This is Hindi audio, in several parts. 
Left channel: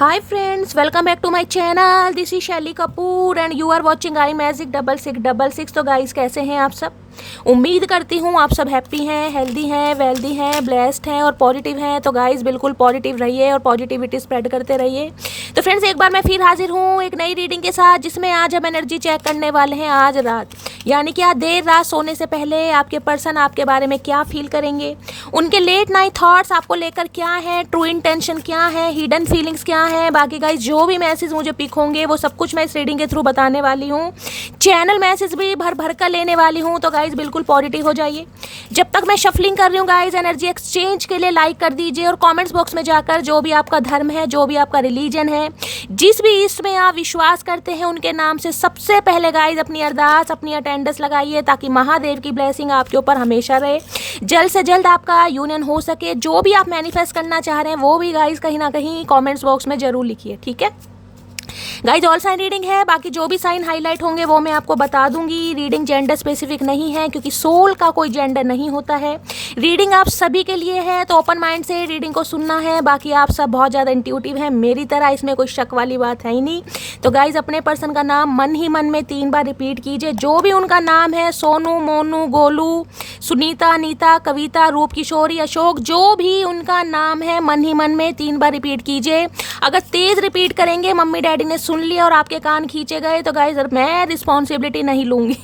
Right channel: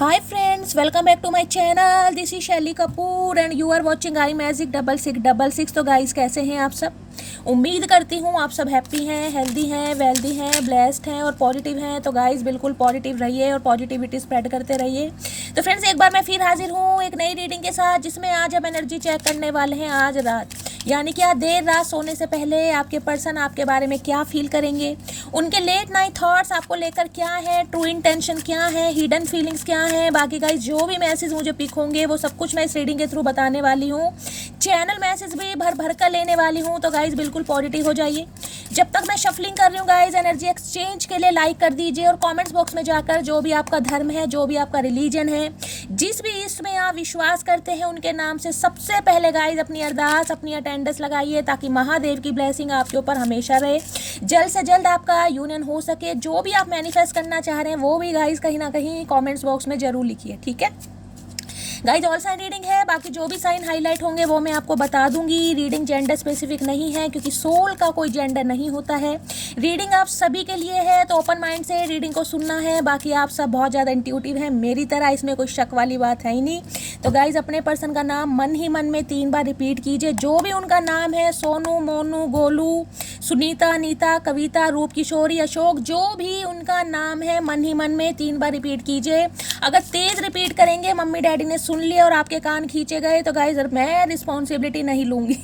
Hi friends, welcome back to my channel. This is शैली Kapoor and you are watching I magic 6666। तो गाइस कैसे हैं आप सब? उम्मीद करती हूँ आप सब हैप्पी हैं, हेल्दी हैं, वेल्दी हैं, ब्लेस्ड हैं और पॉजिटिव हैं। तो गाइस बिल्कुल पॉजिटिव रहिए और पॉजिटिविटी स्प्रेड करते रहिए। तो फ्रेंड्स एक बार मैं फिर हाजिर हूँ एक नई रीडिंग के साथ, जिसमें आज हम एनर्जी चेक करने वाले हैं आज रात, यानी कि आज देर रात सोने से पहले आपके पर्सन आपके बारे में क्या फील करेंगे, उनके लेट नाइट थॉट्स आपको लेकर क्या है, ट्रू इंटेंशन क्या है, हिडन फीलिंग्स क्या है। बाकी गाइस जो भी मैसेज मुझे पिक होंगे वो सब कुछ मैं इस रीडिंग के थ्रू बताने वाली हूँ। चैनल मैसेज भी भर भर कर लेने वाली हूँ। तो गाइस बिल्कुल पॉजिटिव हो जाइए। जब तक मैं शफलिंग कर रही हूँ गाइस, एनर्जी एक्सचेंज के लिए लाइक कर दीजिए और कमेंट्स बॉक्स में जाकर जो भी आपका धर्म है, जो भी आपका रिलीजन है, जिस भी इसमें आप विश्वास करते हैं, उनके नाम से सबसे पहले गाइस अपनी अरदास, अपनी अटेंडेंस लगाइए, ताकि महादेव की ब्लेसिंग आपके ऊपर हमेशा रहे, जल्द से जल्द आपका यूनियन हो सके। जो भी आप मैनिफेस्ट करना चाह रहे हैं वो भी गाइस कहीं ना कहीं कमेंट्स बॉक्स में जरूर लिखिए, ठीक है गाइज। ऑल साइन रीडिंग है, बाकी जो भी साइन हाईलाइट होंगे वो मैं आपको बता दूंगी। रीडिंग जेंडर स्पेसिफिक नहीं है, क्योंकि सोल का कोई जेंडर नहीं होता है। रीडिंग आप सभी के लिए है, तो ओपन माइंड से रीडिंग को सुनना है। बाकी आप सब बहुत ज़्यादा इंट्यूटिव हैं मेरी तरह, इसमें कोई शक वाली बात है ही नहीं। तो गाइज अपने पर्सन का नाम मन ही मन में 3 बार रिपीट कीजिए। जो भी उनका नाम है, सोनू, मोनू, गोलू, सुनीता, नीता, कविता, रूप किशोरी, अशोक, जो भी उनका नाम है, मन ही मन में 3 बार रिपीट कीजिए। अगर तेज रिपीट करेंगे, मम्मी डैडी ने सुन लिया और आपके कान खींचे गए, तो गाइस मैं रिस्पॉन्सिबिलिटी नहीं लूंगी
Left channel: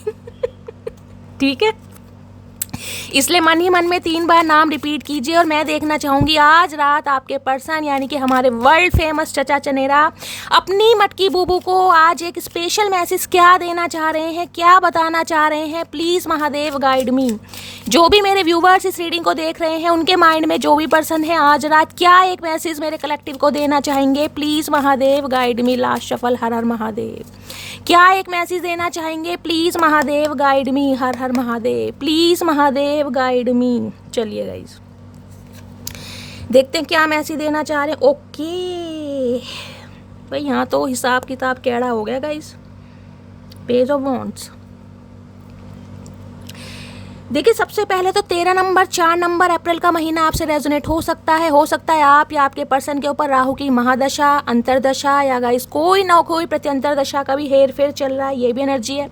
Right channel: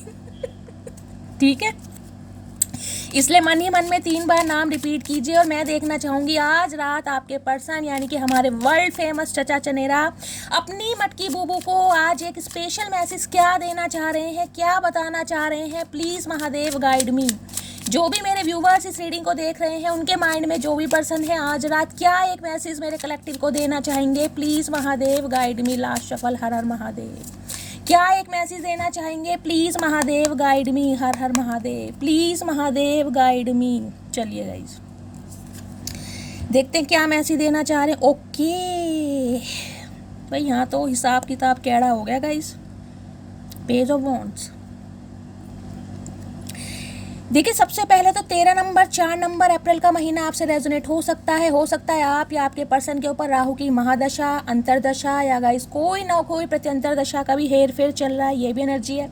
ठीक है, इसलिए मन ही मन में 3 बार नाम रिपीट कीजिए। और मैं देखना चाहूंगी आज रात आपके पर्सन, यानी कि हमारे वर्ल्ड फेमस चचा चनेरा, अपनी मटकी बूबू को आज एक स्पेशल मैसेज क्या देना चाह रहे हैं, क्या बताना चाह रहे हैं। प्लीज महादेव गाइड मी। जो भी मेरे व्यूवर्स इस रीडिंग को देख रहे हैं, उनके माइंड में जो भी पर्सन है, आज रात क्या एक मैसेज मेरे कलेक्टिव को देना चाहेंगे। Please Mahadev guide me. Last shuffle, Har Har Mahadev. क्या एक मैसेज देना चाहेंगे? Please Mahadev guide me. Har Har Mahadev. Please Mahadev guide me. चलिए गाइस देखते हैं क्या मैसेज देना चाह रहे हैं। ओके भाई, यहाँ तो हिसाब किताब कैड़ा हो गया गाइस। Page of wands. देखिए सबसे पहले तो 13 नंबर, 4 नंबर, अप्रैल का महीना आपसे रेजोनेट हो सकता है आप या आपके पर्सन के ऊपर राहु की महादशा, अंतरदशा या गाइस कोई ना कोई प्रत्यंतर दशा का भी हेर फेर चल रहा है, ये भी एनर्जी है।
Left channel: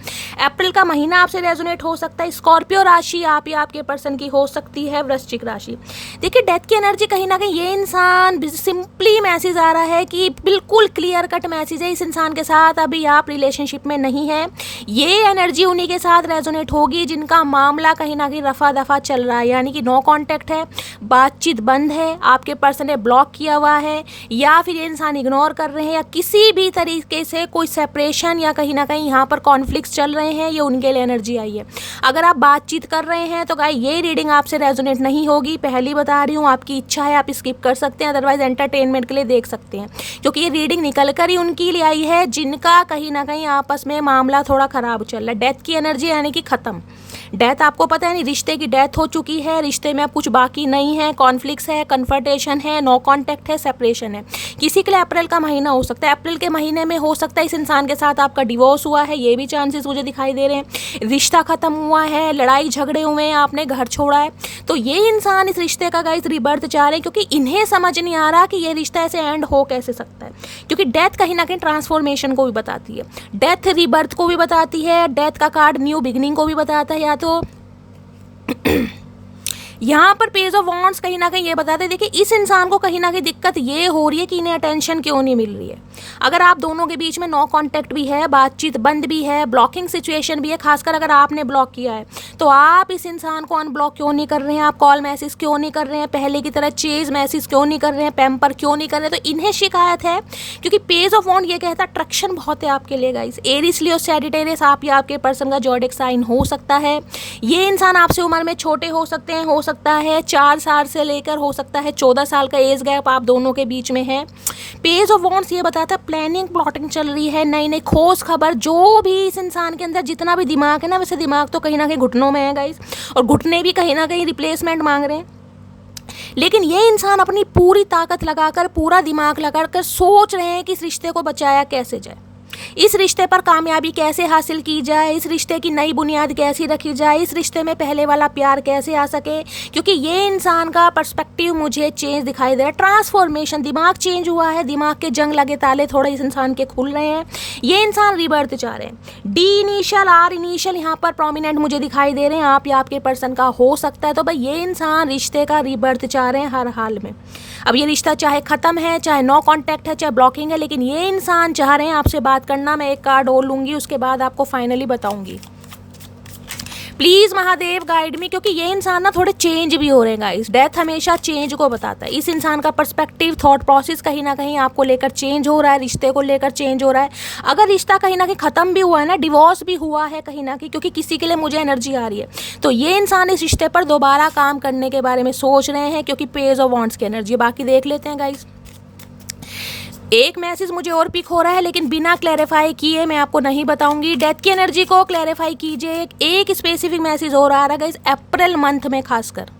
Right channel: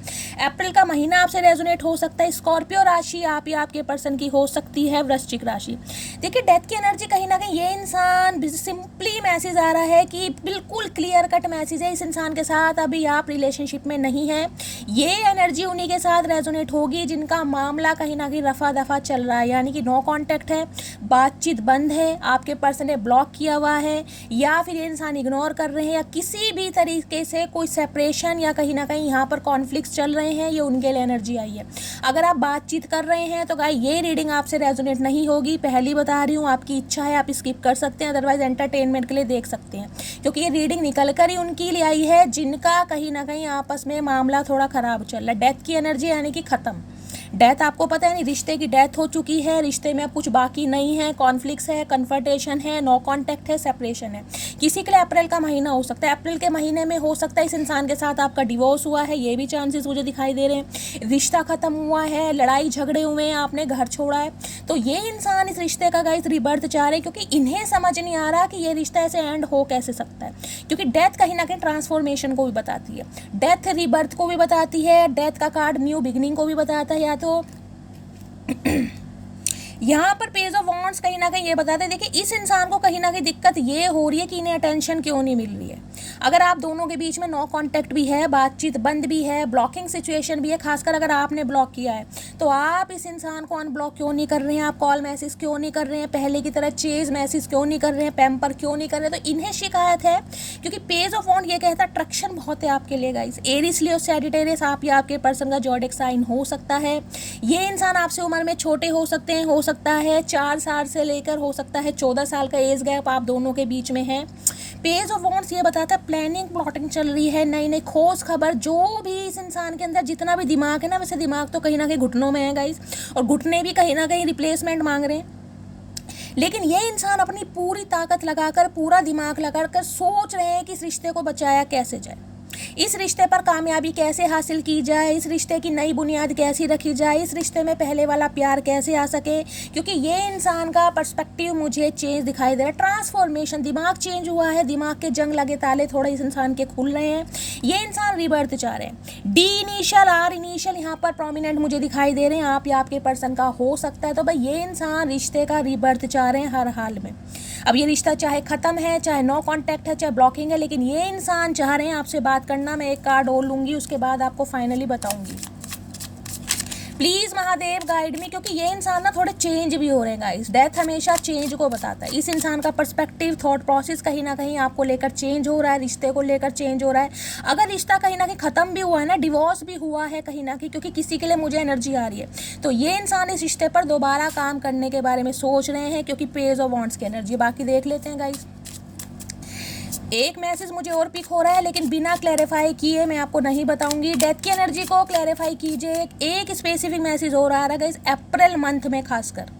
अप्रैल का महीना आपसे रेजोनेट हो सकता है। स्कॉर्पियो राशि आप या आपके पर्सन की हो सकती है, वृश्चिक राशि। देखिए डेथ की एनर्जी कहीं ना कहीं, ये इंसान सिंपली मैसेज आ रहा है कि बिल्कुल क्लियर कट मैसेज है, इस इंसान के साथ अभी आप रिलेशनशिप में नहीं है। ये एनर्जी उन्हीं के साथ रेजोनेट होगी जिनका मामला कहीं ना कहीं रफा दफा चल रहा है, यानी कि नो कांटेक्ट है, बातचीत बंद है, आपके पर्सन ने ब्लॉक किया हुआ है, या फिर ये इंसान इग्नोर कर रहे हैं, या किसी भी तरीके से कोई सेपरेशन या कहीं ना कहीं यहाँ पर कॉन्फ्लिक्ट्स चल रहे हैं। ये उनके लिए एनर्जी आई है। अगर आप बातचीत कर रहे हैं तो गाइस ये रीडिंग आपसे रेजोनेट नहीं होगी, पहली बता रही हूँ। आपकी इच्छा है आप स्किप कर सकते हैं, अदरवाइज एंटरटेनमेंट के लिए देख सकते हैं, क्योंकि ये रीडिंग निकल कर ही उनकी लिए आई है जिनका कहीं ना कहीं आपस में मामला थोड़ा खराब चल रहा है। डेथ की एनर्जी यानी कि खत्म। डेथ आपको पता है नहीं, रिश्ते की डेथ हो चुकी है, रिश्ते में अब कुछ बाकी नहीं है, कॉन्फ्लिक्ट्स है, कन्फर्टेशन है, नो कांटेक्ट है, सेपरेशन है। किसी के लिए अप्रैल का महीना हो सकता है। अप्रैल के महीने में हो सकता है इस इंसान के साथ आपका डिवोर्स हुआ है, ये भी चांसेस मुझे दिखाई दे रहे हैं। रिश्ता खत्म हुआ है, लड़ाई झगड़े हुए हैं, आपने घर छोड़ा है। तो ये इंसान इस रिश्ते का गाइस रिबर्थ चाह रहे हैं, क्योंकि इन्हें समझ नहीं आ रहा कि ये रिश्ता ऐसे एंड हो कैसे सकता है। क्योंकि डेथ कहीं ना कहीं ट्रांसफॉर्मेशन को भी बताती है, डेथ रिबर्थ को भी बताती है, डेथ का कार्ड न्यू बिगिनिंग को भी बताता है। या तो यहाँ पर पेज ऑफ वॉन्ड्स कहीं ना कहीं ये बताते हैं, देखिए इस इंसान को कहीं ना कहीं दिक्कत ये हो रही है कि इन्हें अटेंशन क्यों नहीं मिल रही है। अगर आप दोनों के बीच में नो कांटेक्ट भी है, बातचीत बंद भी है, ब्लॉकिंग सिचुएशन भी है, खासकर अगर आपने ब्लॉक किया है, तो आप इस इंसान को अनब्लॉक क्यों नहीं कर रहे हैं, आप कॉल मैसेज क्यों नहीं कर रहे हैं, पहले की तरह चेज मैसेज क्यों नहीं कर रहे हैं, पैम्पर क्यों नहीं कर रहे हैं। तो इन्हें शिकायत है, क्योंकि पेज ऑफ वॉन्ड ये कहता है अट्रैक्शन बहुत है आपके लिए गाइस। एरीज, लियो, सैजिटेरियस आप या आपके पर्सन का ज़ोडिएक साइन हो सकता है। ये इंसान आपसे उम्र में छोटे हो सकते हैं, हो सकता है 4 साल से लेकर हो सकता है 14 साल का एज गैप आप दोनों के बीच में है। पेज ऑफ वॉन्ड्स ये बताता है प्लानिंग, प्लॉटिंग चल रही है, नई नई खोज खबर। जो भी इस इंसान के अंदर जितना भी दिमाग है ना, वैसे दिमाग तो कहीं ना कहीं घुटनों में है गाइस, और घुटने भी कहीं ना कहीं रिप्लेसमेंट मांग रहे हैं। लेकिन ये इंसान अपनी पूरी ताकत लगाकर, पूरा दिमाग लगाकर सोच रहे हैं कि इस रिश्ते को बचाया कैसे जाए। इस रिश्ते पर कामयाबी कैसे हासिल की जाए, इस रिश्ते की नई बुनियाद कैसी रखी जाए, इस रिश्ते में पहले वाला प्यार कैसे आ सके, क्योंकि ये इंसान का पर्सपेक्टिव मुझे चेंज दिखाई दे रहा है, ट्रांसफॉर्मेशन, दिमाग चेंज हुआ है, दिमाग के जंग लगे ताले थोड़े इस इंसान के खुल रहे हैं, ये इंसान रिबर्थ चाह रहे हैं। डी इनिशियल आर इनिशियल यहाँ पर प्रोमिनेंट मुझे दिखाई दे रहे हैं, आप या आपके पर्सन का हो सकता है। तो भाई ये इंसान रिश्ते का रिबर्थ चाह रहे हैं हर हाल में। अब ये रिश्ता चाहे ख़त्म है, चाहे नो कांटेक्ट है, चाहे ब्लॉकिंग है, लेकिन ये इंसान चाह रहे हैं आपसे बात करना। मैं एक कार्ड और लूँगी, उसके बाद आपको फाइनली बताऊँगी। प्लीज़ महादेव गाइड मी, क्योंकि ये इंसान ना थोड़े चेंज भी हो रहे हैं गाइस। डेथ हमेशा चेंज को बताता है। इस इंसान का पर्सपेक्टिव, थॉट प्रोसेस कहीं ना कहीं आपको लेकर चेंज हो रहा है, रिश्ते को लेकर चेंज हो रहा है। अगर रिश्ता कहीं ना कहीं ख़त्म भी हुआ है ना, डिवोर्स भी हुआ है कहीं ना कहीं, क्योंकि किसी के लिए मुझे एनर्जी आ रही है, तो ये इंसान इस रिश्ते पर दोबारा काम करने के बारे में सोच रहे हैं, क्योंकि पेज ऑफ वांड्स की एनर्जी। बाकी देख लेते हैं गाइस। एक मैसेज मुझे और पिक हो रहा है, लेकिन बिना क्लैरिफाई किए मैं आपको नहीं बताऊंगी। डेथ की एनर्जी को क्लैरिफाई कीजिए। एक स्पेसिफिक मैसेज और आ रहा है गाइस, अप्रैल मंथ में खासकर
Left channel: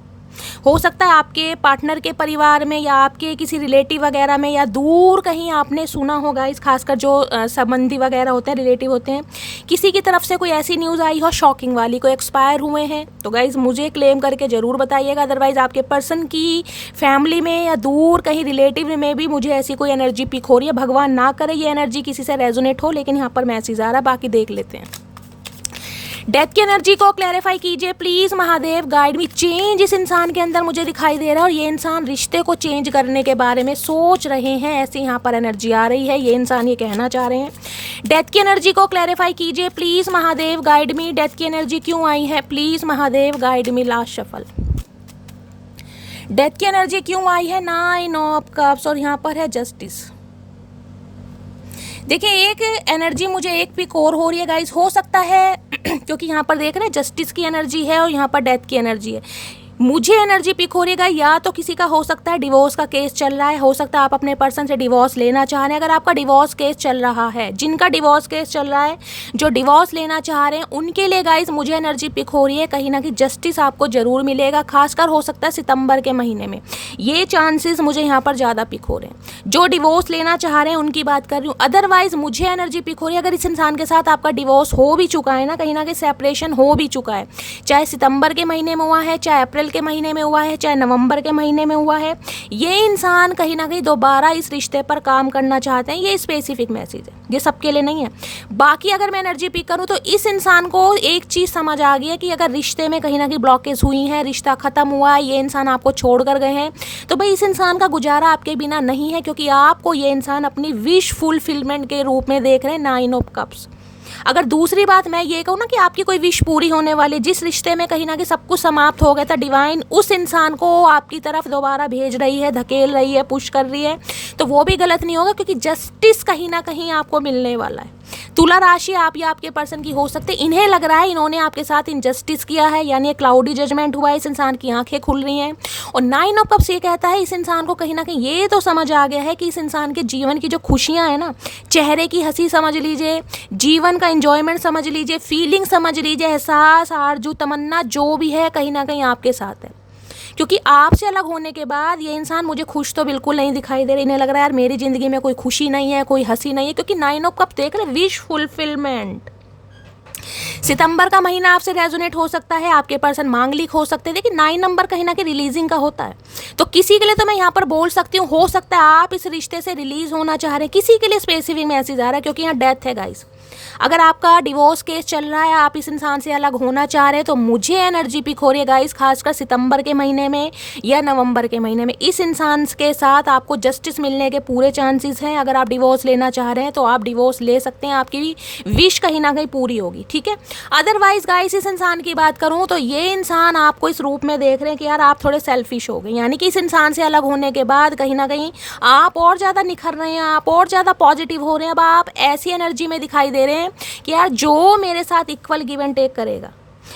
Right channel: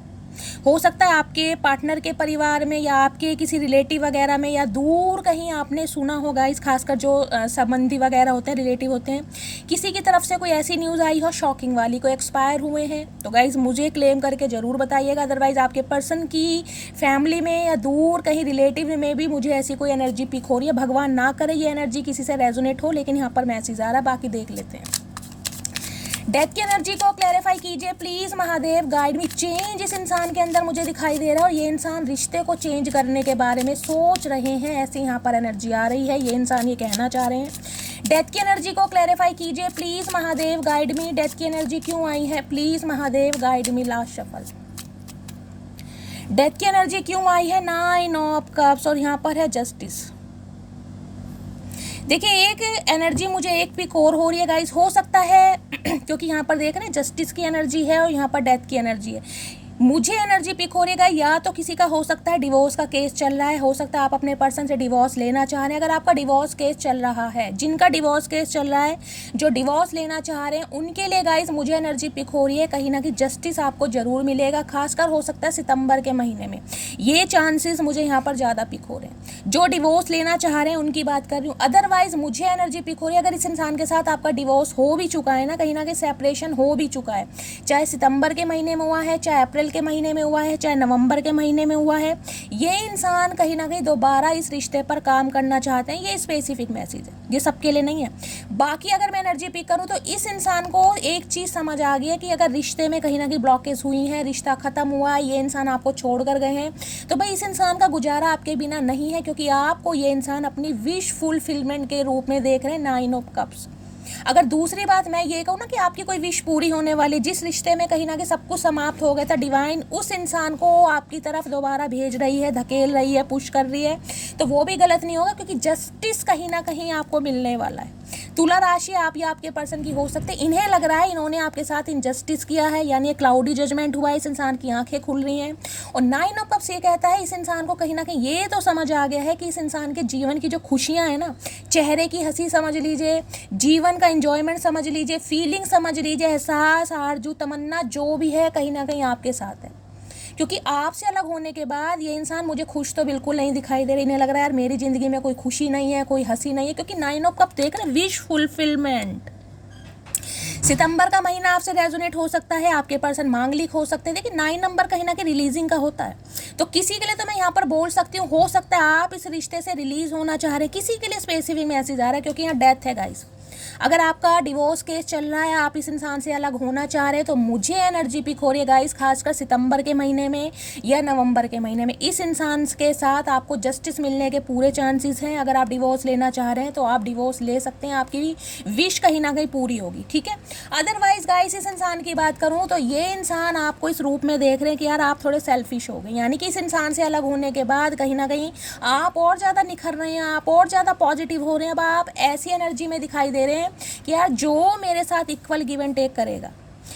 हो सकता है आपके पार्टनर के परिवार में या आपके किसी रिलेटिव वगैरह में, या दूर कहीं आपने सुना होगा इस, खासकर जो संबंधी वगैरह होते हैं, रिलेटिव होते हैं, किसी की तरफ से कोई ऐसी न्यूज़ आई हो शॉकिंग वाली, कोई एक्सपायर हुए हैं, तो गाइज मुझे क्लेम करके ज़रूर बताइएगा। अदरवाइज़ आपके पर्सन की फैमिली में या दूर कहीं रिलेटिव में भी मुझे ऐसी कोई एनर्जी पिक हो रही है। भगवान ना करे ये एनर्जी किसी से रेजोनेट हो, लेकिन यहाँ पर मैसेज आ रहा है। बाकी देख लेते हैं। डेथ की एनर्जी को क्लैरिफाई कीजिए please Mahadev guide me. Change इस इंसान के अंदर मुझे दिखाई दे रहा है, और ये इंसान रिश्ते को चेंज करने के बारे में सोच रहे हैं, ऐसी यहाँ पर एनर्जी आ रही है। ये इंसान ये कहना चाह रहे हैं। डेथ की एनर्जी को क्लैरिफाई कीजिए please Mahadev guide me. Death की एनर्जी क्यों आई है, please Mahadev guide me. Last shuffle. Death की एनर्जी क्यों आई है, 9 ऑफ कप्स, और यहाँ पर है जस्टिस। देखिए एक एनर्जी मुझे एक पिक और हो रही है गाइस, हो सकता है क्योंकि यहाँ पर देख रहे हैं जस्टिस की एनर्जी है और यहाँ पर डेथ की एनर्जी है। मुझे एनर्जी पिक हो रही है, या तो किसी का हो सकता है डिवोर्स का केस चल रहा है, हो सकता है आप अपने पर्सन से डिवोर्स लेना चाह रहे हैं। अगर आपका डिवोर्स केस चल रहा है, जिनका डिवोर्स केस चल रहा है, जो डिवोर्स लेना चाह रहे हैं, उनके लिए गाइज मुझे एनर्जी पिक हो रही है, कहीं ना कहीं जस्टिस आपको जरूर मिलेगा। खासकर हो सकता है सितंबर के महीने में, ये चांसेस मुझे यहाँ पर ज़्यादा पिक हो रहे हैं। जो डिवोर्स लेना चाह रहे हैं उनकी बात कर रही हूँ। अदरवाइज मुझे एनर्जी पिक हो रही है, अगर इस इंसान के साथ आपका डिवोर्स हो भी चुका है ना कहीं सेपरेशन हो भी चुका है, चाहे सितंबर के महीने में हुआ है, चाहे अप्रैल के महीने में हुआ है, चाहे नवंबर के महीने में हुआ है, ये इंसान कहीं ना कहीं दोबारा इस रिश्ते पर काम करना चाहते हैं। ये स्पेसिफिक मैसेज है, ये सबके लिए नहीं है। बाकी अगर मैं एनर्जी पिक करूं तो इस इंसान को एक चीज़ समझ आ गई है कि अगर रिश्ते में कहीं ना कहीं ब्लॉकेज हुई है, रिश्ता खत्म हुआ है, ये इंसान आपको छोड़ कर गए हैं, तो भाई इस इंसान का गुजारा आपके बिना नहीं है, क्योंकि आपको ये इंसान अपनी विश फुलफिलमेंट के रूप में देख रहे हैं। 9 ऑफ कप्स। अगर दूसरी बात मैं ये कहूँ ना कि आपकी कोई विश पूरी होने वाली, जिस रिश्ते में कहीं ना कहीं सब कुछ समाप्त हो गया था, डिवाइन उस इंसान को आपकी तरफ दोबारा भेज रही है, धकेल रही है, पुश कर रही है, तो वो भी गलत नहीं होगा, क्योंकि जस्टिस कहीं ना कहीं आपको मिलने वाला है। तुला राशि आप या आपके पर्सन की हो सकती है, इन्हें लग रहा है इन्होंने आपके साथ इनजस्टिस किया है, यानी क्लाउडी जजमेंट हुआ है, इस इंसान की आंखें खुल रही हैं। और 9 ऑफ कप्स ये कहता है इस इंसान को कहीं ना कहीं ये तो समझ आ गया है कि इस इंसान के जीवन की जो खुशियाँ हैं ना, चेहरे की हंसी समझ लीजिए, जीवन का एंजॉयमेंट समझ लीजिए, फीलिंग समझ लीजिए, एहसास, आरजू, तमन्ना जो भी है कहीं ना कहीं आपके साथ है। क्योंकि आपसे अलग होने के बाद ये इंसान मुझे खुश तो बिल्कुल नहीं दिखाई दे रही। इन्हें लग रहा है यार मेरी ज़िंदगी में कोई खुशी नहीं है, कोई हंसी नहीं है, क्योंकि 9 ऑफ कप देख रहे, विश फुलफिलमेंट। सितंबर का महीना आपसे रेजोनेट हो सकता है, आपके पर्सन मांगलिक हो सकते हैं, लेकिन 9 नंबर कहीं ना कहीं रिलीजिंग का होता है। तो किसी के लिए तो मैं यहाँ पर बोल सकती हूँ, हो सकता है आप इस रिश्ते से रिलीज होना चाह रहे हैं, किसी के लिए स्पेसिफिक मैसेज आ रहा है, क्योंकि यहाँ डेथ है गाइस। अगर आपका डिवोर्स केस चल रहा है, आप इस इंसान से अलग होना चाह रहे हैं, तो मुझे एनर्जी पिक हो रही है गाइस, खासकर सितंबर के महीने में या नवंबर के महीने में इस इंसान के साथ आपको जस्टिस मिलने के पूरे चांसेस हैं। अगर आप डिवोर्स लेना चाह रहे हैं तो आप डिवोर्स ले सकते हैं, आपकी विश कहीं ना कहीं पूरी होगी, ठीक है। अदरवाइज गाइस इस इंसान की बात करूँ तो ये इंसान आपको इस रूप में देख रहे हैं कि यार आप थोड़े सेल्फिश हो गए, यानी कि इस इंसान से अलग होने के बाद कहीं ना कहीं आप और ज़्यादा निखर रहे हैं, आप और ज़्यादा पॉजिटिव हो रहे हैं। अब आप ऐसी एनर्जी में दिखाई दे रहे हैं कि यार जो मेरे साथ इक्वल गिव एंड टेक करेगा,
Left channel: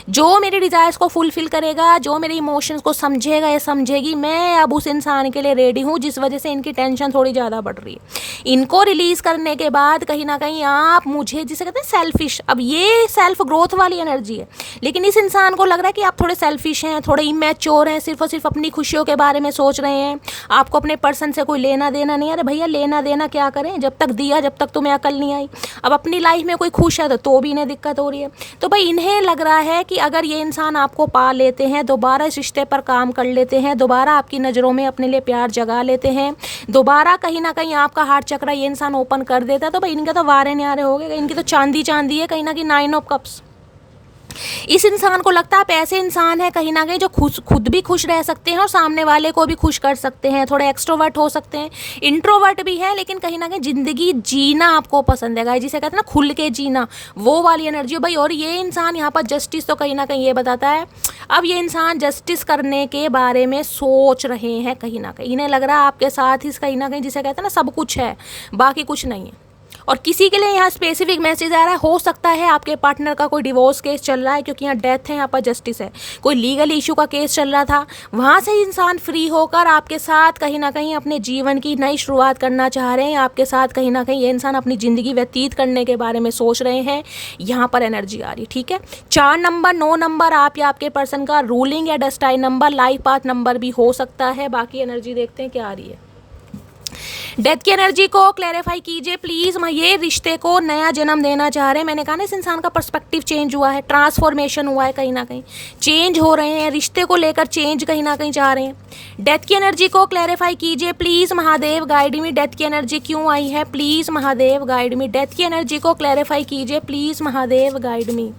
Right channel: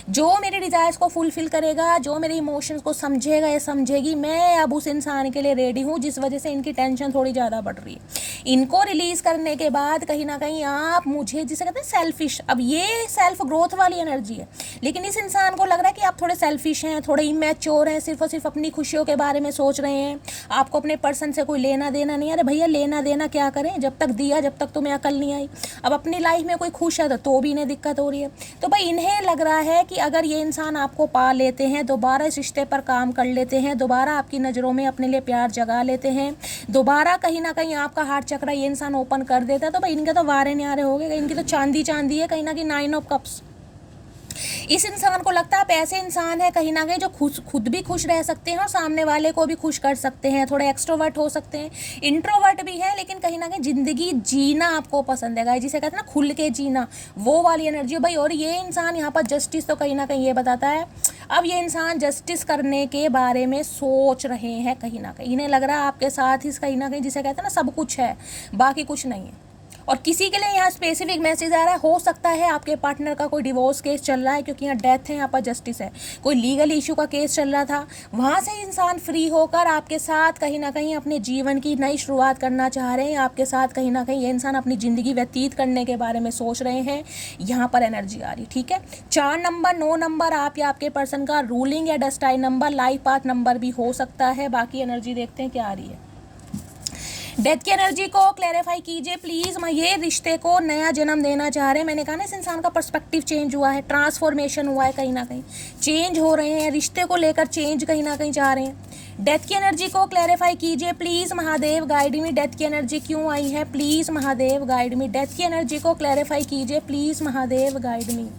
जो मेरी डिजायर्स को फुलफिल करेगा, जो मेरे इमोशंस को समझेगा या समझेगी, मैं अब उस इंसान के लिए रेडी हूँ जिस वजह से इनकी टेंशन थोड़ी ज़्यादा बढ़ रही है। इनको रिलीज करने के बाद कहीं ना कहीं आप मुझे, जिसे कहते हैं सेल्फिश, अब ये सेल्फ ग्रोथ वाली एनर्जी है, लेकिन इस इंसान को लग रहा है कि आप थोड़े सेल्फिश हैं, थोड़े इमैच्योर हैं, सिर्फ और सिर्फ अपनी खुशियों के बारे में सोच रहे हैं, आपको अपने पर्सन से कोई लेना देना नहीं है। अरे भैया लेना देना क्या करें, जब तक दिया जब तक तुम्हें अकल नहीं आई। अब अपनी लाइफ में कोई खुश है तो भी इन्हें दिक्कत हो रही है। तो भाई इन्हें लग रहा है कि अगर ये इंसान आपको पा लेते हैं, दोबारा इस रिश्ते पर काम कर लेते हैं, दोबारा आपकी नज़रों में अपने लिए प्यार जगा लेते हैं, दोबारा कहीं ना कहीं आपका हार्ट चक्र ये इंसान ओपन कर देता है, तो भाई इनके तो वारे न्यारे हो गए, इनकी तो चांदी चांदी है कहीं ना कहीं, 9 ऑफ कप्स। इस इंसान को लगता है आप ऐसे इंसान है कहीं ना कहीं जो खुद भी खुश रह सकते हैं और सामने वाले को भी खुश कर सकते हैं, थोड़े एक्सट्रोवर्ट हो सकते हैं, इंट्रोवर्ट भी है, लेकिन कहीं ना कहीं ज़िंदगी जीना आपको पसंद है गाइस, जिसे कहते हैं ना खुल के जीना, वो वाली एनर्जी हो भाई। और ये इंसान यहाँ पर जस्टिस तो कहीं ना कहीं ये बताता है, अब ये इंसान जस्टिस करने के बारे में सोच रहे हैं कहीं ना कहीं, इन्हें लग रहा है आपके साथ ही कहीं ना कहीं, जिसे कहते हैं ना सब कुछ है, बाकी कुछ नहीं है। और किसी के लिए यहाँ स्पेसिफिक मैसेज आ रहा है, हो सकता है आपके पार्टनर का कोई डिवोर्स केस चल रहा है, क्योंकि यहाँ डेथ है, यहाँ पर जस्टिस है, कोई लीगल इशू का केस चल रहा था, वहाँ से इंसान फ्री होकर आपके साथ कहीं ना कहीं अपने जीवन की नई शुरुआत करना चाह रहे हैं, आपके साथ कहीं ना कहीं ये इंसान अपनी ज़िंदगी व्यतीत करने के बारे में सोच रहे हैं, यहाँ पर एनर्जी आ रही, ठीक है। 4 नंबर, 9 नंबर आप या आपके पर्सन का रूलिंग या destined number, life path number भी हो सकता है। बाकी एनर्जी देखते हैं क्या आ रही है। डेथ की एनर्जी को क्लैरिफाई कीजिए प्लीज। मैं ये रिश्ते को नया जन्म देना चाह रहे हैं, मैंने कहा ना इस इंसान का पर्सपेक्टिव चेंज हुआ है, ट्रांसफॉर्मेशन हुआ है, कहीं ना कहीं चेंज हो रहे हैं, रिश्ते को लेकर चेंज कहीं ना कहीं चाह रहे हैं। डेथ की एनर्जी को क्लैरिफाई कीजिए please Mahadev, guide me. Death की एनर्जी क्यों आई है please Mahadev, guide me. Death की एनर्जी को क्लैरिफाई कीजिए please Mahadev, guide me.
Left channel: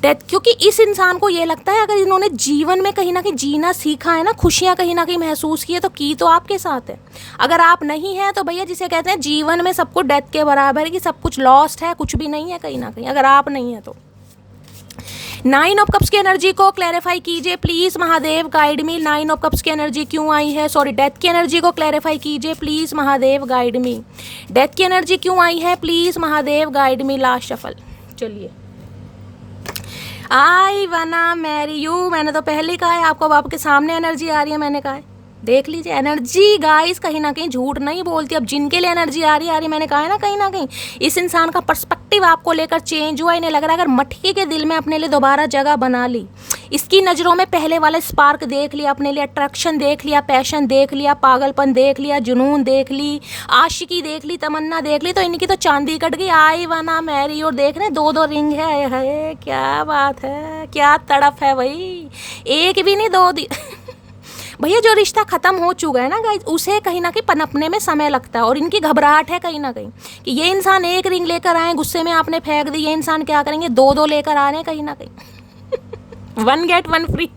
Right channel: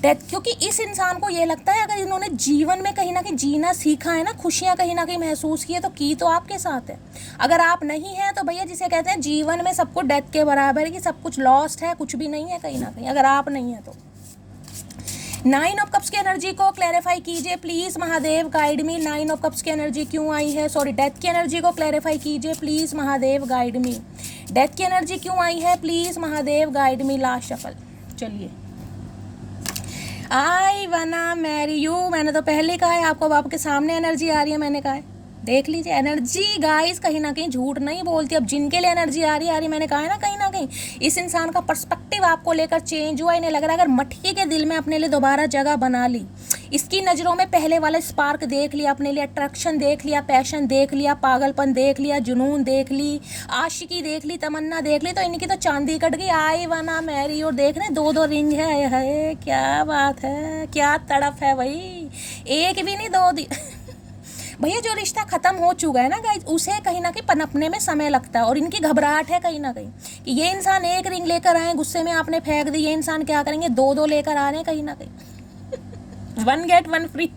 Death, क्योंकि इस इंसान को ये लगता है अगर इन्होंने जीवन में कहीं ना कहीं जीना सीखा है ना, खुशियाँ कहीं ना कहीं महसूस की है, तो की तो आपके साथ है। अगर आप नहीं हैं तो भैया जिसे कहते हैं जीवन में सब कुछ डेथ के बराबर है, कि सब कुछ लॉस्ट है, कुछ भी नहीं है कहीं ना कहीं, अगर आप नहीं है तो। 9 ऑफ कप्स की एनर्जी को क्लैरिफाई कीजिए please Mahadev, guide me. 9 of cups की एनर्जी क्यों आई है, सॉरी डेथ की एनर्जी को क्लैरिफाई कीजिए please Mahadev, guide me. Death की एनर्जी क्यों आई है please Mahadev, guide me. Last shuffle, चलिए। आई वना मैरी यू, मैंने तो पहले कहा है आपको, अब आपके सामने एनर्जी आ रही है, मैंने कहा है देख लीजिए। एनर्जी गाइस कहीं ना कहीं झूठ नहीं बोलती, अब जिनके लिए एनर्जी आ रही है, मैंने कहा है ना कहीं ना कहीं इस इंसान का पर्सपेक्टिव आपको लेकर चेंज हुआ। इन्हें लग रहा है अगर मटकी के दिल में अपने लिए दोबारा जगह बना ली, इसकी नज़रों में पहले वाले स्पार्क देख लिया, अपने लिए अट्रैक्शन देख लिया, पैशन देख लिया, पागलपन देख लिया, जुनून देख ली, आशिकी देख ली, तमन्ना देख ली, तो इनकी तो चांदी कट गई। आई वना मैरी, और देख रहे 2-2 रिंग है, क्या बात है, क्या तड़प है भाई, एक भी नहीं 2 भैया जो रिश्ता खत्म हो चुका है ना गाइस, उसे कहीं ना कहीं पनपने में समय लगता है, और इनकी घबराहट है कहीं ना कहीं कि ये इंसान एक रिंग लेकर आए, गुस्से में आपने फेंक दी, ये इंसान क्या करेंगे 2-2 लेकर आ रहे हैं कहीं ना कहीं 1 गेट 1 फ्री।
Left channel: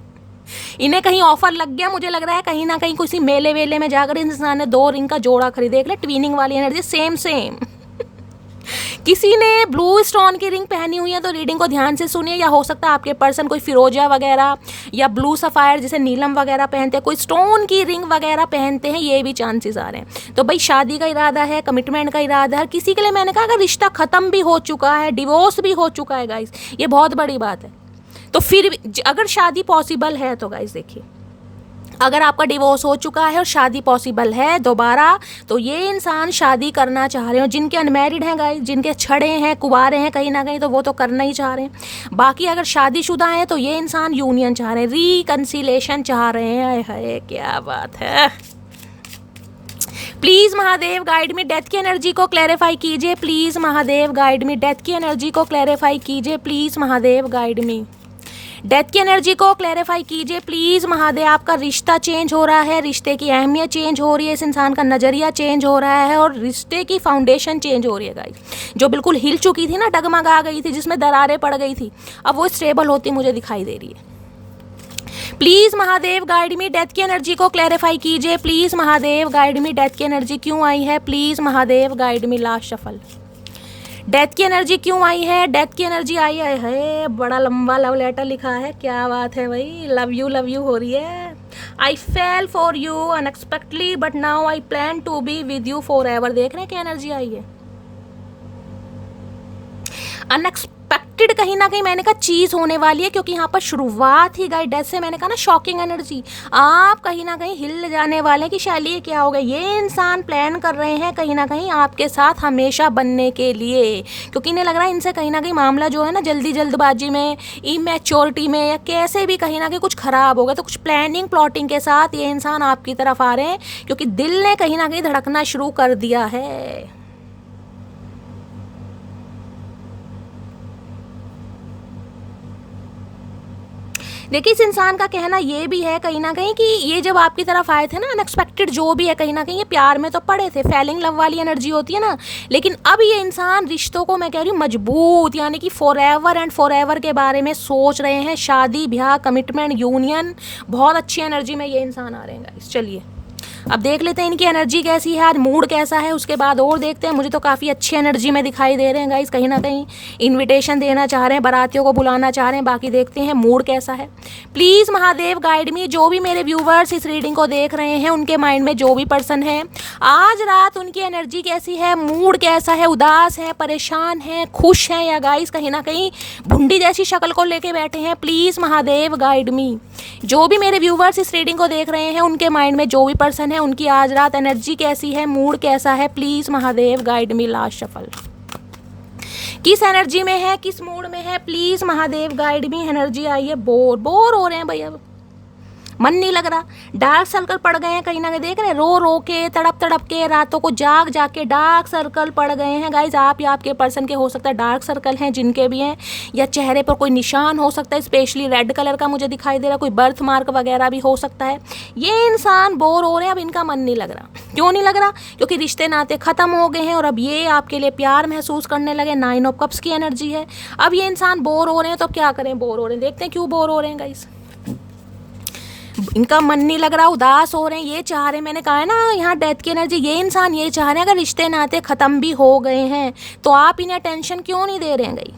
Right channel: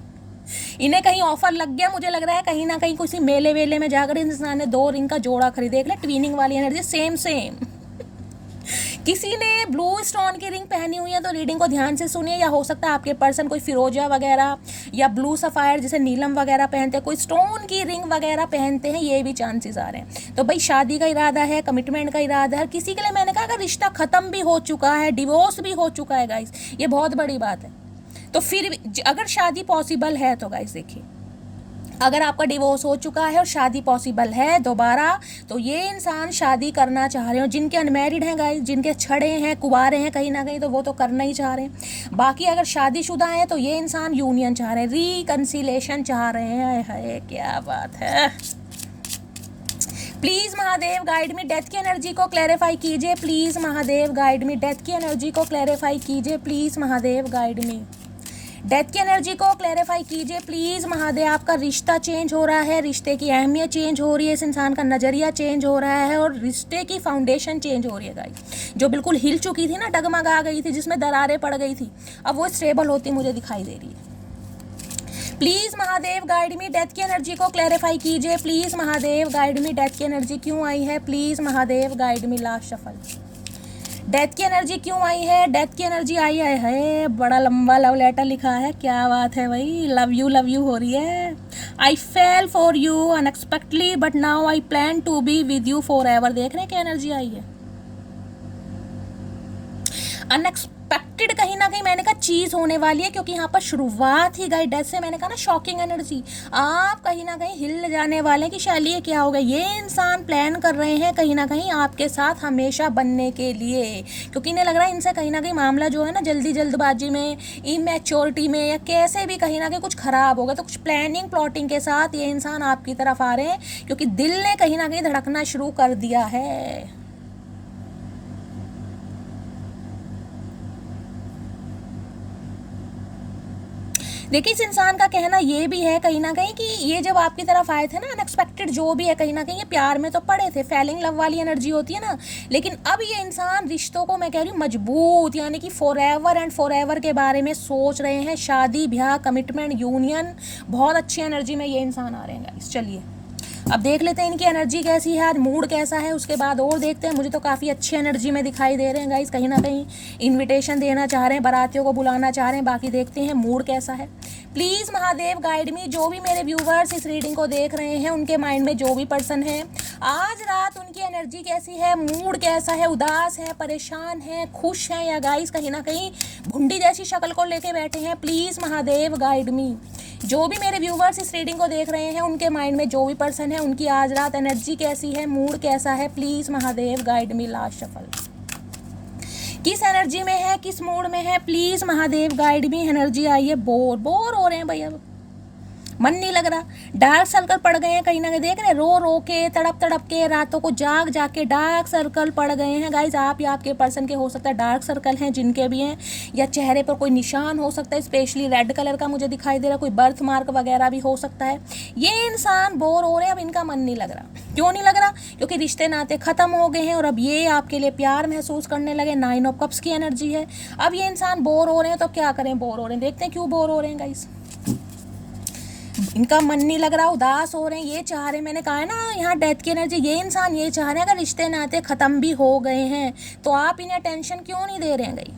इन्हें कहीं ऑफर लग गया, मुझे लग रहा है कहीं ना कहीं किसी मेले वेले में जाकर इंसान ने 2 रिंग का जोड़ा खरीद, देख ले ट्विनिंग वाली एनर्जी, सेम किसी ने ब्लू स्टोन की रिंग पहनी हुई है तो रीडिंग को ध्यान से सुनिए, या हो सकता है आपके पर्सन कोई फिरोजा वगैरह या ब्लू सफायर जैसे नीलम वगैरह पहनते हैं, कोई स्टोन की रिंग वगैरह पहनते हैं, ये भी चांसेस आ रहे हैं। तो भाई शादी का इरादा है, कमिटमेंट का इरादा है, किसी के लिए मैंने कहा अगर रिश्ता खत्म भी हो चुका है, डिवोर्स भी हो चुका है गाइस, ये बहुत बड़ी बात है, तो फिर भी अगर शादी पॉसिबल है तो गाइस देखिए, अगर आपका डिवोर्स हो चुका है और शादी पॉसिबल है दोबारा, तो ये इंसान शादी करना चाह रहे हो। जिनके अनमैरिड हैं गाइस, जिनके छड़े हैं, कुंवारे हैं कहीं ना कहीं, तो वो तो करना ही चाह रहे हैं। बाकी अगर शादीशुदा है तो ये इंसान यूनियन चाह रहे हैं, रिकंसिलेशन चाह रहे हैं। हाय क्या बात है। Please Mahadev guide me, death की एनर्जी को क्लैरिफाई कीजिए please Mahadev, guide me. Death की एनर्जी को क्लैरिफाई कीजिए please Mahadev, guide me. Death की एनर्जी को क्लैरिफाई कीजिए प्लीज महादेव। आपका रिश्ता चेंज हो रहा है, रिश्ते की अहमियत चेंज हो रही है, इस इंसान का नजरिया चेंज हो रहा है, और रिश्ते की फाउंडेशन चेंज हो रही है गाइस। जो बिल्कुल हिल चुकी थी ना, डगमगा गई थी, जिसमें दरारें पड़ गई थी, अब वो स्टेबल होती मुझे दिखाई दे रही है। Please Mahadev guide me, death की एनर्जी को क्लैरिफाई कीजिए please Mahadev, guide me. Death की एनर्जी क्यों आई है please Mahadev, guide me. Last shuffle, death की एनर्जी क्यों आई है, डेथ की एनर्जी आई है, बड़ा लंबा लव लेटर लिखा है, क्या बात है भाई, लव यू हो रही है। I fail for you unexpectedly but now I plan to be with you forever. देख रहे हैं क्या एनर्जी आई है, अनएक्सपेक्टेड अनएक्सपेक्टेड कहीं ना कहीं मैंने कहा चीज़ होने वाली है, क्योंकि यहाँ पर शुरुआत ही गाइड से मैंने कहा ना शॉकिंग एनर्जी, आप कहीं ना कहीं हिल जाने वाले हैं कि शायद ये क्या हो गया। ये इंसान प्लान कर रहे हैं कहीं ना कहीं आपके साथ हमेशा बनने के लिए, क्योंकि इन्हें लग रहा है इनसे कहीं ना कहीं मामला जो है ना जल्दबाजी में, इमेच्योरिटी में, या कैसे भी कहीं ना कहीं कुछ खराब होगा। तो कुछ प्लानिंग प्लॉटिंग के साथ ये इंसान आपकी तरफ आ रहे हैं, क्योंकि दिल ने कहीं ना कहीं धड़कना शुरू कर दिया है। देखिए इस इंसान का कहना ये भी है कहीं ना कहीं कि ये जब आपकी तरफ आए थे ना, अनएक्सपेक्टेड जो भी है, कहीं ना कहीं ये प्यार में तो पड़े थे, फेलिंग लव वाली एनर्जी होती है ना, लेकिन अब ये इंसान रिश्तों को मैं कह रही हूँ मजबूत, यानी कि for ever and for ever के बारे में सोच रहे हैं। शादी ब्याह कमिटमेंट यूनियन, बहुत अच्छी एनर्जी में ये इंसान आ रहे हैं गाइस। चलिए अब देख लेते हैं इनकी एनर्जी कैसी है, आज मूड कैसा है, उसके बाद और देखते हैं। मुझे तो काफ़ी अच्छी एनर्जी में दिखाई दे रहे हैं गाइस, कहीं ना कहीं इनविटेशन देना चाह रहे हैं, बारातियों को बुलाना चाह रहे हैं। बाकी देखते हैं मूड कैसा है। प्लीज़ महादेव गाइड मी, जो भी मेरे व्यूवर्स इस रीडिंग को देख रहे हैं, उनके माइंड में जो भी पर्सन है, आज रात उनकी एनर्जी कैसी है, मूड कैसा है, उदास है, परेशान है, खुश है, या गाइस कहीं ना कहीं भुंडी जैसी शक्ल को लेके बैठे हैं। प्लीज़ महादेव गाइड मी, जो भी मेरे व्यूवर्स इस रीडिंग को देख रहे हैं, उनके माइंड में जो भी पर्सन है, उनकी आज रात एनर्जी कैसी है, मूड कैसा है। Please Mahadev guide me. Last shuffle, किस एनर्जी में है, किस मूड में है, please Mahadev guide me. Energy आई है बोर हो रहे हैं भैया, मन नहीं लग रहा, डार्क सर्कल पड़ गए हैं कहीं ना कहीं, देख रहे हैं रो के, तड़प के, रातों को जाग के डार्क सर्कल पड़ गए हैं गाइज। आप या आपके पर्सन के हो सकता है डार्क सर्कल हैं, जिनके भी हैं, या चेहरे पर कोई निशान हो सकता है, स्पेशली रेड कलर का मुझे दिखाई दे रहा, कोई बर्थ मार्क वगैरह भी हो सकता है। ये इंसान बोर हो रहे हैं, अब इनका मन नहीं लग रहा। क्यों नहीं लग रहा? क्योंकि रिश्ते नाते खत्म हो गए हैं और अब ये आपके लिए प्यार महसूस करने लगे। 9 ऑफ कप्स की एनर्जी है। अब ये इंसान बोर हो रहे हैं, तो क्या करें, बोर हो रहे हैं, देखते हैं क्यों बोर हो रहे हैं गाइस। इनका मन नहीं लग रहा, उदास हो रहे हैं, ये चाह रहे हैं, मैंने कहा है ना यहाँ डेथ की एनर्जी, ये इंसान ये चाह रहे हैं अगर रिश्ते नाते खत्म भी हो गए हैं तो आप इन्हें टेंशन क्यों नहीं दे रहे हैं गई।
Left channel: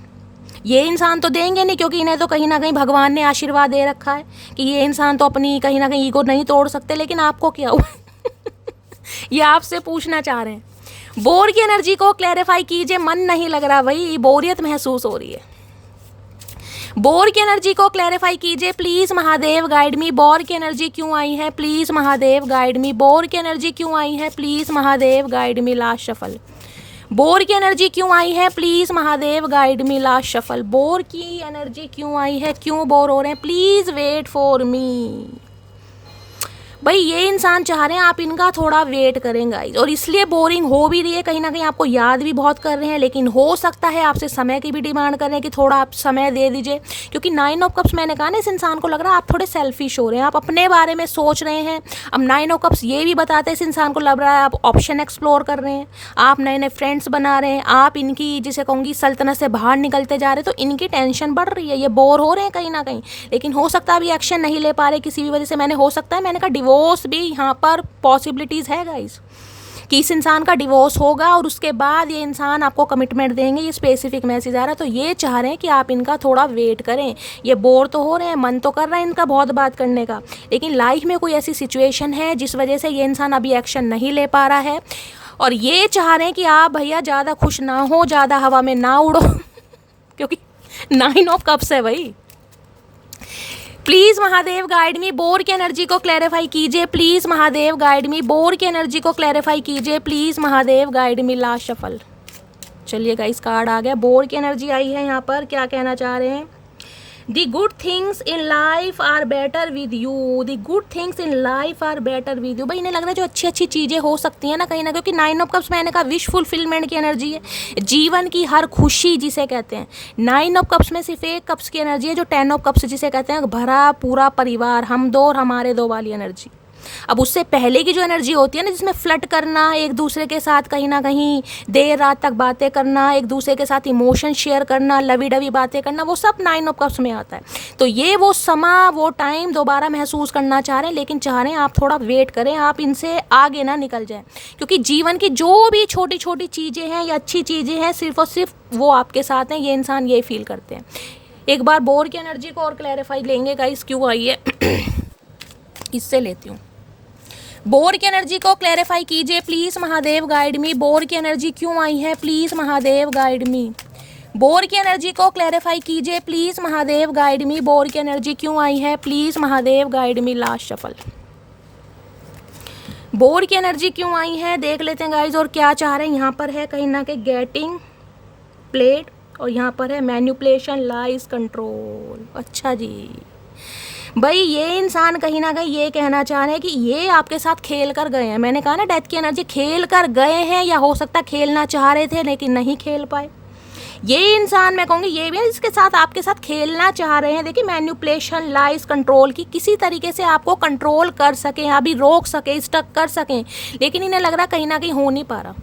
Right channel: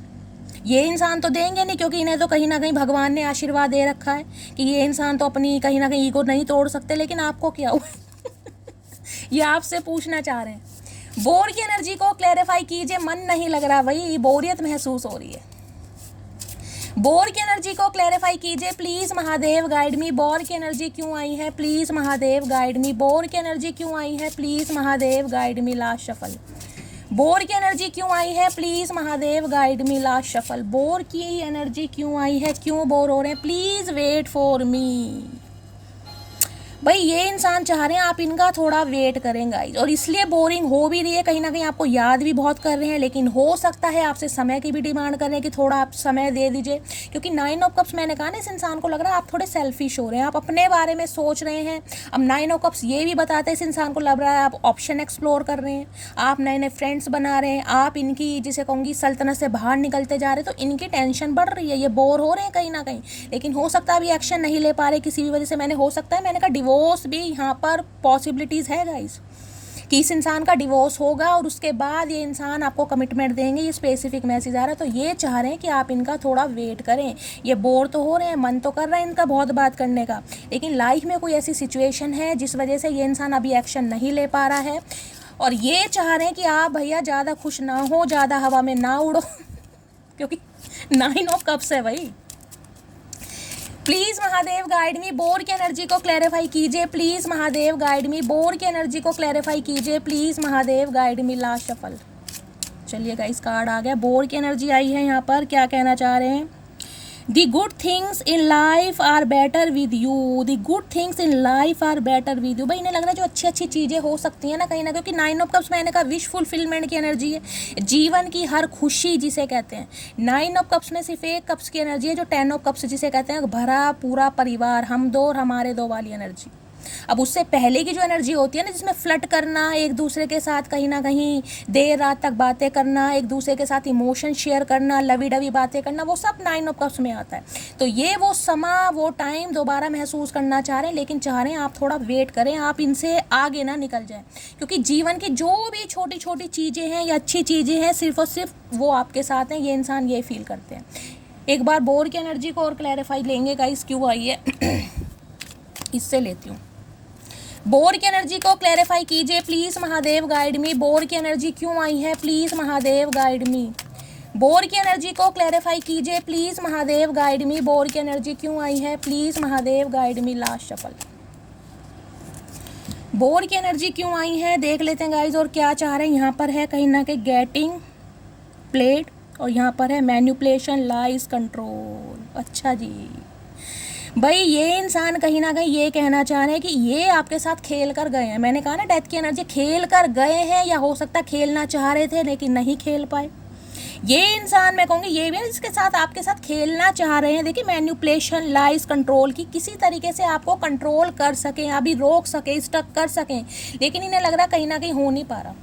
ये इंसान तो देंगे नहीं, क्योंकि इन्हें तो कहीं ना कहीं भगवान ने आशीर्वाद दे रखा है कि ये इंसान तो अपनी कहीं ना कहीं ईगो नहीं तोड़ सकते। लेकिन आपको क्या हुआ ये आपसे पूछना चाह रहे हैं। बोर की एनर्जी को क्लैरिफाई कीजिए, मन नहीं लग रहा भाई, बोरियत महसूस हो रही है। बोर की एनर्जी को क्लैरिफाई कीजिए please Mahadev guide me. Bore की एनर्जी क्यों आई है, please Mahadev guide me. Bore की एनर्जी क्यों आई है, please Mahadev guide me. Last shuffle, bore की एनर्जी क्यों आई है, please Mahadev guide me. Last shuffle, bore की एनर्जी क्यों आई है, क्यों बोर हो रहे हैं, प्लीज वेट फॉर मी। भाई ये इंसान चाह रहे हैं आप इनका थोड़ा वेट करें गाइस, और इसलिए बोरिंग हो भी रही है, कहीं ना कहीं आपको याद भी बहुत कर रहे हैं, लेकिन हो सकता है आपसे समय की भी डिमांड कर रहे हैं कि थोड़ा आप समय दे दीजिए। क्योंकि 9 ऑफ कप्स मैंने कहा ना, इस इंसान को लग रहा है आप थोड़े सेल्फिश हो रहे हैं, आप अपने बारे में सोच रहे हैं। अब 9 ऑफ कप्स ये भी बताते हैं इस इंसान को लग रहा है आप ऑप्शन एक्सप्लोर कर रहे हैं, आप नए नए फ्रेंड्स बना रहे हैं, आप इनकी जिसे कहूँगी सल्तनत से बाहर निकलते जा रहे हैं, तो इनकी टेंशन बढ़ रही है, ये बोर हो रहे हैं कहीं ना कहीं। लेकिन हो सकता है अभी एक्शन नहीं ले पा रहे किसी भी वजह से। मैंने कहा डिवोर्स भी यहाँ पर पॉसिबिलिटीज है गाइस, कि इस इंसान का डिवोर्स होगा और उसके बाद ये इंसान आपको कमिटमेंट देंगे, ये स्पेसिफिक मैसेज आ रहा है। तो ये चाह रहे हैं कि आप इनका थोड़ा वेट करें। ये बोर तो हो रहे हैं, मन तो कर रहा है इनका बहुत बात करने का, लेकिन लाइफ में कोई ऐसी सिचुएशन है जिस वजह से ये इंसान अभी एक्शन नहीं ले पा रहा है। और ये चाह रहे हैं कि आप भैया ज़्यादा खुश ना हो, ज़्यादा हवा में ना उड़ो क्योंकि 9 ऑफ कप्स है भाई। Please Mahadev guide me. Bore की एनर्जी को क्लैरिफाई कीजिए please Mahadev guide me. Bore की एनर्जी को क्लैरिफाई कीजिए please Mahadev guide me. Last shuffle, चलिए गाइस कार्ड आ गए, बोर की एनर्जी आई है यहाँ पर। क्या कहना चाह रहे हैं, the good things in life are better with you. The good things in life are better with you. भाई इन्हें लग रहा है जो अच्छी अच्छी चीज़ें हो सकती हैं ना कहीं ना, क्योंकि 9 ऑफ कप्स मैंने कहा विश फुलफिलमेंट की एनर्जी है, जीवन की हर खुशी जिसे कहते हैं। 9 ऑफ कप्स में सिर्फ एक कप्स की एनर्जी है जो 10 ऑफ कप्स जिसे कहते हैं भरा पूरा परिवार, हम दो और हमारे दो वाली एनर्जी। अब उससे पहले की जो एनर्जी होती है ना, जिसमें फ्लर्ट करना, एक दूसरे के साथ कहीं ना कहीं देर रात तक बातें करना, एक दूसरे के साथ इमोशन शेयर करना, लवी डवी बातें करना, वो सब 9 ऑफ कप्स में आता है। तो ये वो समा वो टाइम दोबारा महसूस करना चाह रहे हैं, लेकिन चाह रहे हैं आप थोड़ा वेट करें, आप इनसे आगे ना निकल जाएं। क्योंकि जीवन की जो भी छोटी छोटी चीज़ें हैं या अच्छी चीज़ें हैं, सिर्फ और सिर्फ वो आपके साथ हैं। ये इंसान ये फील करते हैं। एक बार बोर की एनर्जी को और क्लैरिफाई लेंगे गाइस, क्यों आई है इससे लेती हूँ। बोर की एनर्जी को क्लैरिफाई कीजिए please Mahadev guide me. Bore की एनर्जी क्यों आई है, please Mahadev guide me. Bore की एनर्जी को क्लैरिफाई कीजिए please Mahadev, guide me. Bore की एनर्जी क्यों आई है, please Mahadev guide me. Last shuffle, bore की एनर्जी क्यों आई है देख लेते हैं गाइज, और क्या चाह रहे हैं। यहाँ पर है कहीं ना कहीं गेटिंग प्लेड, और यहाँ पर है मैनिपुलेशन, लाइज, कंट्रोल। अच्छा जी, भाई ये इंसान कहीं ना कहीं ये कहना चाह रहे हैं कि ये आपके साथ खेल कर गए हैं। मैंने कहा ना डेथ की एनर्जी, खेल कर गए हैं, या हो सकता खेलना चाह रहे थे लेकिन नहीं खेल पाए। ये इंसान मैं कहूँगी ये भी इसके साथ आपके साथ खेलना चाह रहे हैं। देखिए मैनिपुलेशन, लाइज, कंट्रोल की, किसी तरीके से आपको कंट्रोल कर सकें, अभी रोक सके, स्टक कर सकें, लेकिन इन्हें लग रहा है कहीं ना कहीं हो नहीं पा रहा।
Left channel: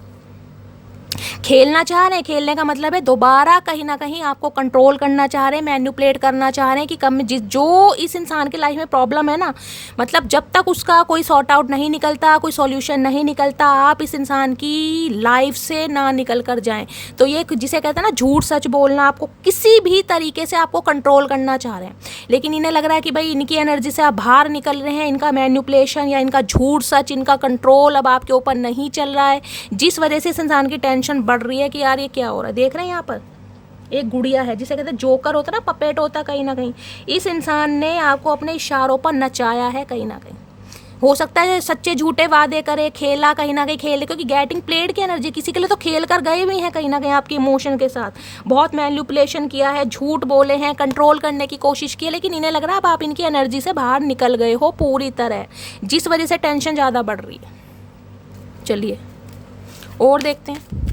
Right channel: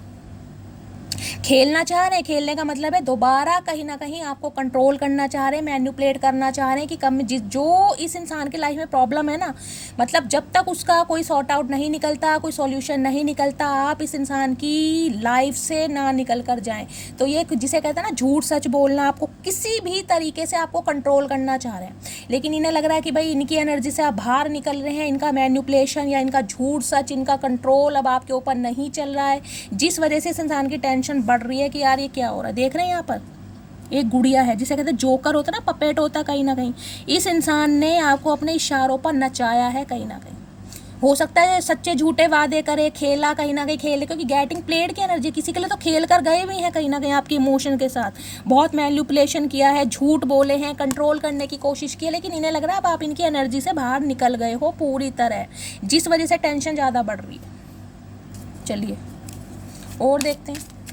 खेलना चाह रहे हैं, खेलने का मतलब है दोबारा कहीं ना कहीं आपको कंट्रोल करना चाह रहे हैं, मैनिपुलेट करना चाह रहे हैं कि कम जो इस इंसान की लाइफ में प्रॉब्लम है ना, मतलब जब तक उसका कोई सॉर्ट आउट नहीं निकलता, कोई सॉल्यूशन नहीं निकलता, आप इस इंसान की लाइफ से ना निकल कर जाएं। तो ये जिसे कहते हैं ना झूठ सच बोलना, आपको किसी भी तरीके से आपको कंट्रोल करना चाह रहे हैं, लेकिन इन्हें लग रहा है कि भाई इनकी एनर्जी से आप बाहर निकल रहे हैं, इनका मैनिपुलेशन या इनका झूठ सच, इनका कंट्रोल अब आपके ऊपर नहीं चल रहा है, जिस वजह से इस इंसान की टेंशन बढ़ रही है कि यार ये क्या हो रहा है। देख रहे हैं यहाँ पर एक गुड़िया है, जिसे कहते हैं जोकर होता है ना, पपेट होता है कहीं ना कहीं। इस इंसान ने आपको अपने इशारों पर नचाया है कहीं ना कहीं। हो सकता है सच्चे झूठे वादे करे, खेला कहीं ना कहीं खेले, क्योंकि गेटिंग प्लेड की एनर्जी, किसी के लिए तो खेल कर गए भी हैं कहीं ना कहीं आपके इमोशन के साथ, बहुत मैनिपुलेशन किया है, झूठ बोले हैं, कंट्रोल करने की कोशिश की है, लेकिन इन्हें लग रहा है अब आप इनकी एनर्जी से बाहर निकल गए हो पूरी तरह, जिस वजह से टेंशन ज़्यादा बढ़ रही है। चलिए और देखते हैं,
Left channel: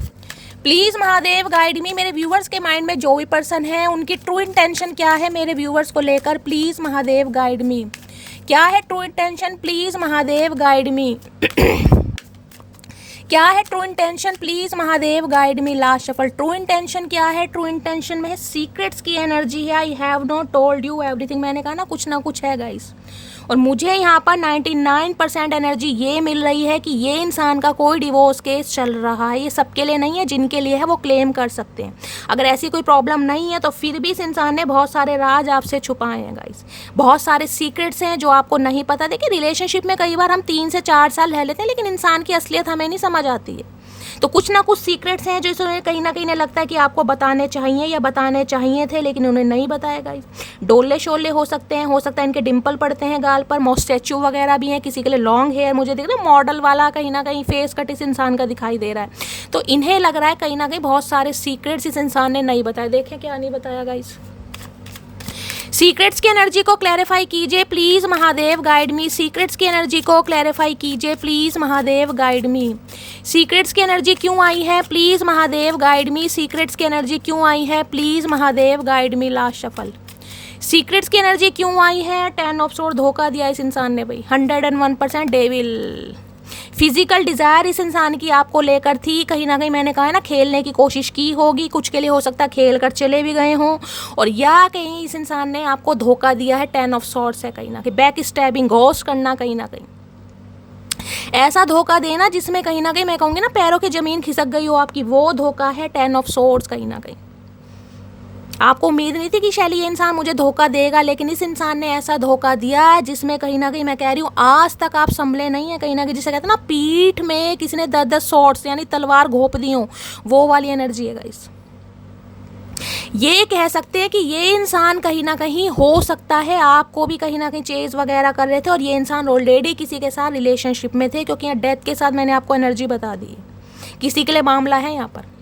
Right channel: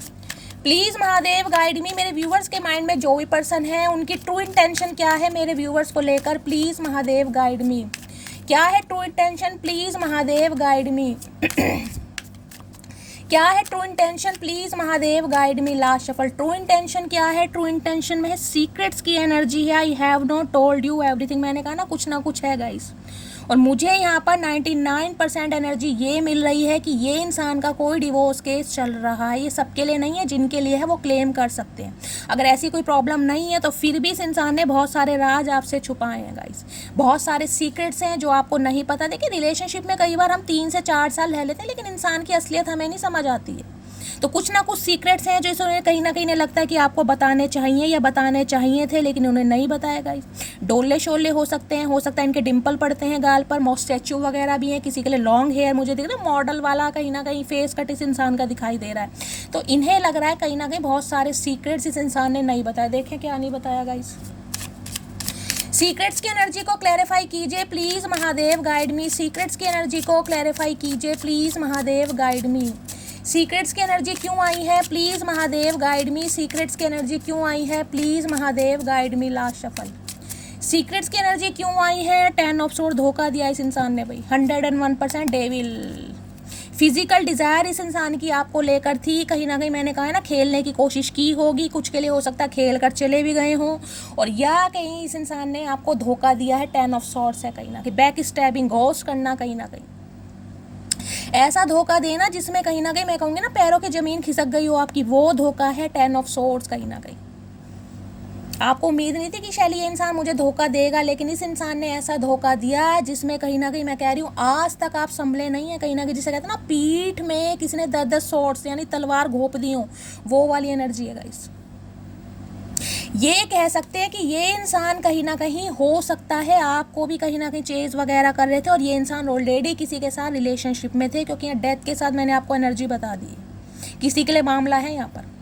प्लीज़ महादेव गाइड मी। मेरे व्यूवर्स के माइंड में जो भी पर्सन है उनकी ट्रू इंटेंशन क्या है मेरे व्यूवर्स को लेकर, प्लीज़ महादेव गाइड मी। क्या है true intention, please Mahadev guide मी। क्या है true intention, please Mahadev guide me. Last shuffle, true intention क्या है। ट्रू इंटेंशन में है सीक्रेट्स की एनर्जी है। I have not told you everything. मैंने कहा ना कुछ ना कुछ है गाइस, और मुझे यहाँ पर 99% एनर्जी ये मिल रही है कि ये इंसान का कोई डिवोर्स केस चल रहा है। ये सबके लिए नहीं है, जिनके लिए है वो क्लेम कर सकते हैं। अगर ऐसी कोई प्रॉब्लम नहीं है तो फिर भी इस इंसान ने बहुत सारे राज आपसे छुपाए हैं गाइस, बहुत सारे सीक्रेट्स हैं जो आपको नहीं पता। देखिए रिलेशनशिप में कई बार हम 3 से 4 साल रह लेते हैं, लेकिन इंसान की असलियत हमें नहीं समझ आती है। तो कुछ ना कुछ सीक्रेट्स हैं जो कहीं ना कहीं लगता है कि आपको बताने चाहिए या बताने चाहिए थे, लेकिन उन्हें नहीं बताया गाइस। डोले शोले हो सकते हैं, हो सकता है इनके डिंपल पड़ते हैं गाल पर, मॉस्टैचू वगैरह भी हैं, किसी के लिए लॉन्ग हेयर, मुझे दिख रहा है मॉडल वाला कहीं ना कहीं फेस कट इस इंसान का दिखाई दे रहा है। तो इन्हें लग रहा है कहीं ना कहीं बहुत सारे सीक्रेट्स इस इंसान ने नहीं बताए। देखें क्या नहीं बताया गाइस। सीक्रेट्स की एनर्जी को क्लैरिफाई कीजिए please Mahadev guide me. Secrets की एनर्जी को क्लैरिफाई कीजिए please Mahadev guide me. Secrets की एनर्जी क्यों आई है, please Mahadev guide me. Secrets की एनर्जी क्यों आई है, please Mahadev guide me. Last shuffle, secrets की एनर्जी क्यों आई है। 10 ऑफ सोर्ड, धोखा दिया इस इंसान ने भाई, 101% डेविल। फिजिकल डिज़ायर इस इंसान की आपको लेकर थी, कहीं ना कहीं मैंने कहा है ना खेलने की कोशिश की होगी, कुछ के लिए हो सकता है खेल कर चले भी गए हों, और या कहीं इस इंसान ने आपको धोखा दिया है। 10 ऑफ सॉर्ड्स है कहीं ना कहीं, बैक स्टैबिंग, घोस्ट करना, कहीं ना कहीं ऐसा धोखा देना जिसमें कहीं ना कहीं मैं कहूँगी ना पैरों की ज़मीन खिसक गई हो आपकी, वो धोखा है 10 ऑफ सॉर्ड्स। कहीं ना कहीं आपको उम्मीद नहीं थी कि शैली ये इंसान मुझे धोखा देगा, लेकिन इस इंसान ने ऐसा धोखा दिया जिसमें कहीं ना कहीं मैं कह रही हूँ आज तक आप संभले नहीं है। कहीं ना कहीं जिसे कहते हैं ना पीठ में किसी ने 10-10 शॉट्स यानी तलवार घोंप दी हो, वो वाली एनर्जी है गाइस। ये कह सकते हैं कि ये इंसान कहीं ना कहीं हो सकता है आपको भी कहीं ना कहीं चेज वगैरह कर रहे थे, और ये इंसान ऑलरेडी किसी के साथ रिलेशनशिप में थे, क्योंकि यहाँ डेथ के साथ मैंने आपको एनर्जी बता दी, किसी के लिए मामला है यहाँ पर।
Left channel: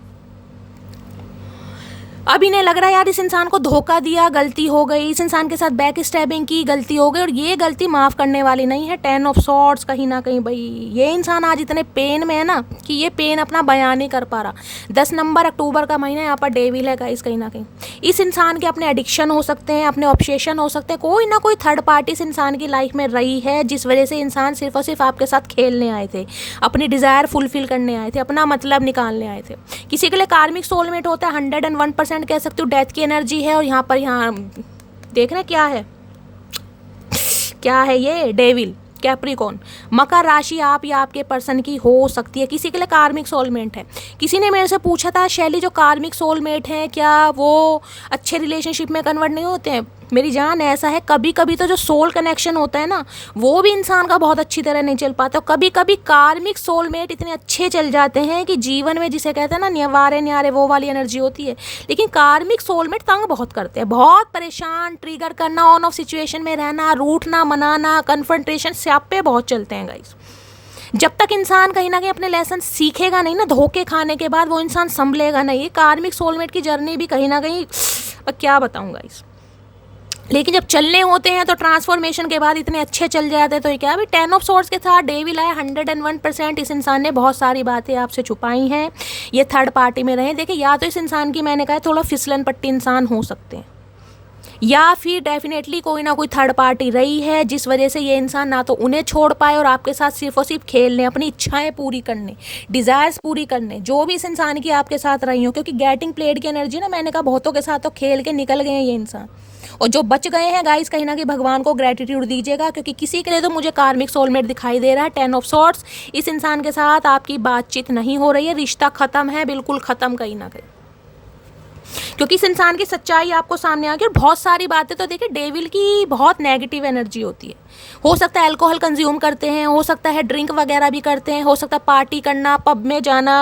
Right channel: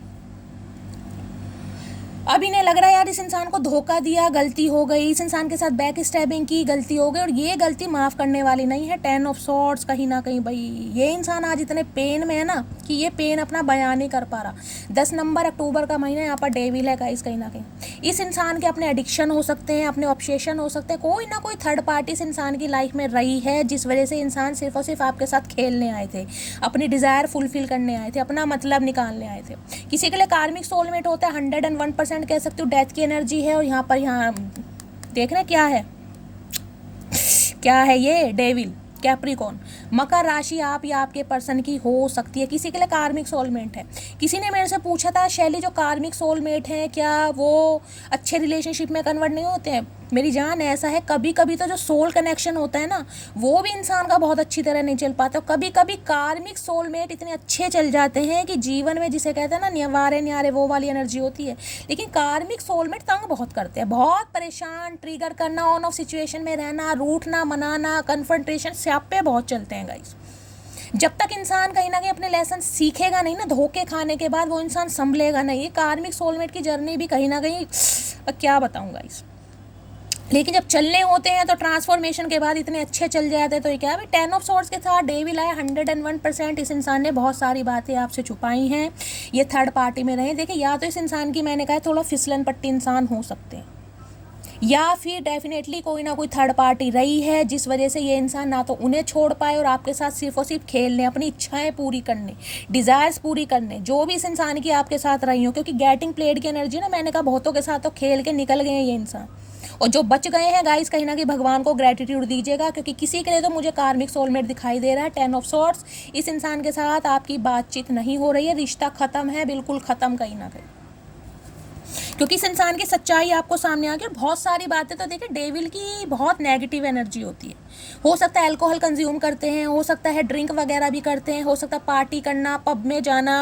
अब इन्हें लग रहा है यार इस इंसान को धोखा दिया, गलती हो गई, इस इंसान के साथ बैक स्टैबिंग की, गलती हो गई, और ये गलती माफ़ करने वाली नहीं है। 10 ऑफ सॉर्ड्स कहीं ना कहीं भाई ये इंसान आज इतने पेन में है ना कि ये पेन अपना बयान नहीं कर पा रहा। 10 नंबर अक्टूबर का महीना, यहाँ पर डेविल है गाइस। कहीं ना कहीं इस इंसान के अपने एडिक्शन हो सकते हैं, अपने ऑब्सेशन हो सकते हैं, कोई ना कोई थर्ड पार्टी इस इंसान की लाइफ में रही है, जिस वजह से इंसान सिर्फ और सिर्फ आपके साथ खेलने आए थे, अपनी डिज़ायर फुलफिल करने आए थे, अपना मतलब निकालने आए थे। किसी के लिए कार्मिक सोलमेट होता है, 101% कह सकते हो डेथ की एनर्जी है। और यहाँ देखना क्या है, क्या है ये डेविल, कैप्रिकॉर्न, मकर राशि आप या आपके पर्सन की हो सकती है। किसी के लिए कार्मिक सोलमेट है। किसी ने मेरे से पूछा था शैली जो कार्मिक सोलमेट हैं क्या वो अच्छे रिलेशनशिप में कन्वर्ट नहीं होते हैं। मेरी जान ऐसा है, कभी कभी तो जो सोल कनेक्शन होता है ना, वो भी इंसान का बहुत अच्छी तरह नहीं चल पाता। कभी कभी कार्मिक सोलमेट इतने अच्छे चल जाते हैं कि जीवन में, जिसे कहते हैं ना न्यारे न्यारे, वो वाली एनर्जी होती है। लेकिन कार्मिक सोलमेट तंग बहुत करते हैं, बहुत परेशान, ट्रिगर करना, ऑन ऑफ सिचुएशन में रहना, रूठना, मनाना, कन्फ्रंटेशन, स्यापे बहुत चलते हैं गाइस। जब तक इंसान कहीं ना कहीं अपने लेसन सीखेगा नहीं ना, धोखे खाने के बाद वो इंसान संभलेगा नहीं। ये कार्मिक सोलमेट की जर्नी भी कहीं ना कहीं क्या बताऊँ गाइस। लेकिन जब चलने होते हैं तो ट्रांसफॉर्मेशन के बाद इतने अच्छे चल जाते हैं। तो ये क्या अभी 10 ऑफ सोर्ड्स के साथ डेविल है 101%। इस इंसान ने बहुत सारी बातें आपसे छुपाई हैं, ये थर्ड पार्टी में रहे। देखिए, या तो इस इंसान की, मैंने कहा, थोड़ा फिसलन पट्टी इंसान हो सकते हैं, या फिर डेफिनेटली कोई ना कोई थर्ड पार्टी रही है जिस वजह से ये इंसान ना तो उन्हें छोड़ पाए और आपके साथ सिर्फ और सिर्फ खेलने, अपनी इच्छाएं पूरी करने, डिज़ायर्स पूरी करने, जो भी इस इंसान की आपके साथ रही हो। क्योंकि गेटिंग प्लेड की एनर्जी ना, मैंने कहा, बहुतों के साथ तो खेल के निकल गए हैं ये इंसान। और जो बच गए हैं गाइस, कहीं ना कहीं भगवान को ग्रेटिट्यूड दीजिएगा, क्योंकि किसी के लिए तो मुझे कार्मिक सोलमेट दिखाई दे रहा है। 10 ऑफ सॉर्ड्स, इस इंसान के साथ आपकी बातचीत नहीं हो रही है, रिश्ता खत्म है, बिल्कुल खत्म कहीं ना कहीं। क्योंकि इस इंसान की सच्चाई आपको सामने आ गई। और बहुत सारी बातें तो देखिए, डेविल की बहुत नेगेटिव एनर्जी होती है। हो सकता है अल्कोहल कंज्यूम करते हैं, हो सकता है ड्रिंक वगैरह भी करते हैं, हो सकता है पार्टी करना, पब में जाना,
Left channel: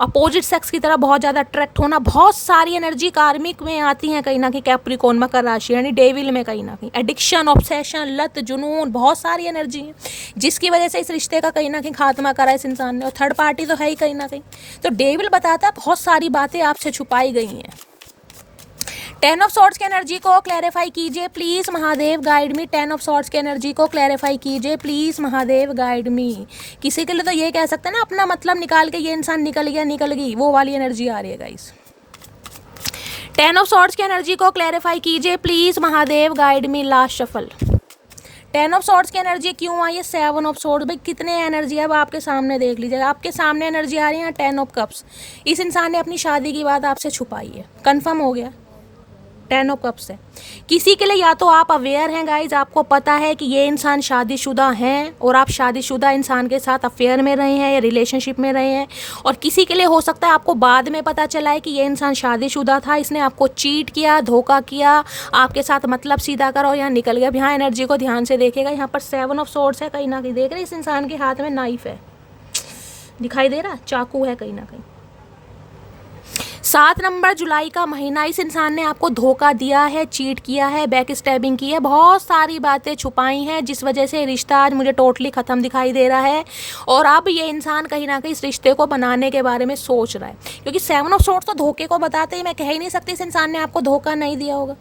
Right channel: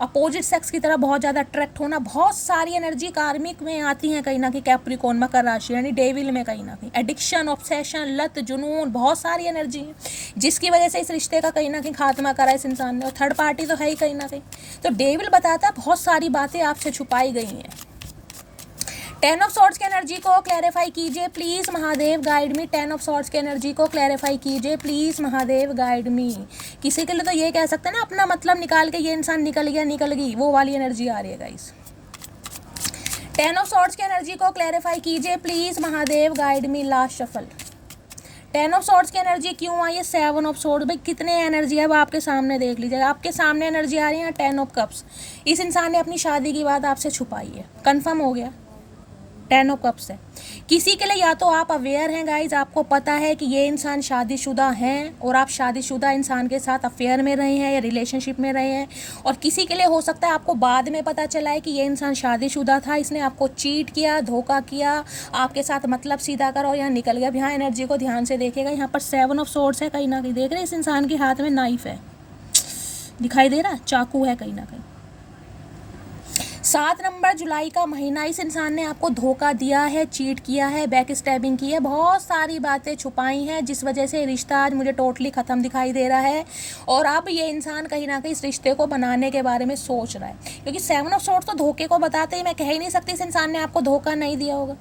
अपोजिट सेक्स की तरफ बहुत ज़्यादा अट्रैक्ट होना। बहुत सारी एनर्जी कार्मिक में आती हैं कहीं ना कहीं, कैप्रिकॉर्न, मकर राशि यानी डेविल में कहीं ना कहीं। एडिक्शन, ऑब्सेशन, लत, जुनून, बहुत सारी एनर्जी है जिसकी वजह से इस रिश्ते का कहीं ना कहीं खात्मा करा इस इंसान ने। और थर्ड पार्टी तो है ही कहीं ना कहीं। तो डेविल बताता है बहुत सारी बातें आपसे छुपाई गई हैं। 10 ऑफ सॉर्ड्स की एनर्जी को क्लैरिफाई कीजिए please Mahadev, guide me. 10 of swords की एनर्जी को क्लैरिफाई कीजिए प्लीज महादेव, गाइड मी। किसी के लिए तो ये कह सकते हैं ना, अपना मतलब निकाल के ये इंसान निकल गया, निकल गई, वो वाली एनर्जी आ रही है गाइस। 10 ऑफ सॉर्ड्स की एनर्जी को क्लैरिफाई कीजिए please Mahadev, guide me. Last shuffle. 10 of swords की एनर्जी क्यों आई है? 7 ऑफ सॉर्ड्स। भाई कितने एनर्जी है अब आपके सामने देख लीजिएगा। आपके सामने एनर्जी आ रही है 10 ऑफ कप्स। इस इंसान ने अपनी शादी की बात आपसे छुपाई है, कंफर्म हो गया 10 ऑफ कप्स है। किसी के लिए या तो आप अवेयर हैं गाइज, आपको पता है कि ये इंसान शादीशुदा हैं और आप शादीशुदा इंसान के साथ अफेयर में रहे हैं या रिलेशनशिप में रहे हैं। और किसी के लिए हो सकता है आपको बाद में पता चला है कि ये इंसान शादीशुदा था, इसने आपको चीट किया, धोखा किया, आपके साथ मतलब सीधा करा और यहाँ निकल गया। यहाँ एनर्जी को ध्यान से देखेगा, यहाँ पर 7 ऑफ सोर्ड्स है, कहीं ना कहीं देख रहे हैं इस इंसान के हाथ में नाइफ है, दिखाई दे रहा है, चाकू है कहीं ना कहीं। 7 नंबर जुलाई का महीना, इस इंसान ने आपको धोखा दिया है, चीट किया है, बैक स्टैबिंग की है, बहुत सारी बातें छुपाई हैं जिस वजह से रिश्ता आज मुझे टोटली ख़त्म दिखाई दे रहा है। और अब ये इंसान कहीं ना कहीं इस रिश्ते को बनाने के बारे में सोच रहा है। क्योंकि 7 ऑफ सोर्ड्स तो धोखे को बताते ही, मैं कह ही नहीं सकती इस इंसान ने आपको धोखा नहीं दिया होगा।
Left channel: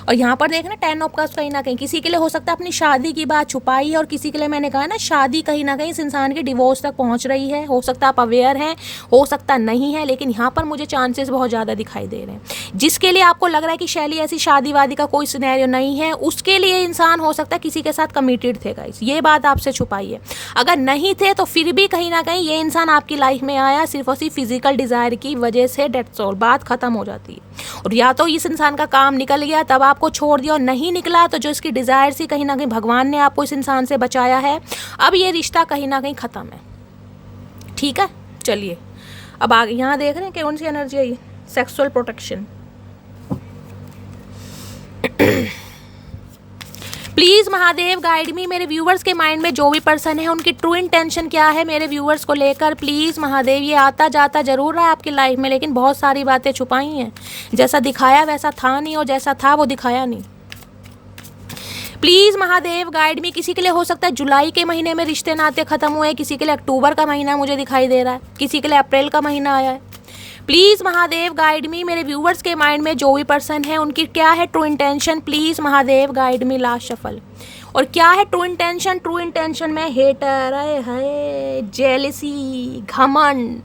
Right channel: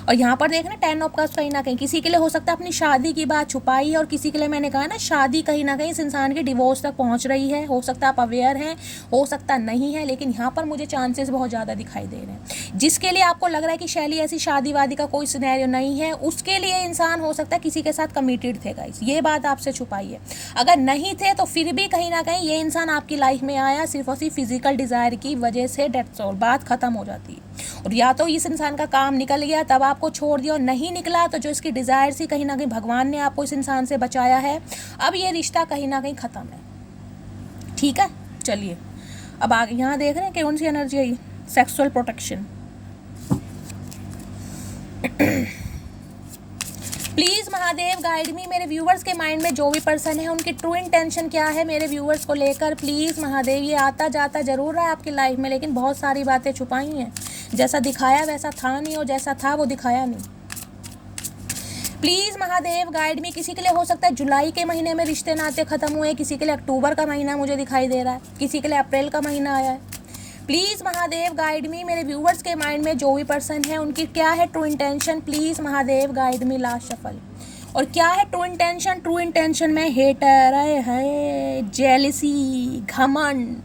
और यहाँ पर देखना 10 ऑफ कप्स, कहीं ना कहीं किसी के लिए हो सकता है अपनी शादी की बात छुपाई, और किसी के लिए मैंने कहा ना शादी कहीं ना कहीं इस इंसान के डिवोर्स तक पहुँच रही है। हो सकता है आप अवेयर हैं, हो सकता नहीं है, लेकिन यहाँ पर मुझे चांसेस बहुत ज़्यादा दिखाई दे रहे हैं। जिसके लिए आपको लग रहा है कि शैली ऐसी शादी वादी का कोई सिनेरियो नहीं है, उसके लिए इंसान हो सकता है किसी के साथ कमिटेड थे गाइस, ये बात आपसे छुपाई है। अगर नहीं थे तो फिर भी कहीं ना कहीं ये इंसान आपकी लाइफ में आया सिर्फ और सिर्फ फिजिकल डिज़ायर की वजह से, डेट्स ऑल, बात खत्म हो जाती है। और या तो इस इंसान का काम निकल गया तब आपको छोड़ दिया, और नहीं निकला तो जो इसकी डिज़ायर थी कहीं ना कहीं भगवान ने आपको इस इंसान से बचाया है। अब ये रिश्ता कहीं ना कहीं ख़त्म है, ठीक है। चलिए अब आगे यहाँ देख रहे हैं कौन सी एनर्जी आई, sexual protection. Please Mahadev guide me. मेरे व्यूवर्स के माइंड में जो भी पर्सन है उनकी ट्रू इंटेंशन क्या है मेरे व्यूवर्स को लेकर, प्लीज़ महादेव। ये आता जाता जरूर रहा है आपकी लाइफ में, लेकिन बहुत सारी बातें छुपाई हैं। जैसा दिखाया वैसा था नहीं, और जैसा था वो दिखाया नहीं। प्लीज़ महादेव गाइड मी। किसी के लिए हो सकता है जुलाई के महीने में रिश्ते नाते ख़त्म हुए, किसी के लिए अक्टूबर का महीना मुझे दिखाई दे रहा है, किसी के लिए अप्रैल का महीना आया है। Please Mahadev guide me. मेरे व्यूवर्स के माइंड में जो भी पर्सन है उनकी क्या है true intention, please Mahadev guide me. Last shuffle. और क्या है ट्रू इंटेंशन? ट्रू इंटेंशन में हेटर है, जेलसी, घमंड।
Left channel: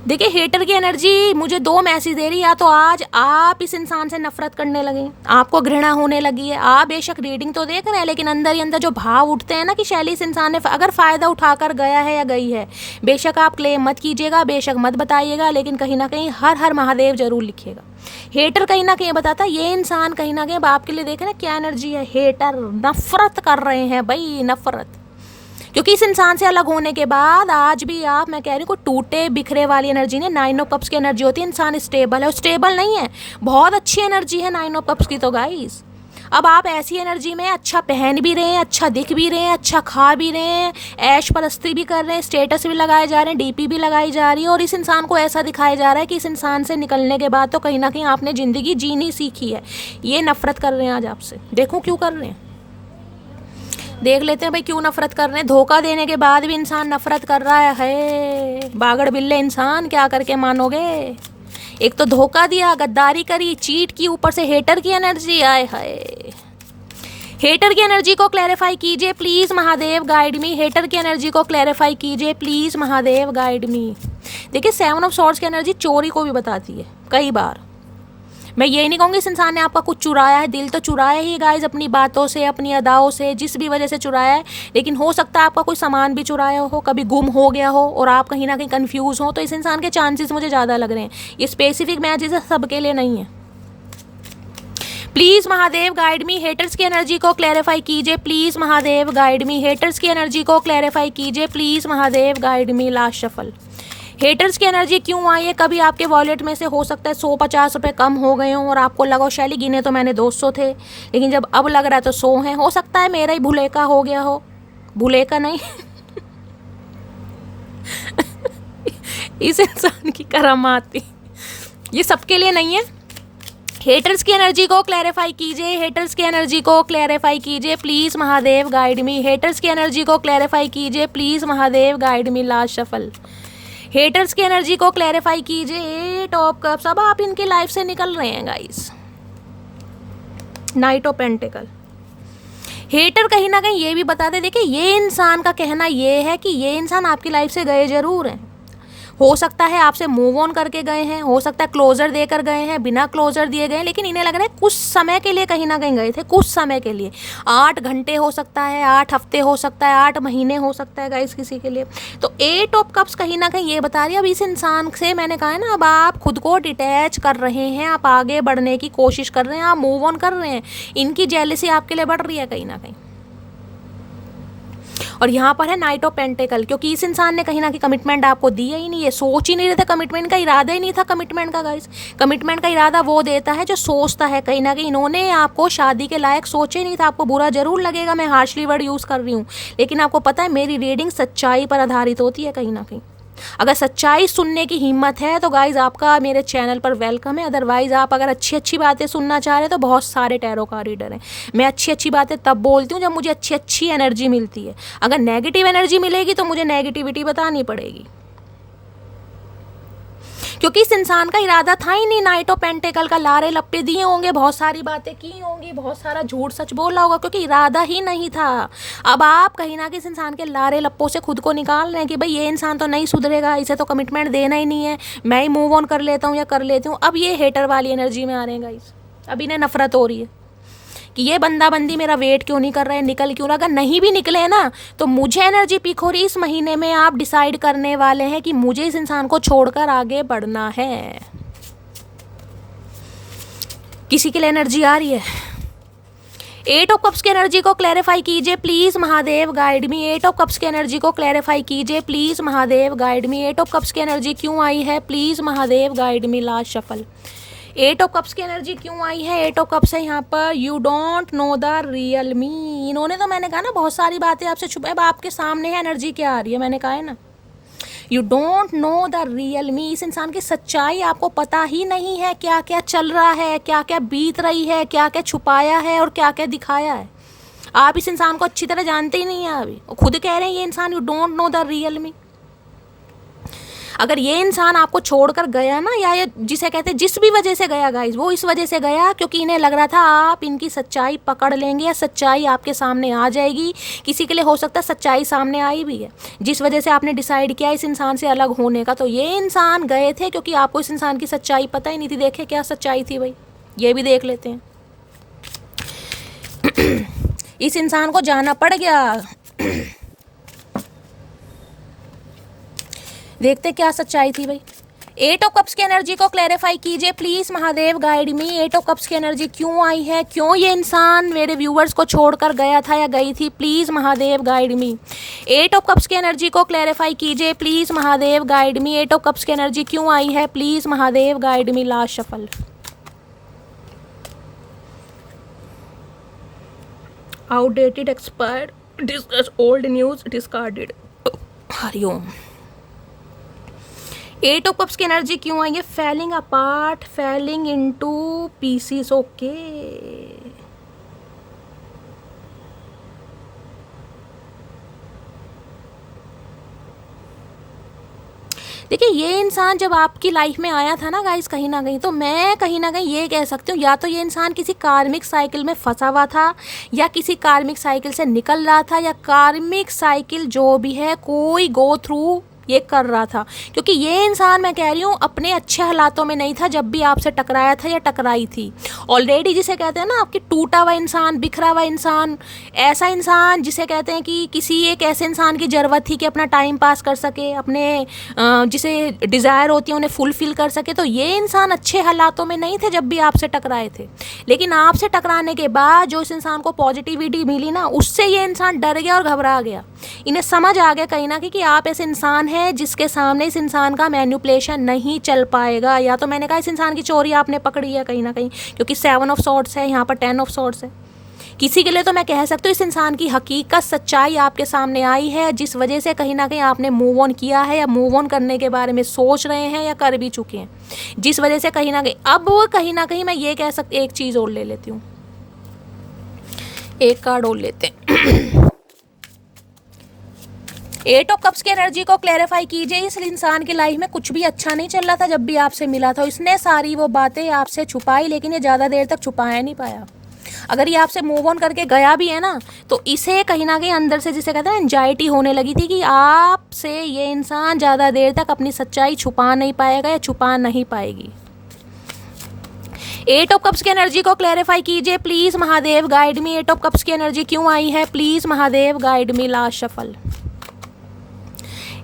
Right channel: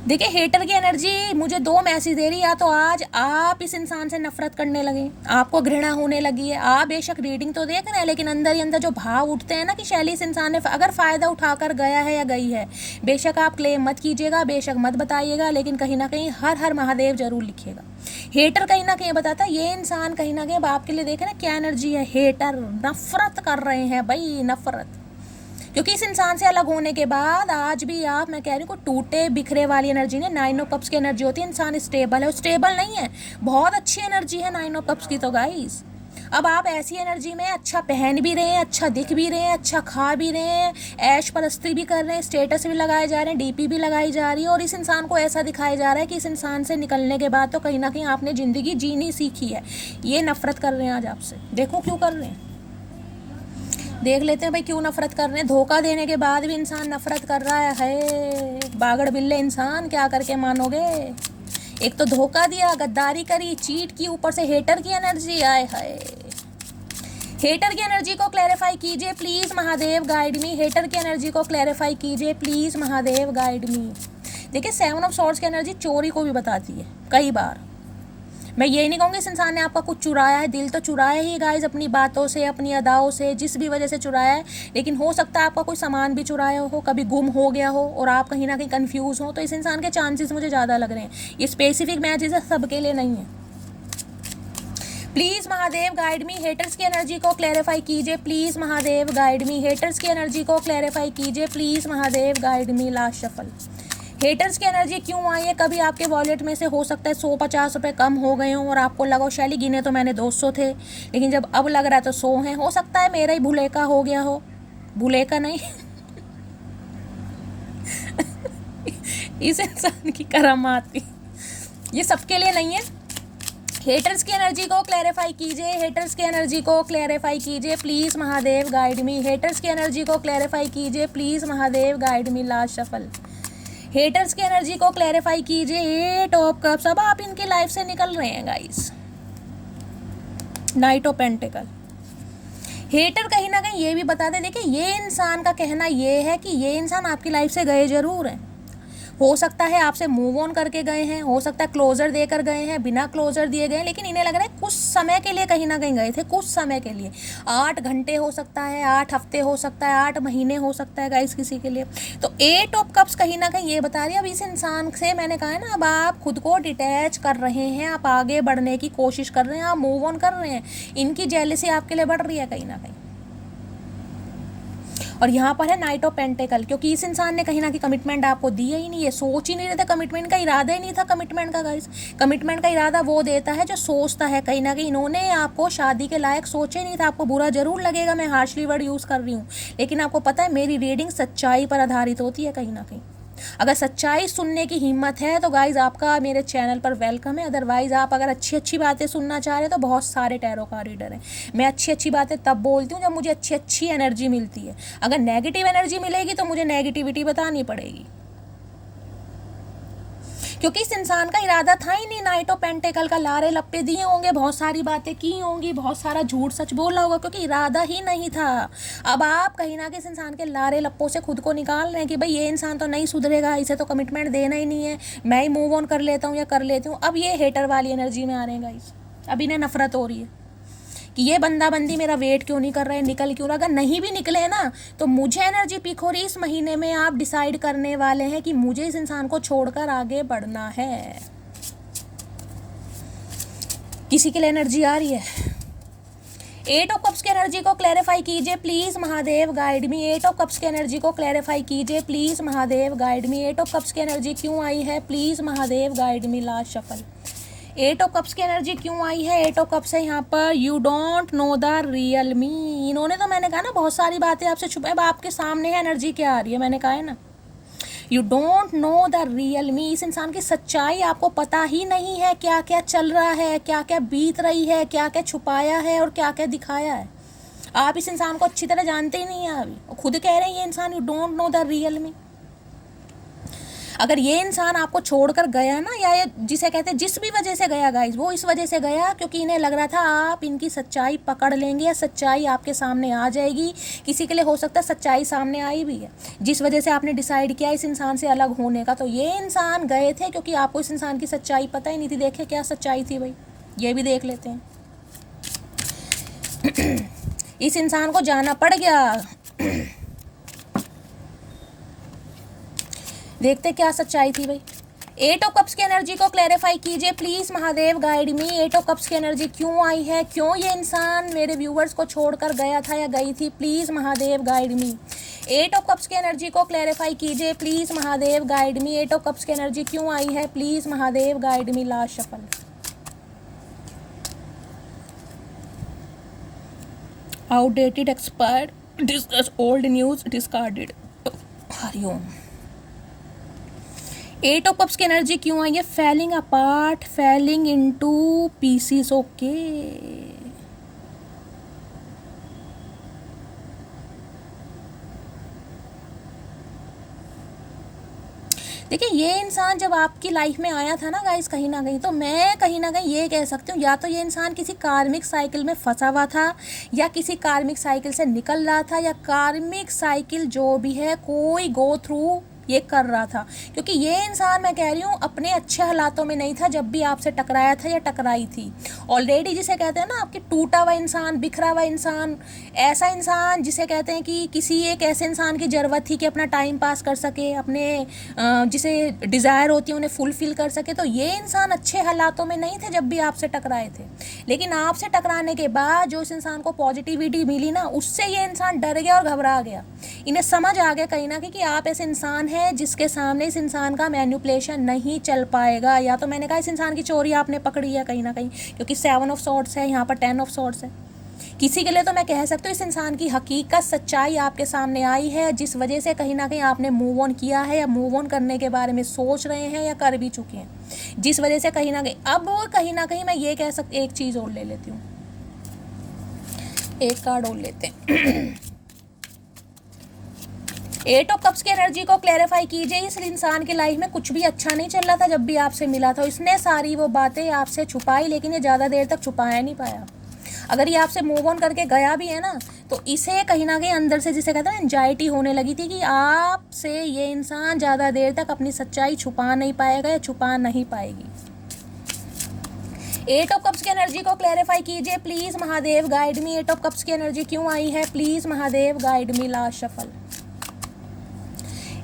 देखिए हेटर की एनर्जी मुझे 2 मैसेज दे रही है। या तो आज आप इस इंसान से नफरत करने लगे, आपको घृणा होने लगी है, आप बेशक रीडिंग तो देख रहे हैं लेकिन अंदर ही अंदर जो भाव उठते हैं ना कि शैली इस इंसान ने अगर फ़ायदा उठाकर गया है या गई है, बेशक आप क्लेम मत कीजिएगा, बेशक मत बताइएगा, लेकिन कहीं ना कहीं हर हर महादेव जरूर लिखिएगा। हेटर कहीं ना कहीं बताता है ये इंसान कहीं ना कहीं आपके लिए देखें ना क्या एनर्जी है, हेटर, नफरत कर रहे हैं भाई, नफरत। क्योंकि इस इंसान से अलग होने के बाद आज भी आप, मैं कह रही हूँ, कोई टूटे बिखरे वाली एनर्जी नहीं। 9 ऑफ कप्स की एनर्जी होती है इंसान स्टेबल है, स्टेबल नहीं है, बहुत अच्छी एनर्जी है 9 ऑफ कप्स की। तो गाइस अब आप ऐसी एनर्जी में अच्छा पहन भी रहे हैं, अच्छा दिख भी रहे हैं, अच्छा खा भी रहे हैं, ऐश परस्ती भी कर रहे हैं, स्टेटस भी लगाए जा रहे हैं, डीपी भी लगाई जा रही है, और इस इंसान को ऐसा दिखाया जा रहा है कि इस इंसान से निकलने के बाद तो कहीं ना कहीं आपने ज़िंदगी जीनी सीखी है। ये नफरत कर रहे हैं आज आपसे। देखो क्यों कर रहे हैं, देख लेते हैं भाई क्यों नफरत कर रहे हैं। धोखा देने के बाद भी इंसान नफरत कर रहा है। बागड़ बिल्ले इंसान, क्या करके मानोगे। एक तो धोखा दिया, गद्दारी करी, चीट की, ऊपर से हेटर की एनर्जी। आए हाय, हेटर की एनर्जी को क्लैरिफाई कीजिए please Mahadev, guide me. Hater की एनर्जी को क्लैरिफाई कीजिए प्लीज महादेव, गाइड मी। देखिए 7 ऑफ सॉर्ड्स की एनर्जी चोरी को भी बताती है कई बार। मैं ये नहीं कहूँगी इस इंसान ने आपका कुछ चुराया है, दिल तो चुराया ही गाइस, अपनी बातों से, अपनी अदाओं से, जिस भी वजह से चुराया है। लेकिन हो सकता है आपका कोई सामान भी चुराया हो, कभी गुम हो गया हो और आप कहीं ना कहीं कंफ्यूज हो। तो इस इंसान के चांसेस मुझे ज़्यादा लग रहे हैं। ये स्पेसिफिक मैचेस सबके लिए नहीं है। Please Mahadev guide me. Haters की एनर्जी को क्लैरिफाई कीजिए please Mahadev, guide me. Haters की एनर्जी को क्लैरिफाई कीजिए please Mahadev, guide me. Last shuffle. Haters की एनर्जी क्यों आई है। कभी आपके वॉलेट में से हो सकता है 150 रुपये कम हो गए हों और आपको लगा शैली गिने तो मैंने 200 थे, लेकिन जब अब लग रहा है तो 100 हैं। हो सकता है मेरा ही भुलेका हो गया हो, भुलेका नहीं इस इंसान की करामात थी। ये सबके लिए नहीं है। हेटर्स की एनर्जी को क्लैरिफाई कीजिए, हेटर्स की एनर्जी को क्लैरिफाई कीजिए please Mahadev, guide me. Haters की एनर्जी को क्लैरिफाई कीजिए please Mahadev, guide me. Last shuffle. Haters की एनर्जी को क्लैरिफाई कीजिए। 8 ऑफ कप्स, अब आप इनकी लाइफ से निकल रहे हैं guys. Knight of pentacle. Hater कहीं ना कहीं ये भी बता दे, देखिए ये इंसान का कहना ये है कि ये इंसान आपकी लाइफ से गए जरूर हैं। हो सकता है आपसे मूव ऑन करके गए हैं, हो सकता है क्लोजर देकर गए हैं, बिना क्लोजर दिए गए, लेकिन इन्हें लग रहा है कुछ समय के लिए कहीं ना कहीं गए थे, कुछ समय के लिए। 8 घंटे हो सकता है, 8 हफ्ते हो सकता है, 8 महीने हो सकता है गाइस किसी के लिए। तो 8 ऑफ कप्स कहीं ना कहीं ये बता रही है अब इस इंसान से, मैंने कहा है ना, अब आप खुद को डिटैच कर रहे हैं, आप आगे बढ़ने की कोशिश कर रहे हैं, आप मूव ऑन कर रहे हैं। इनकी जेलसी आपके लिए बढ़ रही है कहीं ना कहीं। और यहाँ पर है नाइट ऑफ पेंटिकल, क्योंकि इस इंसान ने कहीं ना कहीं कमिटमेंट आपको दी ही नहीं है, सोच ही नहीं रहे थे, कमिटमेंट का इरादा ही नहीं था कमिटमेंट का गाइस। कमिटमेंट का इरादा वो देता है जो सोचता है। कहीं ना कहीं इन्होंने आपको शादी के लायक सोचे नहीं था। आपको बुरा जरूर लगेगा, मैं हार्शली वर्ड यूज़ कर रही हूँ, लेकिन आपको पता है मेरी रीडिंग सच्चाई पर आधारित होती है कहीं ना कहीं। अगर सच्चाई सुनने की हिम्मत है तो गाइज आपका मेरे चैनल पर वेलकम है। अदरवाइज आप अगर अच्छी अच्छी बातें सुनना चाह रहे हैं तो बहुत सारे टैरो का रीडर हैं। मैं अच्छी अच्छी बातें तब बोलती हूँ जब मुझे अच्छी अच्छी एनर्जी मिलती है। अगर नेगेटिव एनर्जी मिलेगी तो मुझे नेगेटिविटी बतानी पड़ेगी, क्योंकि इस इंसान का इरादा था ही नहीं। नाइट ऑफ पेंटिकल का लारे लप्पे दिए होंगे, बहुत सारी बातें की होंगी, बहुत सारा झूठ सच बोला होगा, क्योंकि इरादा ही नहीं था। अब आप कहीं ना कहीं इस इंसान के लारे लप्पों से खुद को निकाल रहे हैं कि भाई ये इंसान तो नहीं सुधरेगा, इसे तो कमिटमेंट देना ही नहीं है, मैं ही मूव ऑन कर लेता हूँ या कर लेती हूँ। अब ये हेटर वाली एनर्जी में आ रहे हैं गाइस। अब इन्हें नफरत हो रही है कि ये बंदा बंदी मेरा वेट क्यों नहीं कर रहे हैं, निकल क्यों रहा। अगर नहीं भी निकले ना तो मुझे एनर्जी पिक हो रही, इस महीने में आप डिसाइड करने वाले हैं कि मुझे इस इंसान को छोड़कर आगे बढ़ना है। किसी के लिए एनर्जी आ रही है। 8 ऑफ कप्स की एनर्जी को क्लैरिफाई कीजिए please Mahadev, guide me. 8 of cups की एनर्जी को क्लैरिफाई कीजिए please Mahadev, guide me. 8 of cups की एनर्जी क्यों आई है please Mahadev, guide me. Last shuffle. 8 of cups की एनर्जी क्यों आई है। 8 ऑफ कप्स है यहाँ पर। You don't know the real me. इन्होंने तो, मैंने कहा ना, बहुत सारी बातें आपसे छुपा। अब आपके सामने है एनर्जी क्या आ रही है, मैंने कहा है ना, you don't know the real me. इस इंसान की सच्चाई आपको पता ही नहीं है, क्या क्या चल रहा है, क्या क्या बीत रही है, क्या क्या छुपाया है और क्या क्या दिखाया है। आप इस इंसान को अच्छी तरह जानते ही नहीं है अभी। खुद कह रहे हैं ये इंसान you don't know the real me. अगर ये इंसान आपको छोड़कर गया ना, या ये जिसे कहते हैं जिस भी वजह से गया गाइस, वो इस वजह से गया क्योंकि इन्हें लग रहा था आप इनकी सच्चाई पकड़ लेंगे या सच्चाई आपके सामने आ जाएगी। किसी के लिए हो सकता है सच्चाई सामने आई भी है, जिस वजह से आपने डिसाइड किया इस इंसान से अलग होने का। तो ये इंसान गए थे क्योंकि आपको इस इंसान की सच्चाई पता ही नहीं थी। देखे क्या सच्चाई थी भाई, ये भी देख लेते हैं। इस इंसान को जाना पड़ गया। देखते क्या सच्चाई थी भाई। एट ऑफ कप्स की एनर्जी को क्लैरिफाई कीजिए please Mahadev, guide me. Eight of cups की एनर्जी क्यों आई है, क्यों ये इंसान मेरे व्यूवर्स को छोड़कर गया था या गई थी, please Mahadev guide me. Eight of cups की एनर्जी को क्लैरिफाई कीजिए please Mahadev, guide me. Eight of cups की एनर्जी क्यों आई है, please Mahadev guide me. Last shuffle. Outdated, expired, discuss old news, discarded. Hariom. Eight of cups की एनर्जी क्यों आई है, falling apart, falling into pieces. Okay, देखिए ये इंसान जब आपकी लाइफ में आया था ना गाइस, कहीं ना कहीं, तो मैं कहीं ना कहीं ये कह सकती हूँ, या तो ये इंसान किसी कार्मिक साइकिल में फंसा हुआ था, या किसी कार्मिक साइकिल से निकल रहा था, या कार्मिक साइकिल जो भी है कोई गो थ्रू ये कर रहा था। क्योंकि ये इंसान, मैं कह रही हूँ, अपने अच्छे हालातों में नहीं था जब भी आपसे टकराया था या टकराई थी। ऑलरेडी जिसे कहते हैं ना आपकी टूटा हुआ इंसान, बिखरा हुआ इंसान, ऐसा इंसान जिसे कहते हैं कि किसी एक ऐसे इंसान की ज़रूरत थी कि अपना टाइम पास कर सके, अपने जिसे डिज़ायर होती है उन्हें फुलफिल कर सके। तो ये इंसान अच्छे हालातों में नहीं थे जब भी आपसे टकराए थे, लेकिन आपसे टकराने के बाद जो इस इंसान को पॉजिटिविटी मिली ना, उससे ये इंसान डर गया और घबरा गया। इन्हें समझ आ गया कहीं ना कहीं कि आप ऐसे इंसान हैं जिसके सामने इस इंसान का मैनिपुलेशन नहीं चल पाएगा। या तो मैंने कहा इस इंसान की चोरी आपने पकड़ी है कहीं ना कहीं, क्योंकि 7 ऑफ सॉर्ड्स है, यहाँ पर 10 ऑफ सॉर्ड्स है। किसी के लिए तो मैं कह सकती हूँ इस इंसान की हकीकत, सच्चाई आपके सामने आई है, जिस वजह से कहीं ना कहीं आपने मूव ऑन किया है, या मूव ऑन करने के बारे में सोच रहे हैं, या कर भी चुके हैं, जिस वजह से कहीं ना कहीं अब वो कहीं ना कहीं मैं ये कह सकती, एक चीज़ और ले लेती हूँ, एक कार्ड और लेते हैं। एट ऑफ कप्स की एनर्जी को क्लैरिफाई कीजिए। इस इंसान की लाइफ में कुछ भी अच्छा नहीं चल रहा था जब भी आपसे मिला था, इसने सारी वो बातें आपसे छुपाई, लेकिन ये ज़्यादा देर तक छुपाया नहीं पाया। अगर ये आपसे मूव ऑन करके गया भी है ना, तो इसे कहीं ना कहीं अंदर से, जिसे कहते हैं एंजाइटी होने लगी थी कि आपसे ये इंसान ज़्यादा देर तक अपनी सच्चाई छुपा नहीं पाएगा या छुपा नहीं पाएगी। एट ऑफ कप्स की एनर्जी को क्लैरिफाई कीजिए please Mahadev, guide me. Eight of cups की एनर्जी क्यों आई है, please Mahadev guide me. Last shuffle.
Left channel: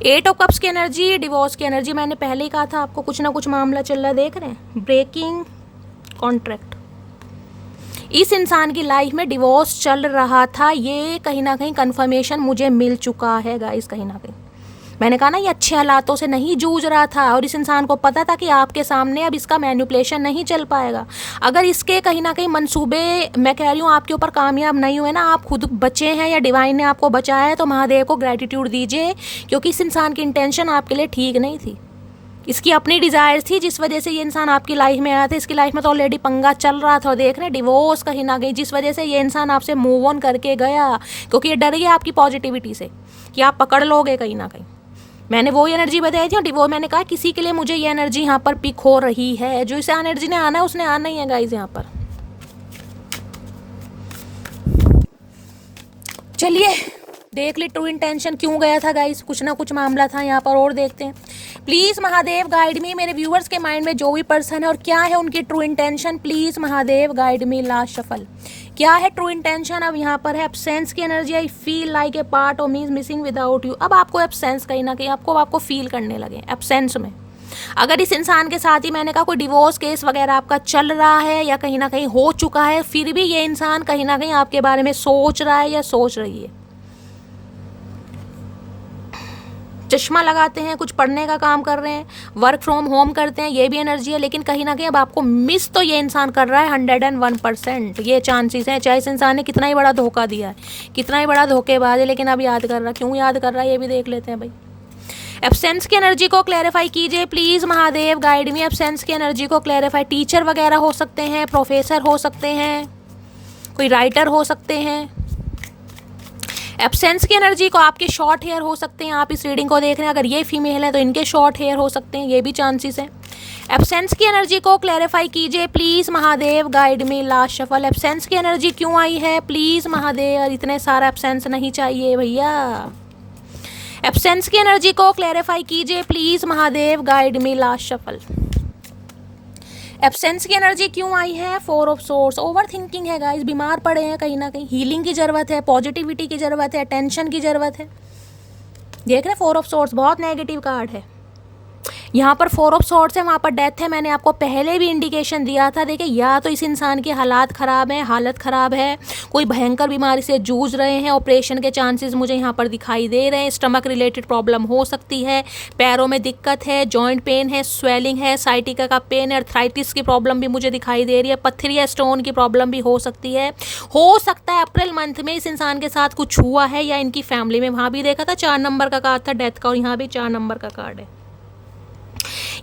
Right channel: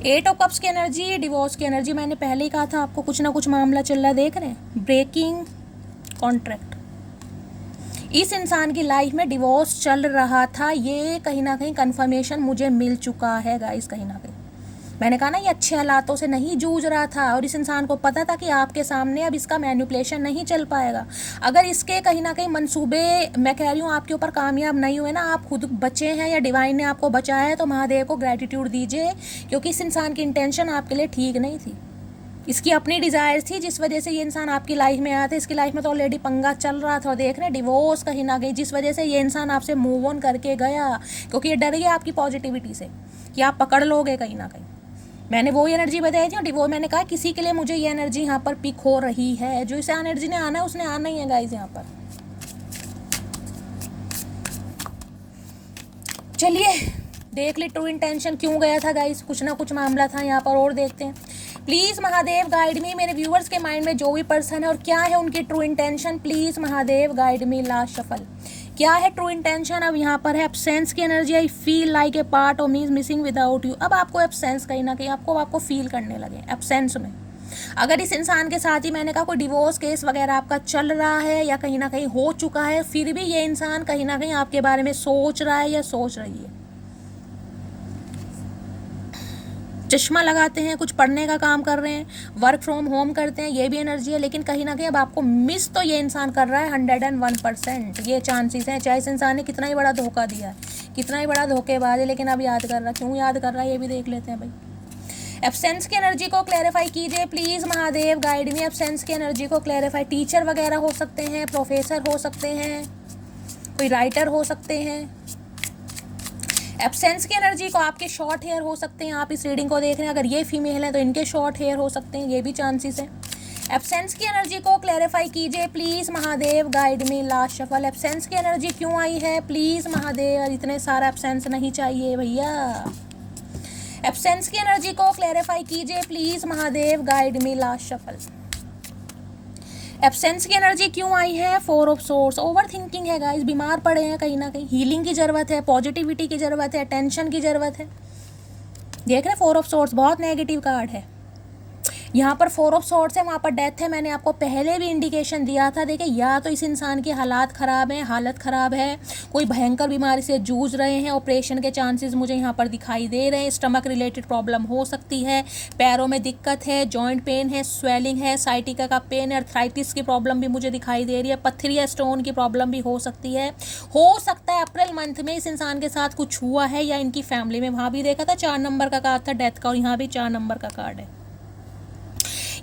Eight of cups की एनर्जी, डिवोर्स की एनर्जी। मैंने पहले ही कहा था आपको कुछ ना कुछ मामला चल रहा है, देख रहे हैं, ब्रेकिंग कॉन्ट्रैक्ट। इस इंसान की लाइफ में डिवोर्स चल रहा था, ये कहीं ना कहीं कंफर्मेशन मुझे मिल चुका है गाइस। कहीं ना कहीं मैंने कहा ना ये अच्छे हालातों से नहीं जूझ रहा था, और इस इंसान को पता था कि आपके सामने अब इसका मैनिपुलेशन नहीं चल पाएगा। अगर इसके कहीं ना कहीं मंसूबे, मैं कह रही हूँ, आपके ऊपर कामयाब नहीं हुए ना, आप खुद बचे हैं या डिवाइन ने आपको बचाया है, तो महादेव को ग्रेटिट्यूड दीजिए, क्योंकि इस इंसान की इंटेंशन आपके लिए ठीक नहीं थी। इसकी अपनी डिज़ायर थी, जिस वजह से ये इंसान आपकी लाइफ में आया था। इसकी लाइफ में तो ऑलरेडी पंगा चल रहा था, और देख रहे हैं डिवोर्स कहीं ना कहीं, जिस वजह से ये इंसान आपसे मूव ऑन करके गया, क्योंकि ये डर गया आपकी पॉजिटिविटी से कि आप पकड़ लोगे कहीं ना कहीं। मैंने वो एनर्जी बताई थी, और डिवोर्स मैंने कहा किसी के लिए मुझे ये एनर्जी यहाँ पर पिक हो रही है, जो इस एनर्जी ने आना है उसने आना ही है गाइस यहाँ पर। चलिए देख ली ट्रू इंटेंशन क्यों गया था गाइस, कुछ ना कुछ मामला था यहाँ पर, और देखते हैं। प्लीज महादेव गाइड मी, मेरे व्यूवर्स के माइंड में जो भी पर्सन है और क्या है उनकी true intention, please Mahadev guide me. Last shuffle. क्या है ट्रू इंटेंशन? अब यहाँ पर है एब्सेंस की energy. I feel like a part of me is missing without you. अब आपको एब्सेंस कहीं ना कहीं आपको फील करने लगे एब्सेंस में। अगर इस इंसान के साथ ही, मैंने कहा, कोई डिवोर्स केस वगैरह आपका चल रहा है या कहीं ना कहीं हो चुका है, फिर भी ये इंसान कहीं ना कहीं आपके बारे में सोच रहा है या सोच रही है। चश्मा लगाते हैं, कुछ पढ़ने का काम कर रहे हैं, वर्क फ्रॉम होम करते हैं, ये भी एनर्जी है, लेकिन कहीं ना कहीं अब आपको मिस तो ये इंसान कर रहा है 101%। ये चांसेस हैं, चाहे इस इंसान ने कितना ही बड़ा धोखा दिया है, कितना ही बड़ा धोखेबाज है, लेकिन अब याद कर रहा है। क्यों याद कर रहा है ये भी देख लेते हैं भाई। एब्सेंस की एनर्जी को क्लैरिफाई कीजिए please Mahadev guide me. Absence की एनर्जी को क्लैरिफाई, टीचर वगैरह हो सकते हैं, प्रोफेसर हो सकते हैं, कोई राइटर हो सकते हैं। एब्सेंस की एनर्जी को, आपके शॉर्ट हेयर हो सकते हैं, आप इस रीडिंग को देख रहे हैं, अगर ये फीमेल है तो इनके शॉर्ट हेयर हो सकते हैं, ये भी चांसेस है। एब्सेंस की एनर्जी को क्लैरिफाई कीजिए please Mahadev guide me. Last shuffle. Absence की एनर्जी क्यों आई है प्लीज महादेव, इतने सारा एब्सेंस नहीं चाहिए भैया। एब्सेंस की एनर्जी को क्लैरिफाई कीजिए please Mahadev guide me. Last shuffle. Absence की एनर्जी क्यों आई है? 4 ऑफ सोर्स। ओवर थिंकिंग है गाइस, बीमार पड़े हैं कहीं ना कहीं, हीलिंग की ज़रूरत है, पॉजिटिविटी की ज़रूरत है, अटेंशन की ज़रूरत है। देख रहे हैं 4 ऑफ सोर्स बहुत नेगेटिव कार्ड है। यहाँ पर 4 ऑफ सॉर्ड्स है, वहाँ पर डेथ है। मैंने आपको पहले भी इंडिकेशन दिया था। देखिए या तो इस इंसान की हालात ख़राब है, हालत ख़राब है, कोई भयंकर बीमारी से जूझ रहे हैं, ऑपरेशन के चांसेस मुझे यहाँ पर दिखाई दे रहे हैं, स्टमक रिलेटेड प्रॉब्लम हो सकती है, पैरों में दिक्कत है, जॉइंट पेन है, स्वेलिंग है, साइटिका का पेन है, अर्थराइटिस की प्रॉब्लम भी मुझे दिखाई दे रही है, पत्थरी या स्टोन की प्रॉब्लम भी हो सकती है। हो सकता है अप्रैल मंथ में इस इंसान के साथ कुछ हुआ है या इनकी फैमिली में। वहाँ भी देखा था 4 नंबर का कार्ड था डेथ का, और यहाँ भी 4 नंबर का कार्ड है।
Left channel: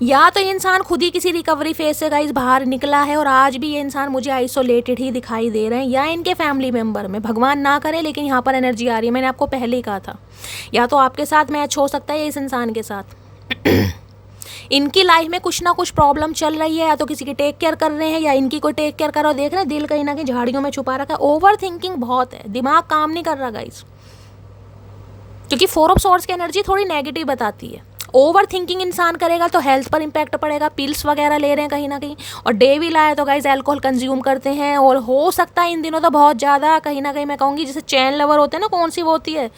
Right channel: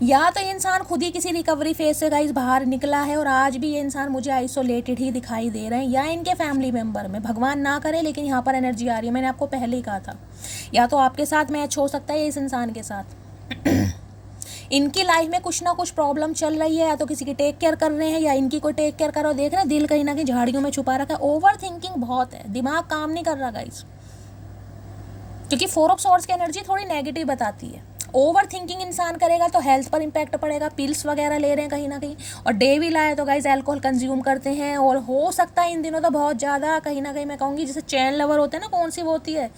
या तो ये इंसान खुद ही किसी रिकवरी फेज से गाइस बाहर निकला है और आज भी ये इंसान मुझे आइसोलेटेड ही दिखाई दे रहे हैं, या इनके फैमिली मेंबर में, भगवान ना करे लेकिन यहाँ पर एनर्जी आ रही है। मैंने आपको पहले ही कहा था, या तो आपके साथ मैच हो सकता है या इस इंसान के साथ। इनकी लाइफ में कुछ ना कुछ प्रॉब्लम चल रही है, या तो किसी की टेक केयर कर रहे हैं या इनकी कोई टेक केयर कर रहा है। देख रहे हैं दिल कहीं ना कहीं झाड़ियों में छुपा रखा है। ओवर थिंकिंग बहुत है, दिमाग काम नहीं कर रहा गाइस, क्योंकि 4 ऑफ सॉर्ड्स की एनर्जी थोड़ी नेगेटिव बताती है। ओवर थिंकिंग इंसान करेगा तो हेल्थ पर इंपैक्ट पड़ेगा, पिल्स वगैरह ले रहे हैं कहीं ना कहीं, और डे भी लाया तो गाइस अल्कोहल कंज्यूम करते हैं, और हो सकता है इन दिनों तो बहुत ज़्यादा कहीं ना कहीं मैं कहूँगी जैसे चैन लवर होते हैं ना, कौन सी वो होती है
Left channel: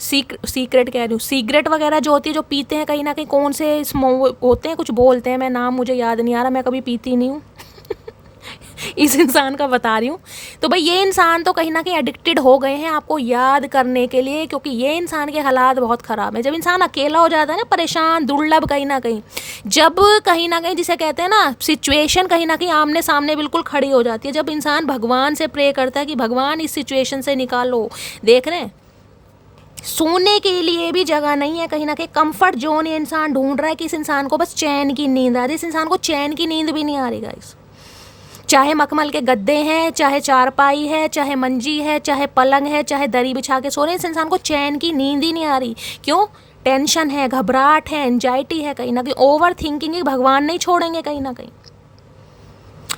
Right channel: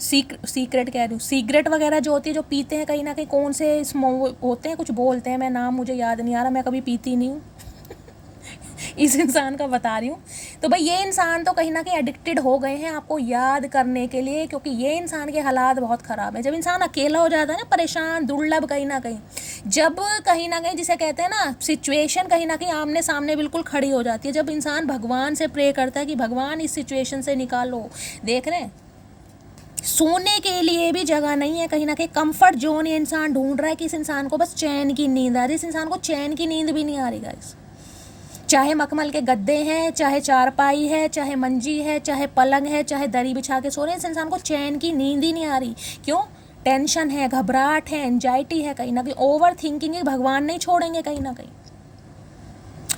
सीक्रेट कह रही हूँ, सिगरेट वगैरह जो होती है जो पीते हैं कहीं ना कहीं, कौन से होते हैं कुछ बोलते हैं, मैं नाम मुझे याद नहीं आ रहा, मैं कभी पीती नहीं हूँ इस इंसान का बता रही हूँ। तो भाई ये इंसान तो कहीं ना कहीं एडिक्टेड हो गए हैं आपको याद करने के लिए, क्योंकि ये इंसान के हालात बहुत ख़राब है। जब इंसान अकेला हो जाता है ना, परेशान, दुर्लभ कहीं ना कहीं, जब कहीं ना कहीं जिसे कहते हैं ना सिचुएशन कहीं ना कहीं आमने सामने बिल्कुल खड़ी हो जाती है, जब इंसान भगवान से प्रे करता है कि भगवान इस सिचुएशन से निकालो। देख रहे हैं सोने के लिए भी जगह नहीं है, कहीं ना कहीं कंफर्ट जोन ये इंसान ढूंढ रहा है कि इस इंसान को बस चैन की नींद आ रही है। इस इंसान को चैन की नींद भी नहीं आ रही गाइस, चाहे मखमल के गद्दे हैं, चाहे चारपाई है, चाहे मंजी है, चाहे पलंग है, चाहे दरी बिछा के सो रहे हैं, इस इंसान को चैन की नींद ही नहीं आ रही। क्यों? टेंशन है, घबराहट है, एंजाइटी है, कहीं ना कहीं ओवर थिंकिंग है। भगवान नहीं छोड़ेंगे कहीं ना कहीं,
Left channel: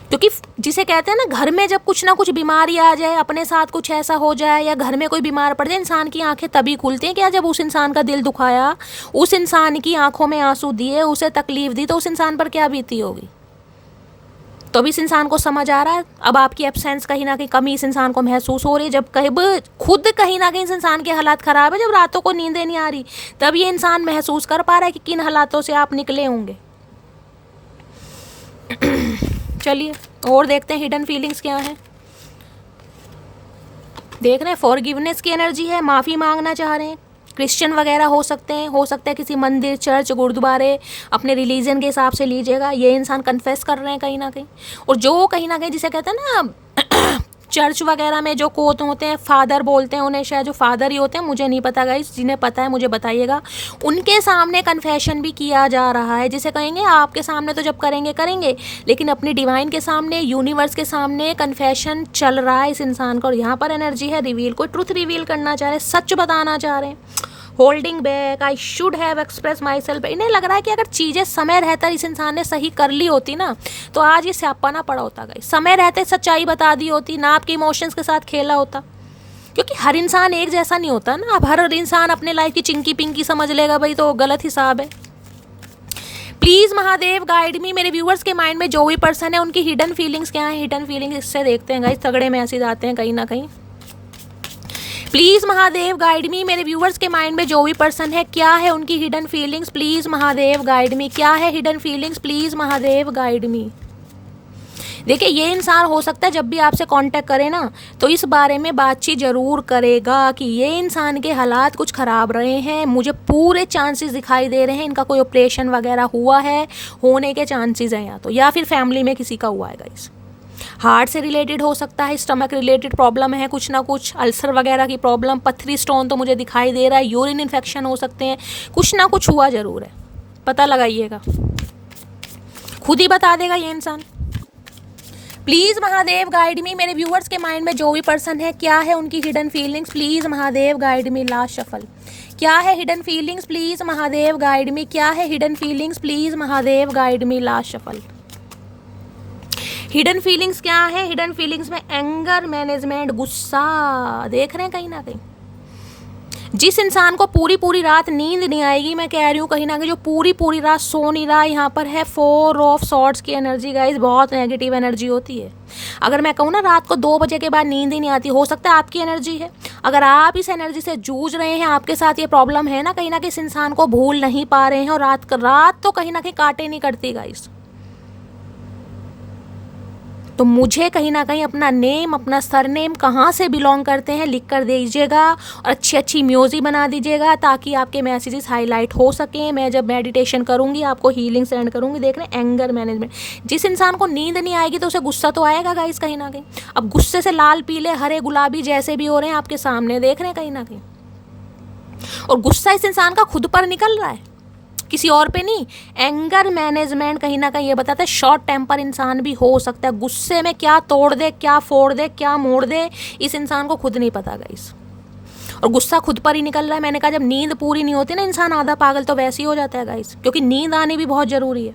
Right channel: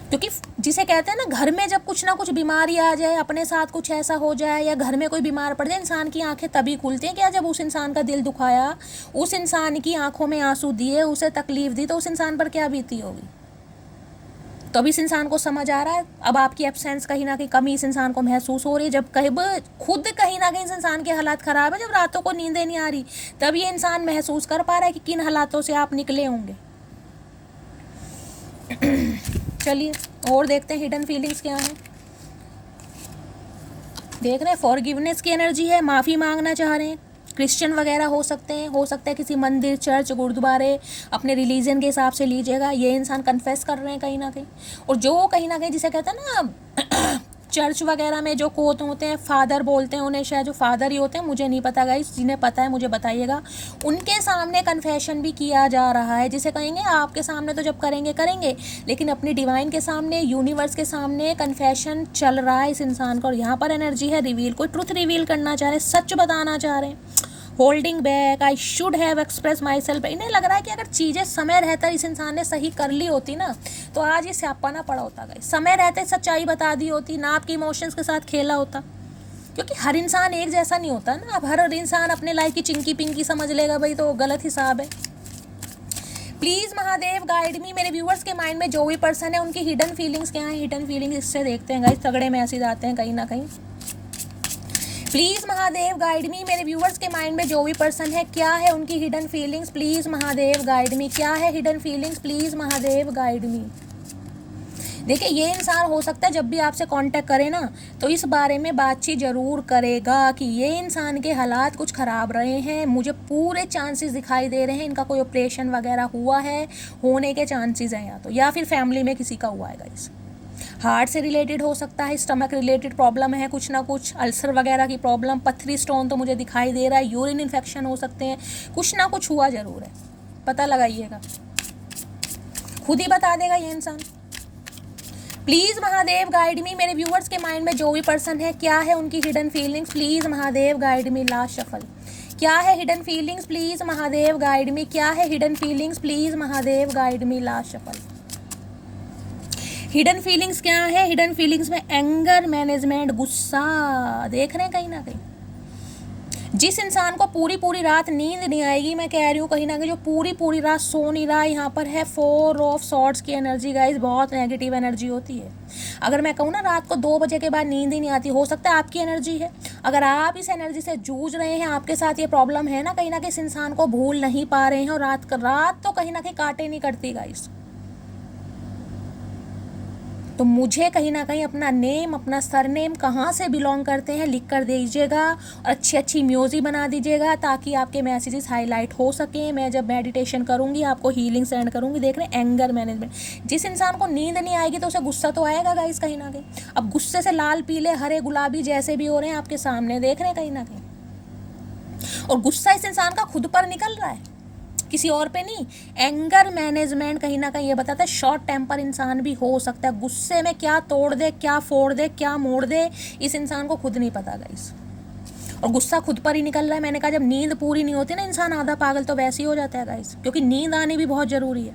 क्योंकि जिसे कहते हैं ना घर में जब कुछ ना कुछ बीमारी आ जाए, अपने साथ कुछ ऐसा हो जाए या घर में कोई बीमार पड़ जाए, इंसान की आंखें तभी खुलती हैं। क्या जब उस इंसान का दिल दुखाया, उस इंसान की आंखों में आंसू दिए, उसे तकलीफ दी, तो उस इंसान पर क्या बीती होगी। तो अभी इस इंसान को समझ आ रहा है, अब आपकी एब्सेंस कहीं ना कहीं कमी इस इंसान को महसूस हो रही है। जब खुद कहीं ना कहीं इस इंसान के हालात ख़राब है, जब रातों को नींदें नहीं आ रही, तब ये इंसान महसूस कर पा रहा है कि किन हालातों से आप निकले होंगे। चलिए और देखते हैं हिडन फीलिंग्स क्या है। देख रहे हैं फॉरगिवनेस की एनर्जी है, माफ़ी मांगना चाह रहे हैं, क्रिश्चियन वगैरह हो सकते हैं, हो सकता है किसी मंदिर, चर्च, गुरुद्वारे, अपने रिलीजन के हिसाब से लीजिएगा। ये इंसान कन्फेस कर रहे हैं कहीं ना कहीं, और जो कहीं ना कहीं जिसे कहते हैं ना चर्च वगैरह में जो कोत होते हैं, फादर बोलते हैं उन्हें, शायद जो फादर ही होते हैं, मुझे नहीं पता गाइस, जिन्हें पता है मुझे बताइएगा। उनके सामने कन्फेशन भी किया जा रहा है, जिसे कहेंगे आपके सामने तो जब करेंगे, लेकिन अपनी डिवाइन के सामने, यूनिवर्स के सामने कन्फेशन चल रहा है इस इंसान का। और यहाँ पर एनर्जी है रिवील, कोई ट्रुथ रिवील करना चाह रहे, सच बताना चाह रहे हैं। Holding back, I should have express my self. इन्हें लग रहा है कि अगर चीज़ें समय रहता इस इंसान ने सही कर ली होती ना, तो आज ये स्यापा ना पड़ा होता गाइस। समय रहते सच्चाई बता दी होती ना, आपके इमोशंस के साथ खेला होता, क्योंकि हर इंसान एक जैसा नहीं होता ना। अब हर इंसान अपने लाइफ की चिंकी पिंकी समझ लेगा भाई, तो गलत हिसाब है। प्लीज़ महादेव गाइड मी, मेरे व्यूअर्स के माइंड में जो भी पर्सन है उनकी हिडन फीलिंग्स क्या है, हिडन फीलिंग्स इससे देखते हैं गाइस। तगड़े मैसेज आते हैं कहीं ना कहीं। प्लीज़ महादेव गाइड मी, मेरे व्यूवर्स के माइंड में जो भी पर्सन है क्या है उनकी hidden feelings, please Mahadev guide मी। क्या है hidden feelings, please Mahadev guide me. देखिए ये इंसान हो सकता है जब भी आपसे कांटेक्ट करे ना, तो इस बारे में बातचीत ज़रूर करेगा कि ये इंसान के हालात कुछ ख़राब रहे हैं, मुझे पूरे चांसेस दिखाई दे रहे हैं, इनका कोई ऑपरेशन वगैरह हुआ है, होने के चांसेस हैं या फिर फैमिली में किसी का हुआ है गाइस। हार्ट से रिलेटेड हो सकता है, स्टमक रिलेटेड प्रॉब्लम है, कुछ ना कुछ अल्सर वगैरह की प्रॉब्लम, पथरी स्टोन तो मुझे दिखाई दे रहा है, यूरिन इन्फेक्शन हो सकते हैं, कुछ ना कुछ हुआ ज़रूर है। पता लगाइएगा, खुद ही बता देगा ये इंसान। प्लीज़ महादेव गाइड मी, मेरे व्यूअर्स के माइंड में जो भी पर्सन है क्या है उनकी hidden feelings, please Mahadev guide me. Last shuffle, क्या है hidden feelings, please Mahadev guide मी। क्या है hidden feelings, please Mahadev guide me. Last shuffle, hidden feelings क्या है। हिडन फीलिंग्स में एंगर मैनेजमेंट, गुस्सा देख रहे हैं कहीं ना कहीं। जिस इंसान को पूरी पूरी रात नींद नहीं आएगी, मैं कह रही हूँ कहीं ना कहीं जो पूरी पूरी रात सो नहीं रहा, यहाँ पर है 4 ऑफ सॉर्ड्स की एनर्जी गाइस, बहुत नेगेटिव एनर्जी होती है। अगर मैं कहूँ ना रात को 2 बजे के बाद नींद ही नहीं आती, हो सकता है आपकी एनर्जी है। अगर आप इस एनर्जी से जूझ रहे हैं, आपके साथ ये प्रॉब्लम है ना, कहीं ना कहीं इस इंसान को भूल नहीं पा रहे हैं, और रात तो कहीं ना कहीं काटे नहीं करती गाइस। तो मुझे कहीं ना कहीं अपना नेम, अपना सरनेम, कहाँ से बिलोंग करते हैं लिख कर दीजिएगा, और अच्छी अच्छी म्यूजिक बना दीजिएगा ताकि आपके मैसेजेस हाईलाइट हो सकें। मैं जब मेडिटेशन करूँगी आपको हीलिंग सेंड करूँगी। देख रहे हैं एंगर मैनेजमेंट, जिस इंसान को नींद नहीं आएगी तो उसे गुस्सा तो आएगा गाइस कहीं ना कहीं। अब गुस्से से लाल पीले हरे गुलाबी जैसे भी हो रहे हैं आपके सामने देख रहे हैं कहीं ना कहीं, और गुस्सा इस इंसान का खुद पर निकल रहा है, किसी और पे नहीं। एंगर मैनेजमेंट कहीं ना कहीं ये बताता है शॉर्ट टेम्पर इंसान भी हो सकता है, गुस्से में क्या तोड़ दे, क्या फोड़ दे, क्या मोड़ दे, इस इंसान को खुद नहीं पता गाइस। और गुस्सा खुद पर ही निकल रहा है। मैंने कहा जब नींद पूरी नहीं होती ना इंसान आधा पागल तो वैसे ही हो जाता है गाइस, क्योंकि नींद आनी भी बहुत जरूरी है।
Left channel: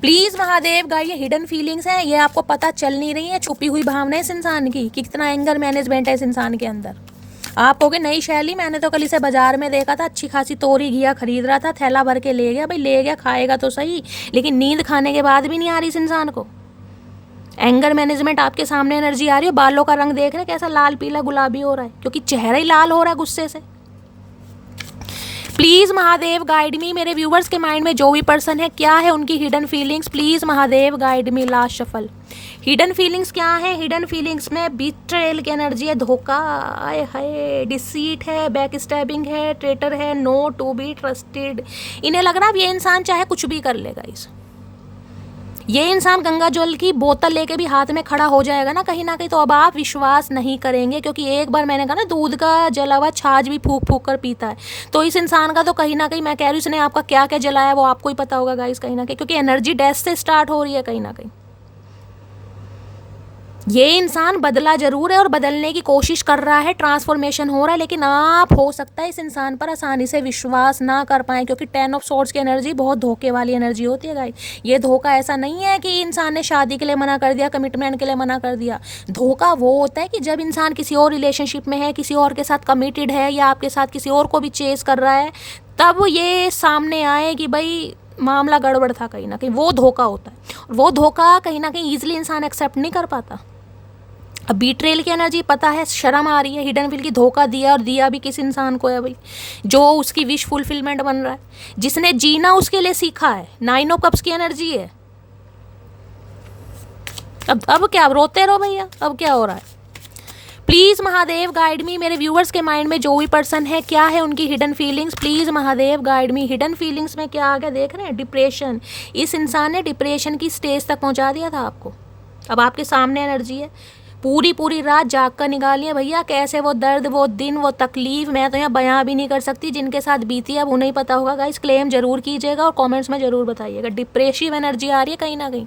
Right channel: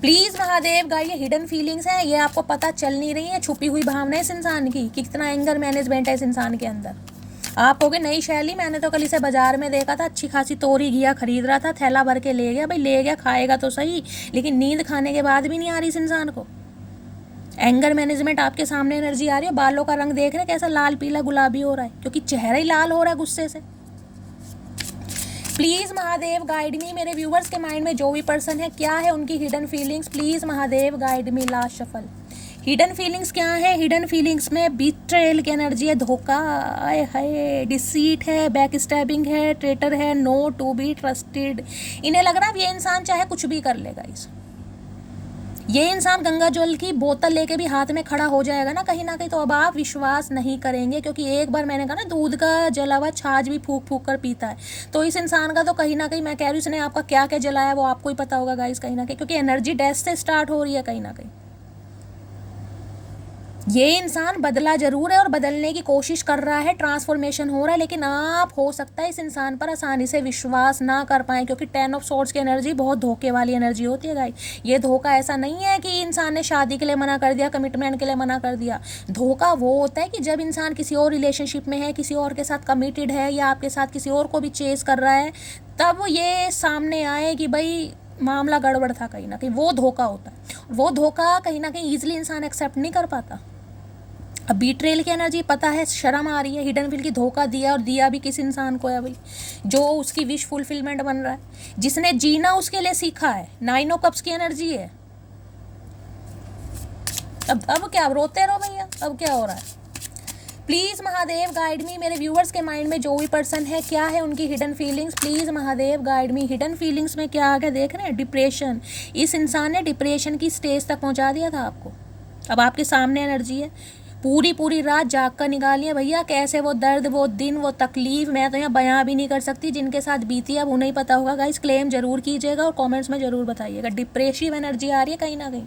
प्लीज महादेव गाइस, ये हिडन फीलिंग्स हैं, ये आपको पता चल नहीं रही है, छुपी हुई भावना इस इंसान की, कितना एंगर मैनेजमेंट है इस इंसान के अंदर। आप होगे नई शैली, मैंने तो कल इसे बाजार में देखा था, अच्छी खासी तोरी घिया खरीद रहा था, थैला भर के ले गया। भाई ले गया, खाएगा तो सही, लेकिन नींद खाने के बाद भी नहीं आ रही इस इंसान को। एंगर मैनेजमेंट आपके सामने एनर्जी आ रही है, बालों का रंग देख रहे हैं कैसा लाल पीला गुलाबी हो रहा है, क्योंकि चेहरा ही लाल हो रहा है गुस्से से। प्लीज महादेव गाइड मी, मेरे व्यूवर्स के माइंड में जो भी पर्सन है क्या है उनकी hidden feelings, please Mahadev guide me. Last shuffle, hidden feelings क्या है? हिडन फीलिंग्स में बीट्रेयल की एनर्जी है, धोखा है, डिसीट है, बैक स्टैबिंग है, ट्रेटर है, नो टू बी ट्रस्टेड। इन्हें लग रहा है ये इंसान चाहे कुछ भी कर लेगा इस, ये इंसान गंगा जल की बोतल लेके भी हाथ में खड़ा हो जाएगा ना कहीं ना कहीं, तो अब आप विश्वास नहीं करेंगे, क्योंकि एक बार मैंने कहा ना दूध का जला हुआ छाछ भी फूक फूक कर पीता है। तो इस इंसान का तो कहीं ना कहीं मैं कह रही हूँ इसने आपका क्या क्या जलाया वो आपको ही पता होगा गाइस कहीं ना कहीं, क्योंकि एनर्जी डैश से स्टार्ट हो रही है कहीं ना कहीं। ये इंसान बदला जरूर है और बदलने की कोशिश कर रहा है, ट्रांसफॉर्मेशन हो रहा है, लेकिन आप हो सकता है इस इंसान पर आसानी से विश्वास ना कर पाए, क्योंकि 10 ऑफ सॉर्ड्स की एनर्जी बहुत धोखे वाली एनर्जी होती है गाइस। ये धोखा ऐसा नहीं है कि इंसान ने शादी के लिए मना कर दिया, कमिटमेंट के लिए मना कर दिया। धोखा वो होता है कि जब इंसान किसी और रिलेशनशिप में है, किसी और के साथ कमिटेड है, या आपके साथ किसी और को भी चेस कर रहा है, तब ये सामने आए कि भाई मामला गड़बड़ था कहीं ना कहीं, वो धोखा होता है। वो धोखा कहीं ना कहीं ईजिली इंसान एक्सेप्ट नहीं कर पाता। अब बीट्रेल की एनर्जी पता है, शर्म आ रही है, हिडन फील की धोखा दिया, और दिया भी किस इंसान को है भाई, जो उसकी विश फुलफिलमेंट बन रहा है, जिसने जीना उसके लिए सीखा है। 9 ऑफ कप्स की एनर्जी है। अब क्या, अब रोते रहो भैया, अब क्या हो रहा है? प्लीज महादेव गाइड मी, मेरे व्यूअर्स के माइंड में जो भी पर्सन है क्या है उनकी hidden feelings, please Mahadev guide me. Hidden feelings में क्या आ गया देख रहे हैं? डिप्रेशन। इस इंसान ने डिप्रेशन की स्टेज तक पहुंचा दिया था आपको। अब आपके सामने एनर्जी है, पूरी रात जाग कर निकाली है भैया, कैसे वो दर्द, वो दिन, वो तकलीफ मैं तो यहाँ बयां भी नहीं कर सकती, जिनके साथ बीती है अब उन्हें ही पता होगा गाइस। क्लेम जरूर कीजिएगा और कमेंट्स में जरूर बताइएगा। डिप्रेसिव एनर्जी आ रही है कहीं ना कहीं,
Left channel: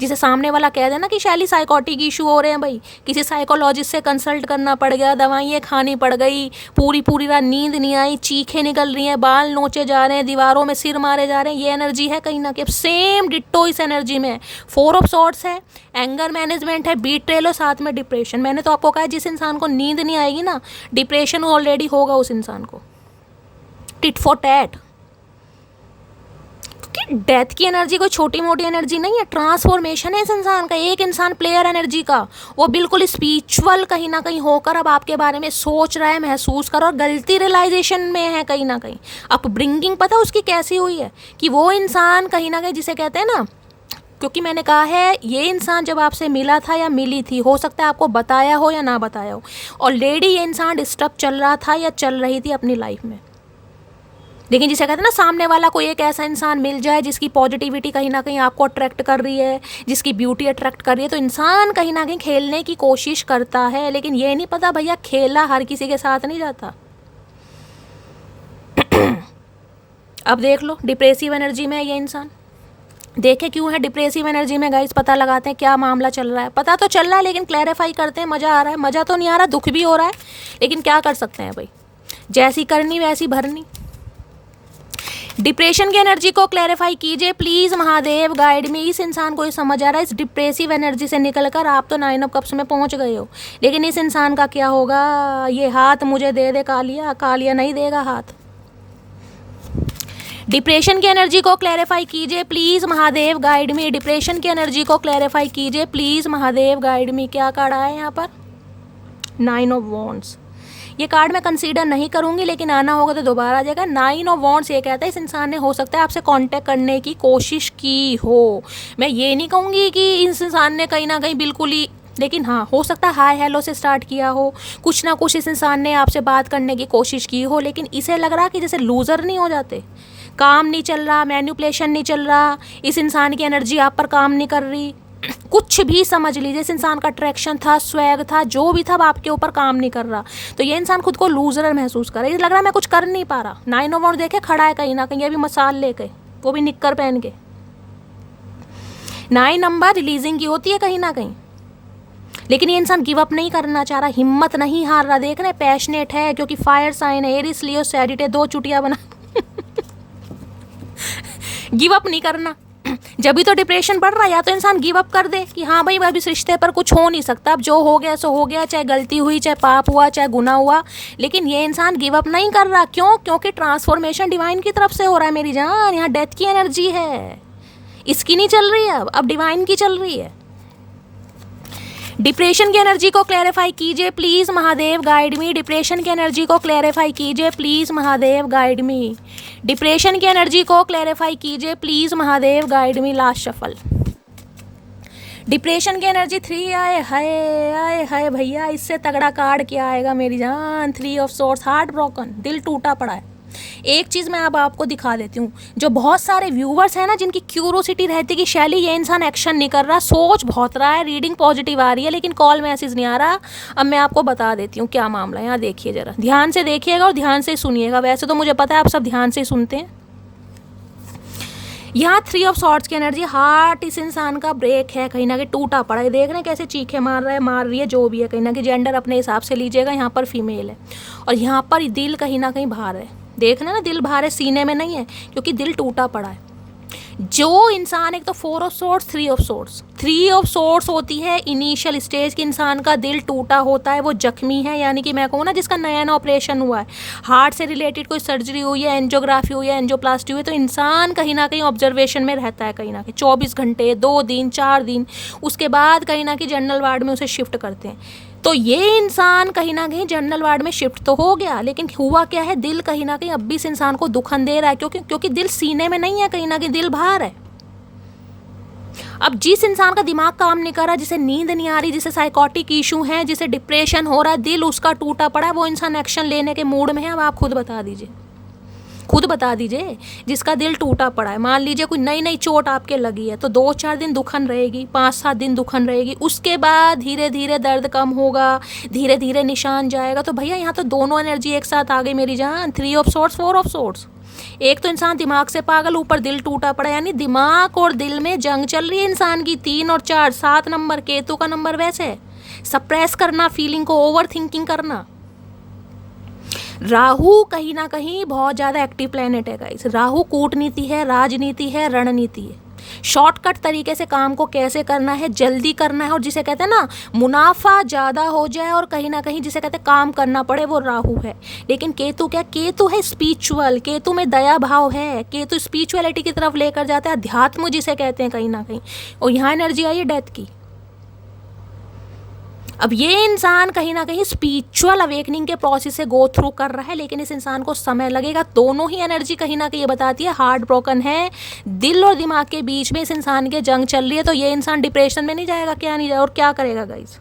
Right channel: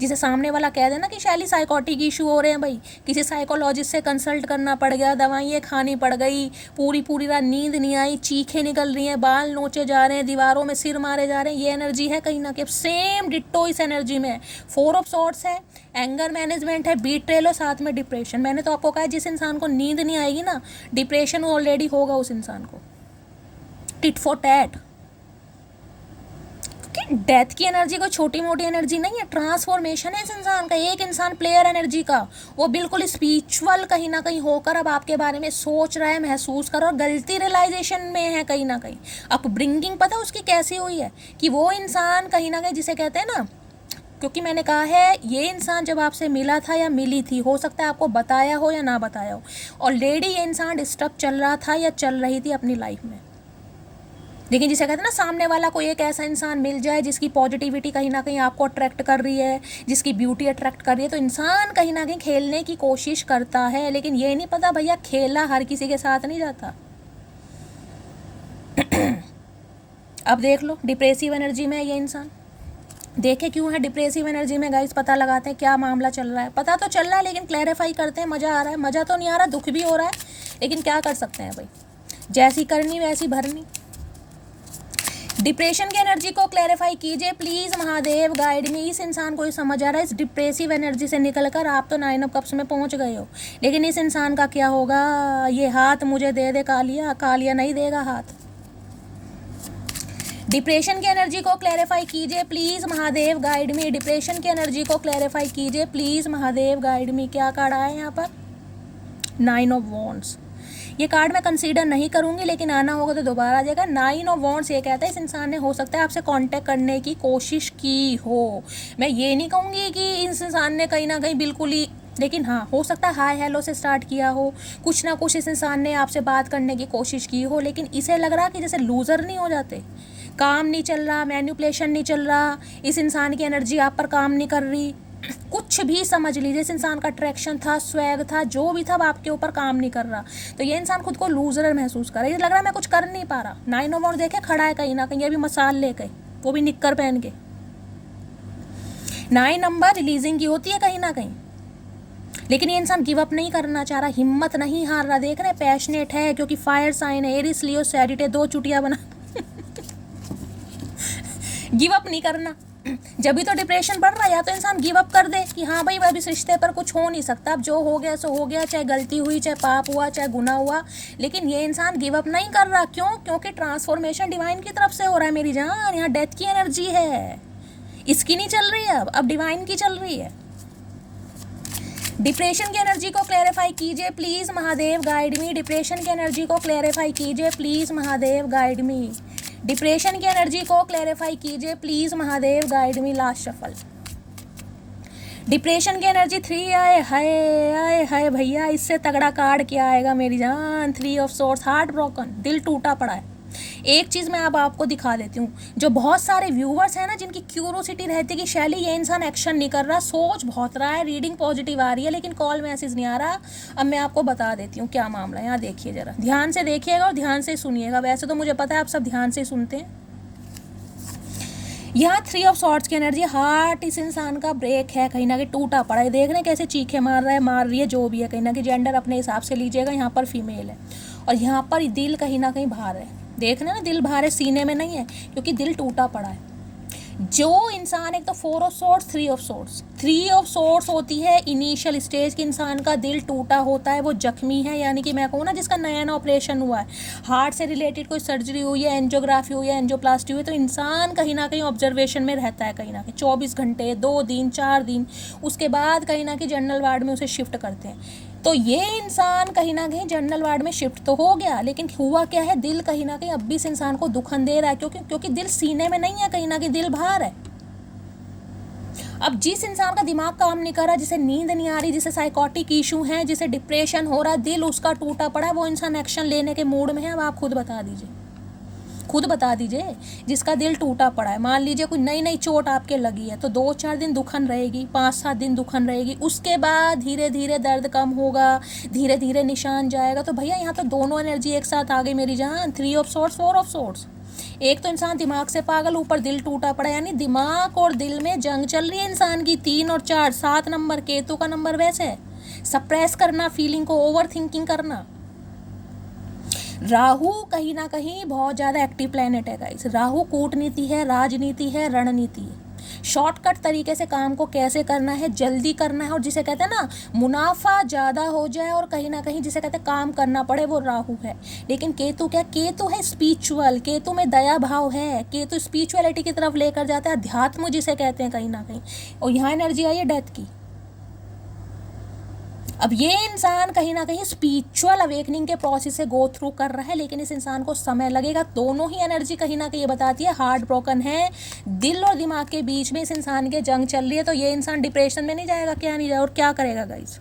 जिसे सामने वाला कह देना कि शैली साइकोटिक इशू हो रहे हैं भाई, किसी साइकोलॉजिस्ट से कंसल्ट करना पड़ गया, दवाइयाँ खानी पड़ गई, पूरी रात नींद नहीं आई, चीखें निकल रही हैं, बाल नोचे जा रहे हैं, दीवारों में सिर मारे जा रहे हैं, ये एनर्जी है कहीं ना कहीं। सेम डिट्टो इस एनर्जी में 4 ऑफ सॉर्ड्स है, एंगर मैनेजमेंट है, बीट्रेल और साथ में डिप्रेशन। मैंने तो आपको कहा जिस इंसान को नींद नहीं आएगी ना, डिप्रेशन ऑलरेडी होगा उस इंसान को, टिट फॉर टैट। डेथ की एनर्जी कोई छोटी मोटी एनर्जी नहीं है, ट्रांसफॉर्मेशन है इस इंसान का। एक इंसान प्लेयर एनर्जी का, वो बिल्कुल स्पिरिचुअल कहीं ना कहीं होकर अब आपके बारे में सोच रहा है, महसूस कर रहा है, और गलती रियलाइजेशन में है कहीं ना कहीं। अब ब्रिंगिंग पता उसकी कैसी हुई है कि वो इंसान कहीं ना कहीं जिसे कहते हैं ना, क्योंकि मैंने कहा है ये इंसान जब आपसे मिला था या मिली थी, हो सकता है आपको बताया हो या ना बताया हो, ऑलरेडी ये इंसान डिस्टर्ब चल रहा था या चल रही थी अपनी लाइफ में। लेकिन जिसे कहते हैं ना, सामने वाला कोई एक ऐसा इंसान मिल जाए जिसकी पॉजिटिविटी कहीं ना कहीं आपको अट्रैक्ट कर रही है, जिसकी ब्यूटी अट्रैक्ट कर रही है, तो इंसान कहीं ना कहीं खेलने की कोशिश करता है। लेकिन ये नहीं पता भैया खेला हर किसी के साथ नहीं जाता। अब देख लो डिप्रेसिव एनर्जी में है ये इंसान, देखें क्यों है डिप्रेसिव एनर्जी में गाइस, पता लगाते हैं क्या मामला चल रहा है। पता तो चल रहा है लेकिन क्लैरिफाई करते हैं। मज़ा आ रहा है? मज़ा तो नहीं आ रहा, दुख भी हो रहा है, लेकिन क्या कर सकते हैं भाई, जैसी करनी वैसी भरनी। डिप्रेशन की एनर्जी को क्लैरिफाई कीजिए प्लीज महादेव, गाइड में। इस इंसान को ये समझ आ रहा है इस डिप्रेसिव एनर्जी से निकलकर आप तो 9 ऑफ कप्स में पहुंच गए हो, लेकिन इस इंसान का क्या होगा? ये हाथ मुझे दे दे कालिया, कालिया नहीं देगा हाथ। डिप्रेशन की एनर्जी को क्लैरिफाई कीजिए प्लीज महादेव, गाइड में। डिप्रेशन की एनर्जी को क्लैरिफाई कीजिए प्लीज महादेव, गाइड में। क्या कार्ड आया है यहाँ पर? 9 ऑफ वॉन्ड्स। ये कार्ड मैं कंसीडर नहीं करूंगी, लेकिन आना होगा तो दोबारा आ जाएगा। 9 ऑफ वॉन्ड्स ये कहता है इस इंसान ने हो सकता है आपसे कांटेक्ट करने की कोशिश की हो। मैं ये नहीं कहूँगी कि इस इंसान ने कहीं ना कहीं बिल्कुल ही, लेकिन हाँ हो सकता है हाय हेलो से स्टार्ट किया हो, कुछ ना कुछ इस इंसान ने आपसे बात करने की कोशिश की हो, लेकिन इसे लग रहा कि जैसे लूज़र नहीं हो जाते, काम नहीं चल रहा, मैनिपुलेशन नहीं चल रहा, इस इंसान की एनर्जी आप पर काम नहीं कर रही, कुछ भी समझ लीजिए। इस इंसान का अट्रैक्शन था, स्वैग था, जो भी था, आपके ऊपर काम नहीं कर रहा, तो ये इंसान खुद को लूजर महसूस कर रहा है। लग रहा है मैं कुछ कर नहीं पा रहा। 9 ऑफ वॉन्ड्स देखे खड़ा है कहीं ना कहीं, अभी मसाल लेके, वो भी निक्कर पहन के। 9 नंबर रिलीजिंग की होती है कहीं ना कहीं, लेकिन ये इंसान गिव अप नहीं करना चाह रहा, हिम्मत नहीं हार रहा। देख रहे हैं पैशनेट है, क्योंकि फायर साइन है, एरिस लियो सैजिटेरियस, 2 चुटिया बना गिव अप नहीं करना। जब भी तो डिप्रेशन बढ़ रहा है, या तो इंसान गिव अप कर दे कि हाँ भाई अब इस रिश्ते पर कुछ हो नहीं सकता, अब जो हो गया सो हो गया, चाहे गलती हुई, चाहे पाप हुआ, चाहे गुनाह हुआ, लेकिन ये इंसान गिव अप नहीं कर रहा। क्यों? क्योंकि ट्रांसफॉर्मेशन डिवाइन की तरफ से हो रहा है मेरी जान। यहाँ डेथ की एनर्जी है, इसकी नहीं चल रही है, अब डिवाइन की चल रही है। डिप्रेशन की एनर्जी को क्लैरिफाई कीजिए please Mahadev, guide me. Depression की एनर्जी को क्लैरिफाई कीजिए please Mahadev, guide me. Depression की एनर्जी को क्लैरिफाई कीजिए please Mahadev, guide me. Last shuffle. Depression की एनर्जी 3 आए, हाय हाय भैया, इससे तगड़ा कार्ड क्या आएगा मेरी जान? 3 ऑफ सोर्ड्स, हार्ट ब्रोकन, दिल टूटा पड़ा है। एक चीज़ मैं अब आपको दिखा देती हूँ, जो बहुत सारे व्यूवर्स हैं ना, जिनकी क्यूरोसिटी रहती है कि शैली ये इंसान एक्शन नहीं कर रहा, सोच बहुत रहा है, रीडिंग पॉजिटिव आ रही है, लेकिन कॉल मैसेज नहीं आ रहा। अब मैं आपको बता देती हूँ क्या मामला है। यहाँ देखिए जरा, ध्यान से देखिएगा और ध्यान से सुनिएगा। वैसे तो मुझे पता है आप सब ध्यान से सुनते हैं। यहाँ 3 ऑफ सॉर्ड्स की एनर्जी, हार्ट इस इंसान का ब्रेक है, कहीं ना कहीं टूटा पड़ा है। देख रहे हैं कैसे चीखे मार रहा है, मार रही है, जो भी है, कहीं ना कहीं जेंडर अपने हिसाब से लीजिएगा। यहाँ पर फीमेल है और यहाँ पर दिल कहीं ना कहीं बाहर है। देखना ना, दिल बाहर है, सीने में नहीं है, क्योंकि दिल टूटा पड़ा है। जो इंसान, एक तो 4 of swords, 3 of swords. 3 of swords होती है इनिशियल स्टेज की, इंसान का दिल टूटा होता है, वो जख्मी है, यानी कि मैं कहूँ ना जिसका नया ऑपरेशन हुआ है, हार्ट से रिलेटेड कोई सर्जरी हुई है, एंजियोग्राफी हुई है, एंजियोप्लास्टी हुई है, तो इंसान कहीं ना कहीं ऑब्जर्वेशन में रहता है, कहीं ना कहीं 24 घंटे, 2 दिन, 4 दिन, उसके बाद कहीं ना कहीं जनरल वार्ड में उसे शिफ्ट करते हैं। तो ये इंसान कहीं ना कहीं जनरल वार्ड में शिफ्ट तो हो गया, लेकिन हुआ क्या है, दिल कहीं ना कहीं अब भी इस इंसान को दुखन दे रहा है, क्योंकि दिल सीने में नहीं है, कहीं ना कहीं दिल बाहर है। अब जिस इंसान का दिमाग काम नहीं कर रहा, जिसे नींद नहीं आ रही, जिसे साइकोटिक इशू है, जिसे डिप्रेशन हो रहा है, दिल उसका टूटा पड़ा है, वो इंसान एक्शन लेने के मूड में है। अब आप खुद बता दीजिए, खुद बता दीजिए, जिसका दिल टूटा पड़ा है। मान लीजिए कोई नई नई चोट आपके लगी है, तो 2-4 दिन दुखन रहेगी, 5-7 दिन दुखन रहेगी, उसके बाद धीरे धीरे दर्द कम होगा, धीरे धीरे निशान जाएगा। तो भैया यहाँ तो दोनों एनर्जी एक साथ आ गई मेरी जान। 3 ऑफ सोर्ड्स, 4 ऑफ सोर्ड्स। एक तो इंसान दिमाग से पागल, ऊपर दिल टूटा पड़ा, यानी दिमाग और दिल में जंग चल रही है इंसान की। 3 और 4, 7 नंबर, केतु का नंबर वैसे सप्रेस करना, फीलिंग को ओवर थिंकिंग करना। राहु कहीं ना कहीं बहुत ज़्यादा एक्टिव प्लैनेट है गाइस। राहु कूटनीति है, राजनीति है, रणनीति है, शॉर्टकट तरीके से काम को कैसे करना है, जल्दी करना है, और जिसे कहते हैं ना मुनाफा ज़्यादा हो जाए, और कहीं ना कहीं जिसे कहते हैं काम करना पड़े, वो राहु है। लेकिन केतु क्या? केतु है स्पिरिचुअल, केतु में दया भाव है, केतु स्पिरिचुअलिटी की तरफ लेकर जाता है, अध्यात्म जिसे कहते हैं कहीं ना कहीं। और यहाँ एनर्जी आई है डेथ की। अब ये इंसान कहीं ना कहीं स्पिरिचुअल अवेकनिंग के प्रोसेस से गो थ्रू कर रहा है, लेकिन इस इंसान को समय लगेगा। दोनों ही एनर्जी कहीं ना कहीं ये बताती है हार्ट ब्रोकन है, दिल और दिमाग के बीच में इस इंसान के जंग चल रही है। तो ये इंसान डिप्रेशन में नहीं जाएगा, क्या नहीं जाएगा, और क्या करेगा गाइस?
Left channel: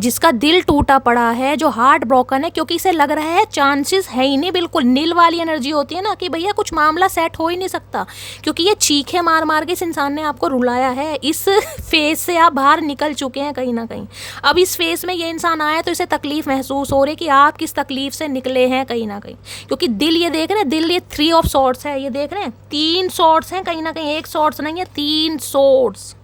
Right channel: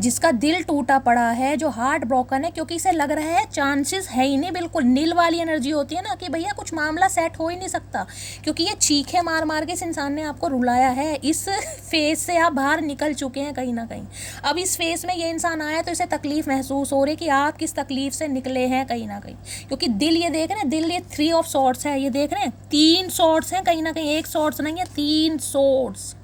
जिसका दिल टूटा पड़ा है, जो हार्ट ब्रोकन है, क्योंकि इसे लग रहा है चांसेस है ही नहीं, बिल्कुल नील वाली एनर्जी होती है ना कि भैया कुछ मामला सेट हो ही नहीं सकता, क्योंकि ये चीखे मार मार के इस इंसान ने आपको रुलाया है। इस फेज से आप बाहर निकल चुके हैं कहीं ना कहीं। अब इस फेज में ये इंसान आया तो इसे तकलीफ महसूस हो रही है कि आप किस तकलीफ से निकले हैं कहीं ना कहीं, क्योंकि दिल ये देख रहे हैं, दिल ये 3 ऑफ सॉर्ड्स है, ये देख रहे हैं 3 सॉर्ड्स हैं कहीं ना कहीं, 1 सॉर्ड्स नहीं है, 3 सॉर्ड्स।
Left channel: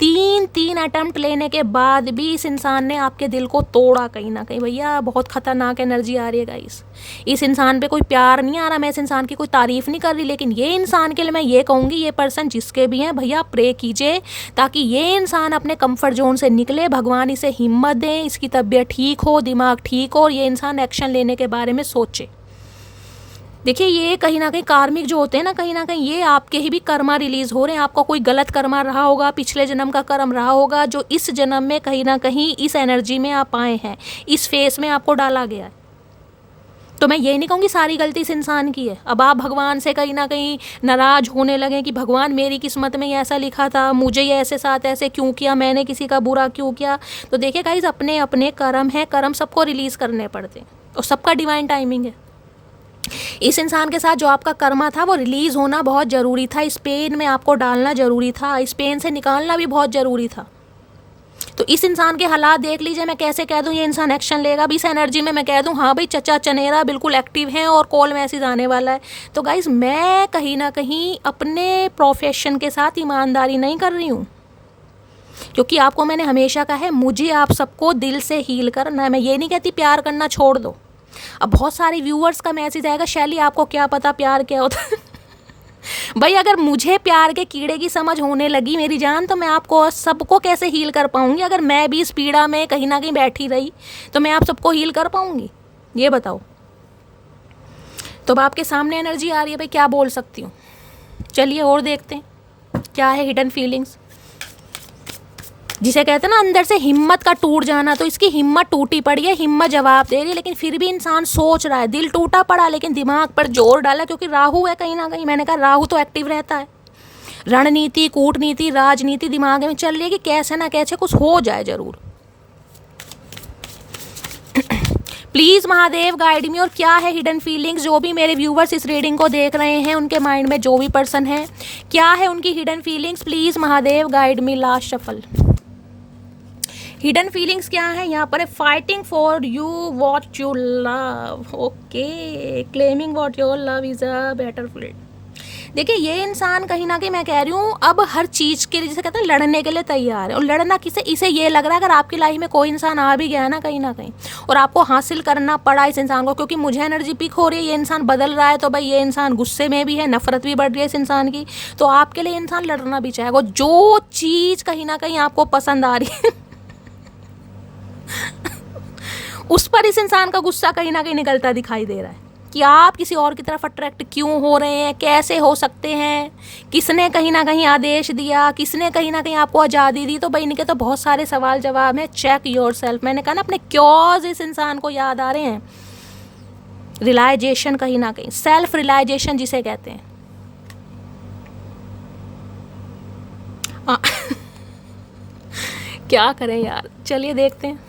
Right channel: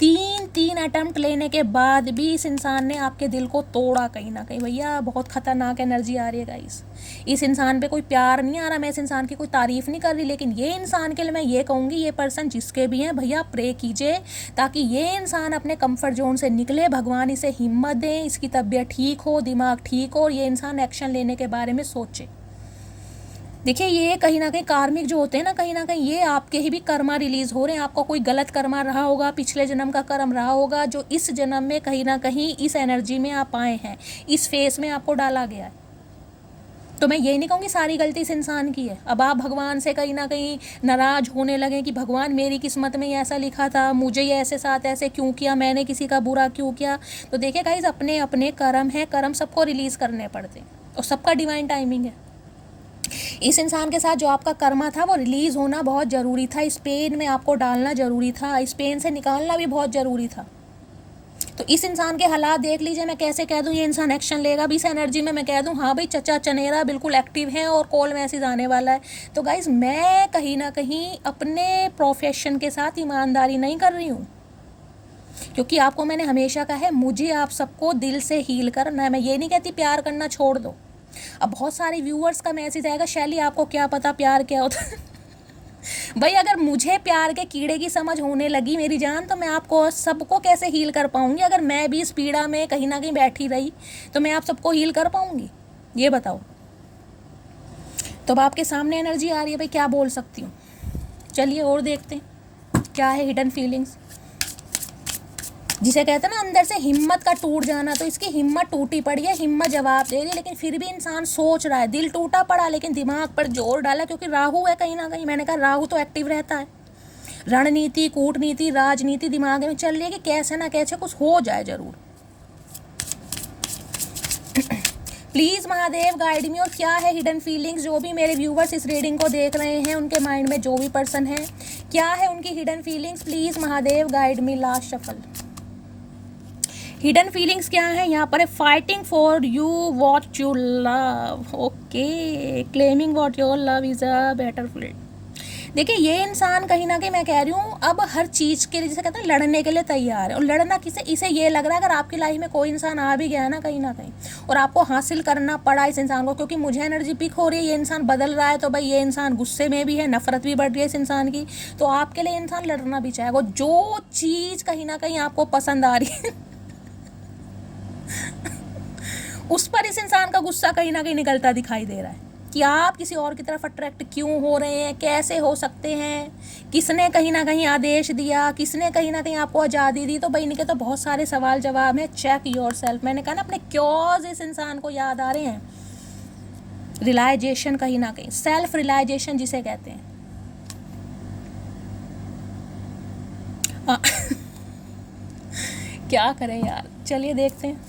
तीन अटेम्प्ट लेने के बाद भी इस इंसान ने आपके दिल को तोड़ा कहीं ना कहीं। भैया बहुत खतरनाक एनर्जी आ रही है गाइस। इस इंसान पे कोई प्यार नहीं आ रहा, मैं इस इंसान की कोई तारीफ नहीं कर रही, लेकिन ये इंसान के लिए मैं ये कहूँगी, ये पर्सन जिसके भी हैं भैया प्रे कीजिए ताकि ये इंसान अपने कंफर्ट जोन से निकले, भगवान इसे हिम्मत दें, इसकी तबीयत ठीक हो, दिमाग ठीक हो और ये इंसान एक्शन लेने के बारे में सोचे। देखिए ये कहीं ना कहीं कार्मिक जो होते हैं ना, कहीं ना कहीं ये आपके ही भी कर्मा रिलीज हो रहे हैं। आपका कोई गलत कर्मा रहा होगा, पिछले जन्म का कर्म रहा होगा, जो इस जन्म में कहीं ना कहीं इस एनर्जी में आप आए हैं, इस फेस में आपको डाला गया है। तो मैं ये नहीं कहूँगी सारी गलती इस इंसान की है। अब आप भगवान से कहीं ना कहीं नाराज होने लगे कि भगवान मेरी किस्मत में ऐसा लिखा था, मुझे ये ऐसे साथ ऐसे क्यों किया, मैंने किसी का बुरा क्यों किया। तो देखिए गाइस, अपने अपने कर्म है, कर्म सबको रिलीज करने पड़ते हैं और सबका डिवाइन टाइमिंग है। इस इंसान के साथ जो आपका कर्मा था वो रिलीज होना बहुत ज़रूरी था, इस पेन में आपको डालना ज़रूरी था, इस पेन से निकालना भी बहुत ज़रूरी था। तो इस इंसान के हालात देख लीजिए, मैं कैसे कह दूं ये इंसान एक्शन लेगा। अभी इस एनर्जी में मैं कह दूं हाँ भाई चचा चनेरा बिल्कुल एक्टिव है और कॉल मैसेज आने वाला है। तो गाइस मैं कहीं ना कहीं अपने प्रोफेशन के साथ ईमानदारी नहीं कर रही हूँ, क्योंकि आपको मैंने हमेशा कहा है मुझे आप सबको दिल से हील करना है। मैं ये नहीं कहती प्यार करना छोड़ दो। अब बहुत सारे व्यूअर्स का मैसेज आएगा, शैली आपको क्या पता प्यार क्या होता है। भाई अगर मुझे प्यार के कीड़े की समझ होने लगी मेरी जान, तो मैं आपको सबको कैसे हील कर पाऊंगी। अगर मैं भी इस पीड़ा में कहीं ना कहीं बैठी रही तो मैं आप सबको हील कर पाऊंगी, ये बताओ। तो अब आपके सामने एनर्जी आ रही है भाई, क्या बोल सकती हूँ। चलिए और देखते हैं क्या है हिडन फीलिंग्स, जिसे कहते हैं ना अंदर से हिम्मत का टूट जाना। तो इसकी हिम्मत टूटी पड़ी है, हिम्मत जवाब दे रही, लेकिन फिर भी इंसान सोच रहा है। दिल टूटा पड़ा लेकिन दिमाग पर जोर डाला, क्योंकि राहु है कहीं ना कहीं। मैंने कहा राहु तो एक्टिव रहता है, रणनीति कूटनीति राजनीति दिमाग में चल रही है कि कैसे ना कैसे कुछ हो जाए जरूर। प्लीज महादेव गाइड मी। और क्या है हिडन फीलिंग्स, जो भी मेरे व्यूवर्स इस रीडिंग को देख रहे हैं उनके माइंड में, जो भी पर्सन है, क्या है उनकी hidden feelings, please Mahadev guide me. Last shuffle hidden feelings क्या है यहाँ पर है, fighting for you what you love, okay, claiming what your love is a better field. देखिए ये इंसान कहीं ना कहीं मैं कह रही हूँ अब हर चीज़ के लिए, जैसे कहते हैं लड़ने के लिए तैयार है। और लड़ना किसे, इसे ये लग रहा है अगर आपकी लाइफ में कोई इंसान आ भी गया है ना कहीं ना कहीं और आपको हासिल करना पड़ा इस इंसान को, क्योंकि मुझे एनर्जी पिक हो रही है, ये इंसान बदल रहा है, तो भाई ये इंसान गुस्से में भी है, नफरत भी बढ़ रही है इस इंसान की, तो आपके लिए इंसान लड़ना भी चाहेगा। जो चीज़ कहीं ना कहीं आपको पसंद आ रही है उस पर इस इंसान का गुस्सा कहीं ना कहीं निकलता दिखाई दे रहा है कि आप किसी और की तरफ अट्रैक्ट क्यों हो रहे हैं, कैसे हो सकते हैं, किसने कहीं ना कहीं आदेश दिया, किसने कहीं ना कहीं आपको आज़ादी दी। तो भाई इनके तो बहुत सारे सवाल जवाब हैं। Check yourself. मैंने कहा ना अपने क्योज इस इंसान को याद आ रहे हैं। रियलाइजेशन कहीं ना कहीं, सेल्फ रियलाइजेशन जिसे कहते हैं। क्या करें यार, चलिए देखते हैं।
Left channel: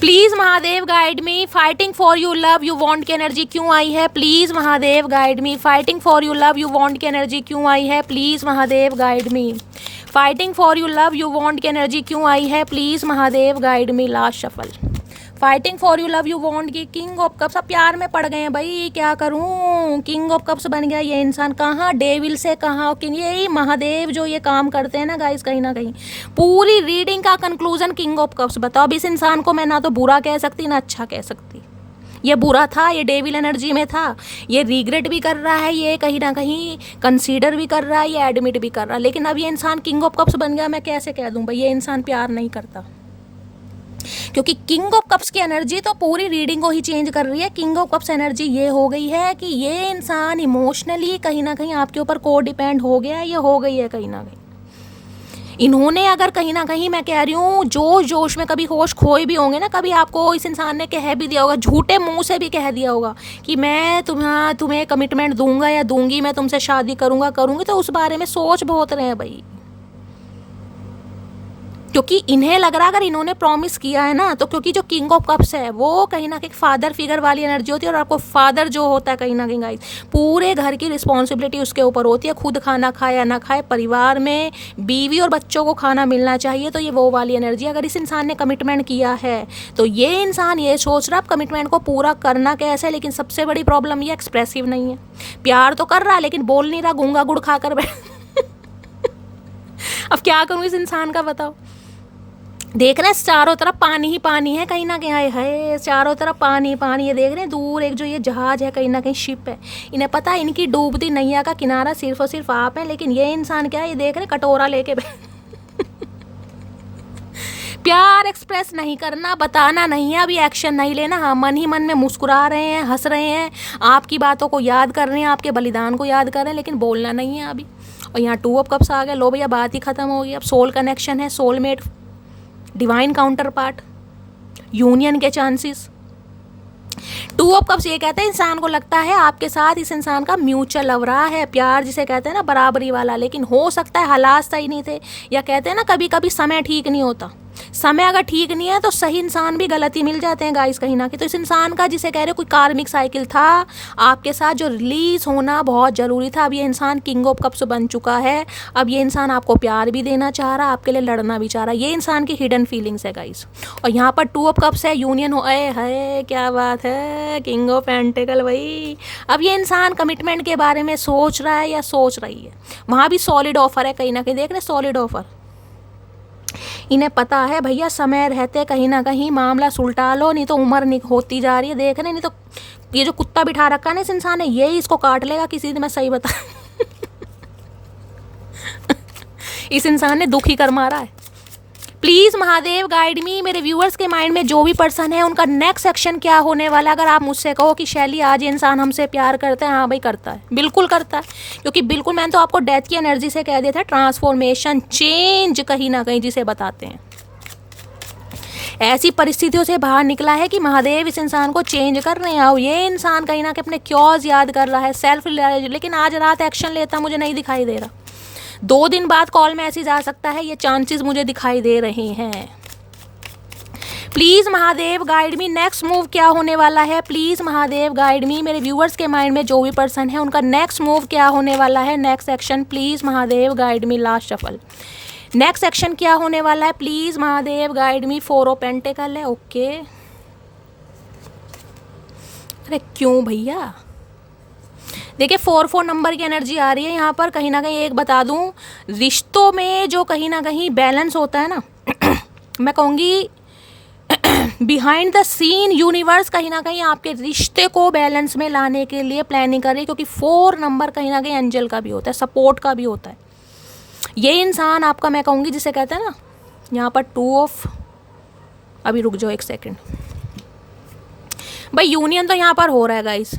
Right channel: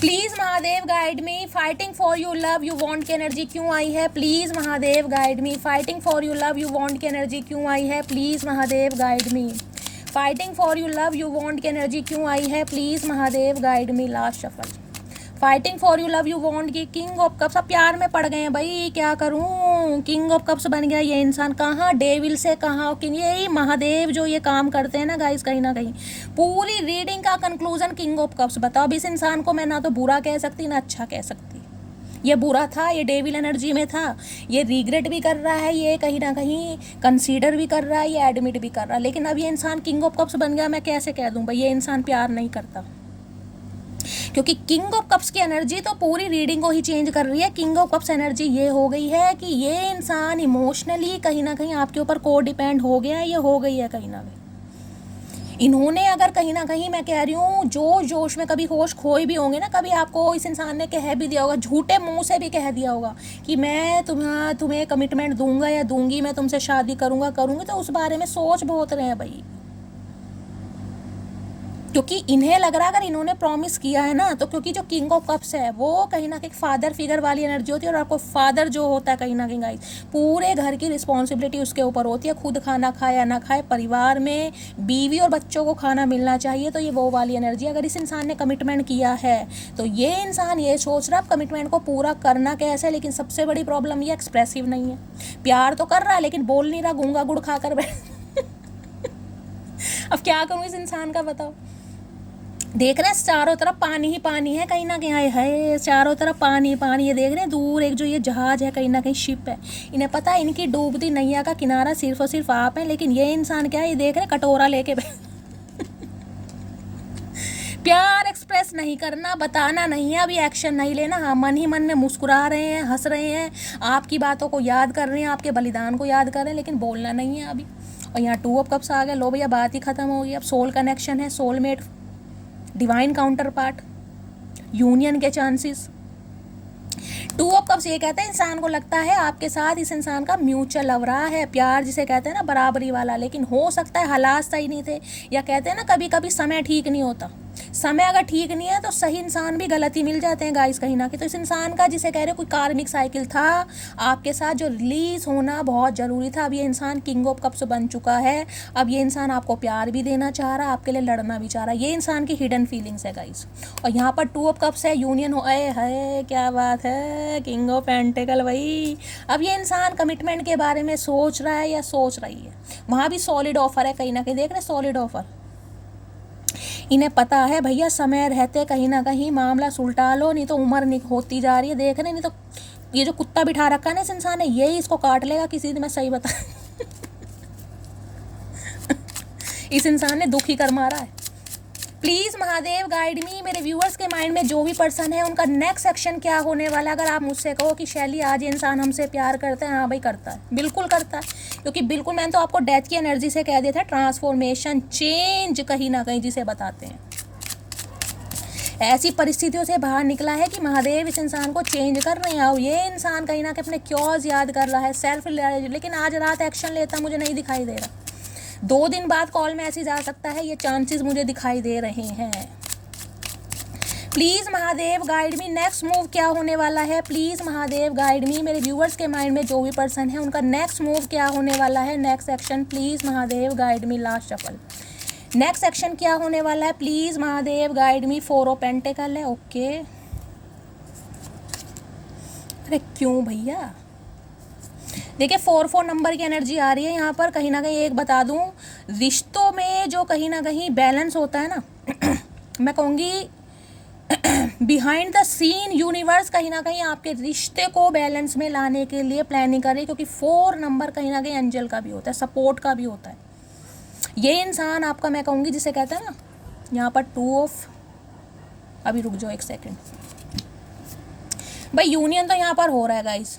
Please Mahadev guide me, fighting for you love you want की एनर्जी क्यों आई है, please Mahadev guide me. Fighting for you love you want की एनर्जी क्यों आई है, please Mahadev guide me. Fighting for you love you want की एनर्जी क्यों आई है, please Mahadev guide me. Last shuffle fighting for you love you want की किंग ऑफ कप्स। अब प्यार में पड़ गए हैं भाई, क्या करूं, किंग ऑफ कप्स बन गया ये इंसान। कहाँ डेविल से कहाँ किंग, यही महादेव जो ये काम करते हैं ना गाइस, कहीं ना कहीं पूरी रीडिंग का कंक्लूजन किंग ऑफ कप्स। बताओ अब इस इंसान को मैं ना तो बुरा कह सकती ना अच्छा कह सकती। ये बुरा था, ये डेविल एनर्जी में था, ये रिग्रेट भी कर रहा है, ये कहीं ना कहीं कंसीडर भी कर रहा है, ये एडमिट भी कर रहा है, लेकिन अब ये इंसान किंग ऑफ कप्स बन गया। मैं कैसे कह दूं भाई ये इंसान प्यार नहीं करता, क्योंकि किंग ऑफ कप्स की एनर्जी तो पूरी रीडिंग को ही चेंज कर रही है। किंग ऑफ कप्स एनर्जी ये हो गई है कि ये इंसान इमोशनली कहीं ना कहीं आपके ऊपर को डिपेंड हो गया है, ये हो गई है कहीं ना कहीं। इन्होंने अगर कहीं ना कहीं मैं कह रही हूँ जोश जोश में कभी होश खोए भी होंगे ना, कभी आपको इस इंसान ने कह भी दिया होगा, झूठे मुंह से भी कह दिया होगा कि मैं तुम्हें कमिटमेंट दूंगा या दूंगी, मैं तुमसे शादी करूंगा करूंगी, तो उस बारे में सोच बहुत रहे हैं भाई। क्योंकि इन्हें लग रहा अगर इन्होंने प्रॉमिस किया है ना, तो क्योंकि जो किंग ऑफ कप्स है वो कहीं ना कहीं फादर फिगर वाली एनर्जी होती है, और आपको फादर जो होता है कहीं ना कहीं गाइस पूरे घर की रिस्पॉन्सिबिलिटी उसके ऊपर होती है। खुद खाना खाए या ना खाए, परिवार में बीवी और बच्चों को खाना मिलना चाहिए, तो ये वो वाली एनर्जी। अगर इस इंसान ने कमिटमेंट किया है तो ये इंसान ये सोच रहा अब कमिटमेंट को पूरा करना कैसे। लेकिन सबसे बड़ी प्रॉब्लम ये एक्सप्रेसिव नहीं है, प्यार तो कर रहा है लेकिन बोल नहीं रहा, गूंगा गुड़ खा कर बैठ अब क्या करूँ इस इंसान का, बताओ। देख रहे हैं चारों तरफ पानी ही पानी है, कहीं ना कहीं है चारों तरफ पानी पानी। ये देख रहे हैं दूर एक जो ये जहाज है, कहीं ना कहीं शिप है। इन्हें पता है इनकी डूबती नैया का किनारा सिर्फ और सिर्फ आप हैं, लेकिन ये इंसान क्या है, ये देख रहे हैं कटोरा लेके प्यार एक्सप्रेस नहीं करना, बताना नहीं है, अभी एक्शन नहीं लेना। हाँ, मन ही मन में मुस्कुरा रहे हैं, हंस रहे हैं, आपकी बातों को याद कर रहे हैं, आपके बलिदान को याद कर रहे हैं, लेकिन बोलना नहीं है अभी। और यहाँ 2 ऑफ कप्स आ गए। लो भैया, बात ही खत्म होगी। अब सोल कनेक्शन है, soulmate, divine counter part, union के चांसेस। 2 ऑफ कप्स ये कहते हैं इंसान को लगता है आपके साथ इस इंसान का म्यूचुअल लव रहा है, प्यार जिसे कहते हैं ना बराबरी वाला, लेकिन हो सकता है हालात सही नहीं थे, या कहते हैं ना कभी कभी समय ठीक नहीं होता। समय अगर ठीक नहीं है तो सही इंसान भी गलती मिल जाते हैं गाइस कहीं ना कहीं। तो इस इंसान का जिसे कह रहे हो कोई कार्मिक साइकिल था आपके साथ जो रिलीज होना बहुत ज़रूरी था। अब ये इंसान किंग ऑफ कप्स बन चुका है। अब ये इंसान आपको प्यार भी देना चाह रहा है, आपके लिए लड़ना भी चाह रहा है। ये इंसान की हिडन फीलिंग्स है गाइस। और यहाँ पर 2 ऑफ कप्स है, यूनियन हो है, क्या बात है, किंग ऑफ पेंटिकल भाई। अब ये इंसान कमिटमेंट के बारे में सोच रहा है या सोच रही है। वहाँ भी सॉलिड ऑफर है, कहीं ना कहीं देख रहे सॉलिड ऑफर। इन्हें पता है भैया समय रहते कहीं ना कहीं मामला सुलटा लो, नहीं तो उम्र होती जा रही है, देख रहे नहीं तो ये जो कुत्ता बिठा रखा है ना इस इंसान ने, यही इसको काट लेगा किसी दिन, मैं सही बता इस इंसान ने दुख ही कर मारा है। प्लीज़ महादेव गाइड मी, मेरे व्यूअर्स के माइंड में जो भी पर्सन है उनका नेक्स्ट एक्शन क्या होने वाला। अगर आप मुझसे कहो कि शैली आज ये इंसान हमसे प्यार करता है, हाँ भाई करता है, बिल्कुल करता है, क्योंकि बिल्कुल मैंने तो आपको डेथ की एनर्जी से कह दिया था, ट्रांसफॉर्मेशन, चेंज कहीं ना कहीं जिसे बताते हैं। ऐसी परिस्थितियों से बाहर निकला है कि महादेव इस इंसान को चेंज कर रहे हैं। और ये इंसान कहीं ना कहीं अपने क्योज याद कर रहा है, सेल्फ, लेकिन आज रात एक्शन लेता मुझे नहीं दिखाई दे रहा। 2 दिन बाद कॉल मैसेज आ सकता है, ये चांसेस मुझे दिखाई दे रहे हैं। Please Mahadev guide me, next move क्या होने वाला है। प्लीज़ महादेव गाइड मी, मेरे व्यूअर्स के माइंड में जो भी पर्सन है उनका नेक्स्ट मूव क्या होने वाला है, next action. Please Mahadev guide me, last shuffle, next action क्या होने वाला है। Please Mahadev guide me. 4 of pentacle है, ओके। अरे क्यों भैया, देखिए 4 नंबर की एनर्जी आ रही है यहाँ पर। कहीं ना कहीं एक बता दूँ, रिश्तों में जो कहीं ना कहीं बैलेंस होता है ना मैं कहूँगी बिहाइंड द सीन यूनिवर्स कहीं ना कहीं आपके रिश्ते को बैलेंस में लाने के लिए प्लानिंग कर रही है, क्योंकि 4 नंबर कहीं ना कहीं एंजल का भी होता है, सपोर्ट का भी होता है। ये इंसान आपका, मैं कहूँगी जिसे कहते हैं ना यहाँ पर 2 ऑफ, अभी रुक जाओ 1 सेकेंड भाई, यूनियन तो यहाँ पर हो रहा है गाइस,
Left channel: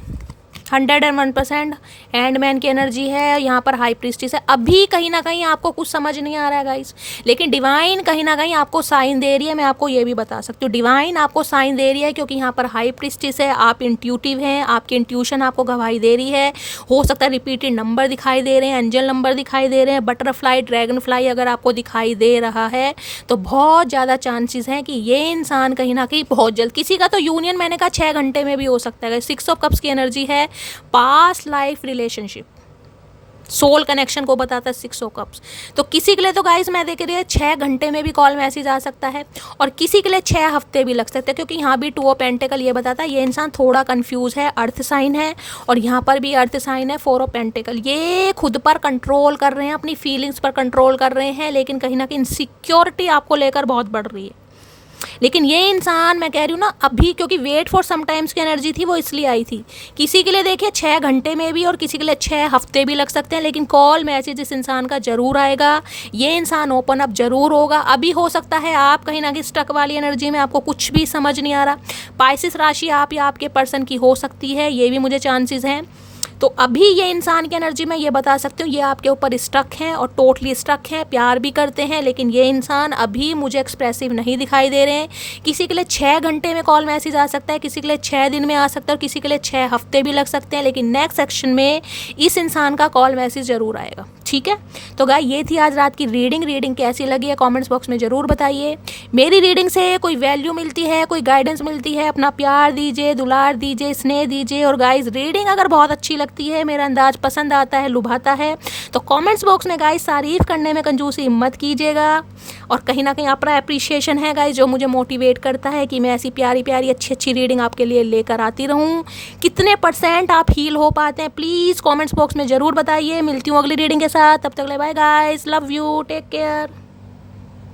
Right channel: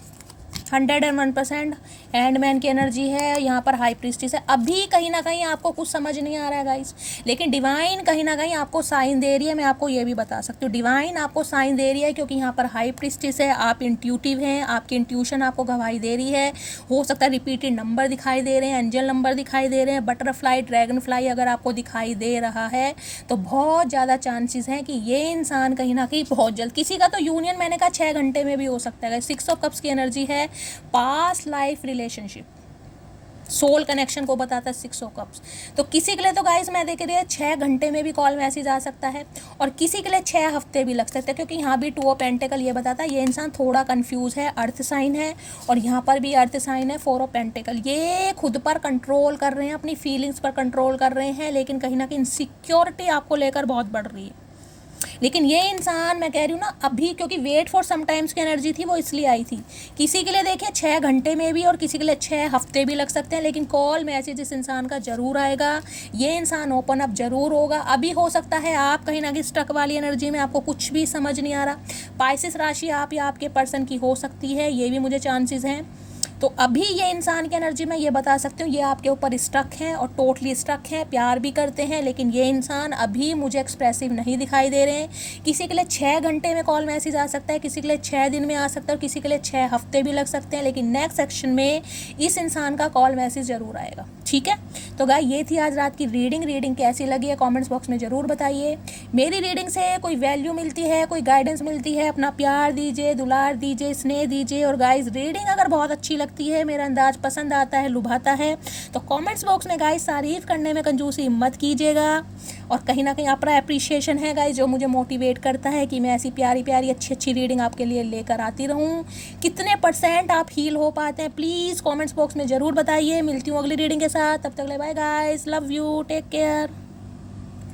101% हैंडमैन की एनर्जी है, यहाँ पर हाई प्रीस्टिस है। अभी कहीं ना कहीं आपको कुछ समझ नहीं आ रहा है गाइस, लेकिन डिवाइन कहीं ना कहीं आपको साइन दे रही है। मैं आपको ये भी बता सकती हूँ, डिवाइन आपको साइन दे रही है, क्योंकि यहाँ पर हाई प्रीस्टिस है, आप इंट्यूटिव हैं, आपकी इंट्यूशन आपको गवाही दे रही है। हो सकता है रिपीटेड नंबर दिखाई दे रहे हैं, एंजल नंबर दिखाई दे रहे हैं, बटरफ्लाई, ड्रैगन फ्लाई अगर आपको दिखाई दे रहा है तो बहुत ज़्यादा चांसेस हैं कि ये इंसान कहीं ना कहीं बहुत जल्द, किसी का तो यूनियन मैंने कहा 6 घंटे में भी हो सकता है। 6 ऑफ कप्स की एनर्जी है, past life relationship, soul connection को बताता है 6 ऑफ कप्स। तो किसी के लिए तो गाइज मैं देख रही है 6 घंटे में भी कॉल मैसेज आ सकता है, और किसी के लिए 6 हफ्ते भी लग सकते हैं, क्योंकि यहाँ भी 2 ऑफ पेंटिकल ये बताता है ये इंसान थोड़ा कंफ्यूज है। अर्थ साइन है और यहाँ पर भी अर्थ साइन है। 4 ऑफ पेंटिकल, ये खुद पर कंट्रोल कर रहे हैं, अपनी फीलिंग्स पर कंट्रोल कर रहे हैं, लेकिन कहीं ना कहीं इनसिक्योरिटी आपको लेकर बहुत बढ़ रही है। लेकिन ये इंसान, मैं कह रही हूँ ना अभी, क्योंकि वेट फॉर समटाइम्स की एनर्जी थी वो इसलिए आई थी। किसी के लिए देखिए 6 घंटे में भी और किसी के लिए 6 हफ्ते भी लग सकते हैं, लेकिन कॉल मैसेज इस इंसान का जरूर आएगा। ये इंसान ओपन अप जरूर होगा। अभी हो सकता है आप कहीं ना कहीं स्टक वाली एनर्जी में, आपको कुछ भी समझ नहीं आ रहा। पाइसिस राशि आप या आपके पर्सन की हो सकती है, ये भी मुझे चांसेस हैं। तो अभी ये इंसान की एनर्जी में ये बता सकती हूँ, ये आपके ऊपर स्टक हैं और टोटली स्टक हैं, प्यार भी करते हैं, लेकिन ये इंसान अभी मुझे एक्सप्रेसिव नहीं दिखाई दे रहे हैं। किसी के लिए 6 घंटे में कॉल मैसेज आ सकता है, किसी के लिए 6 दिन में आ सकता है, और किसी के लिए 6 हफ्ते भी लग सकते हैं, लेकिन नेक्स्ट सेक्शन में इस इंसान का कॉल मैसेज ज़रूर आएगा। ठीक है, तो गाय ये थी आज रात की रीडिंग कैसी लगी है कॉमेंट्स बॉक्स में ज़रूर बताइए। मेरी रीडिंग से कोई वैल्यू मिलती है, कोई गाइडेंस मिलती है, अपना प्यार दीजिए, दुलार दीजिए, स्नेह दीजिए। और गाइज रीडिंग अगर बहुत अच्छी लगती लगती है, मेरा अंदाज पसंद आता है, लुभाता है, तो कमेंट्स बॉक्स में गाइस तारीफ़ करने में कंजूसी मत कीजिएगा। और कहीं ना कहीं आपका अप्रिशिएशन है गाइस जो मुझे मोटिवेट करता है कि मैं ऐसी प्यारी प्यारी अच्छी अच्छी रीडिंग आपके लिए लेकर आती रहूँ। कितने % आप हील हो पाते हैं प्लीज़ कमेंट्स बॉक्स में ज़रूर बताइए। मिलती हूँ अगली रीडिंग के साथ, तब तक ले bye guys, love you, take care.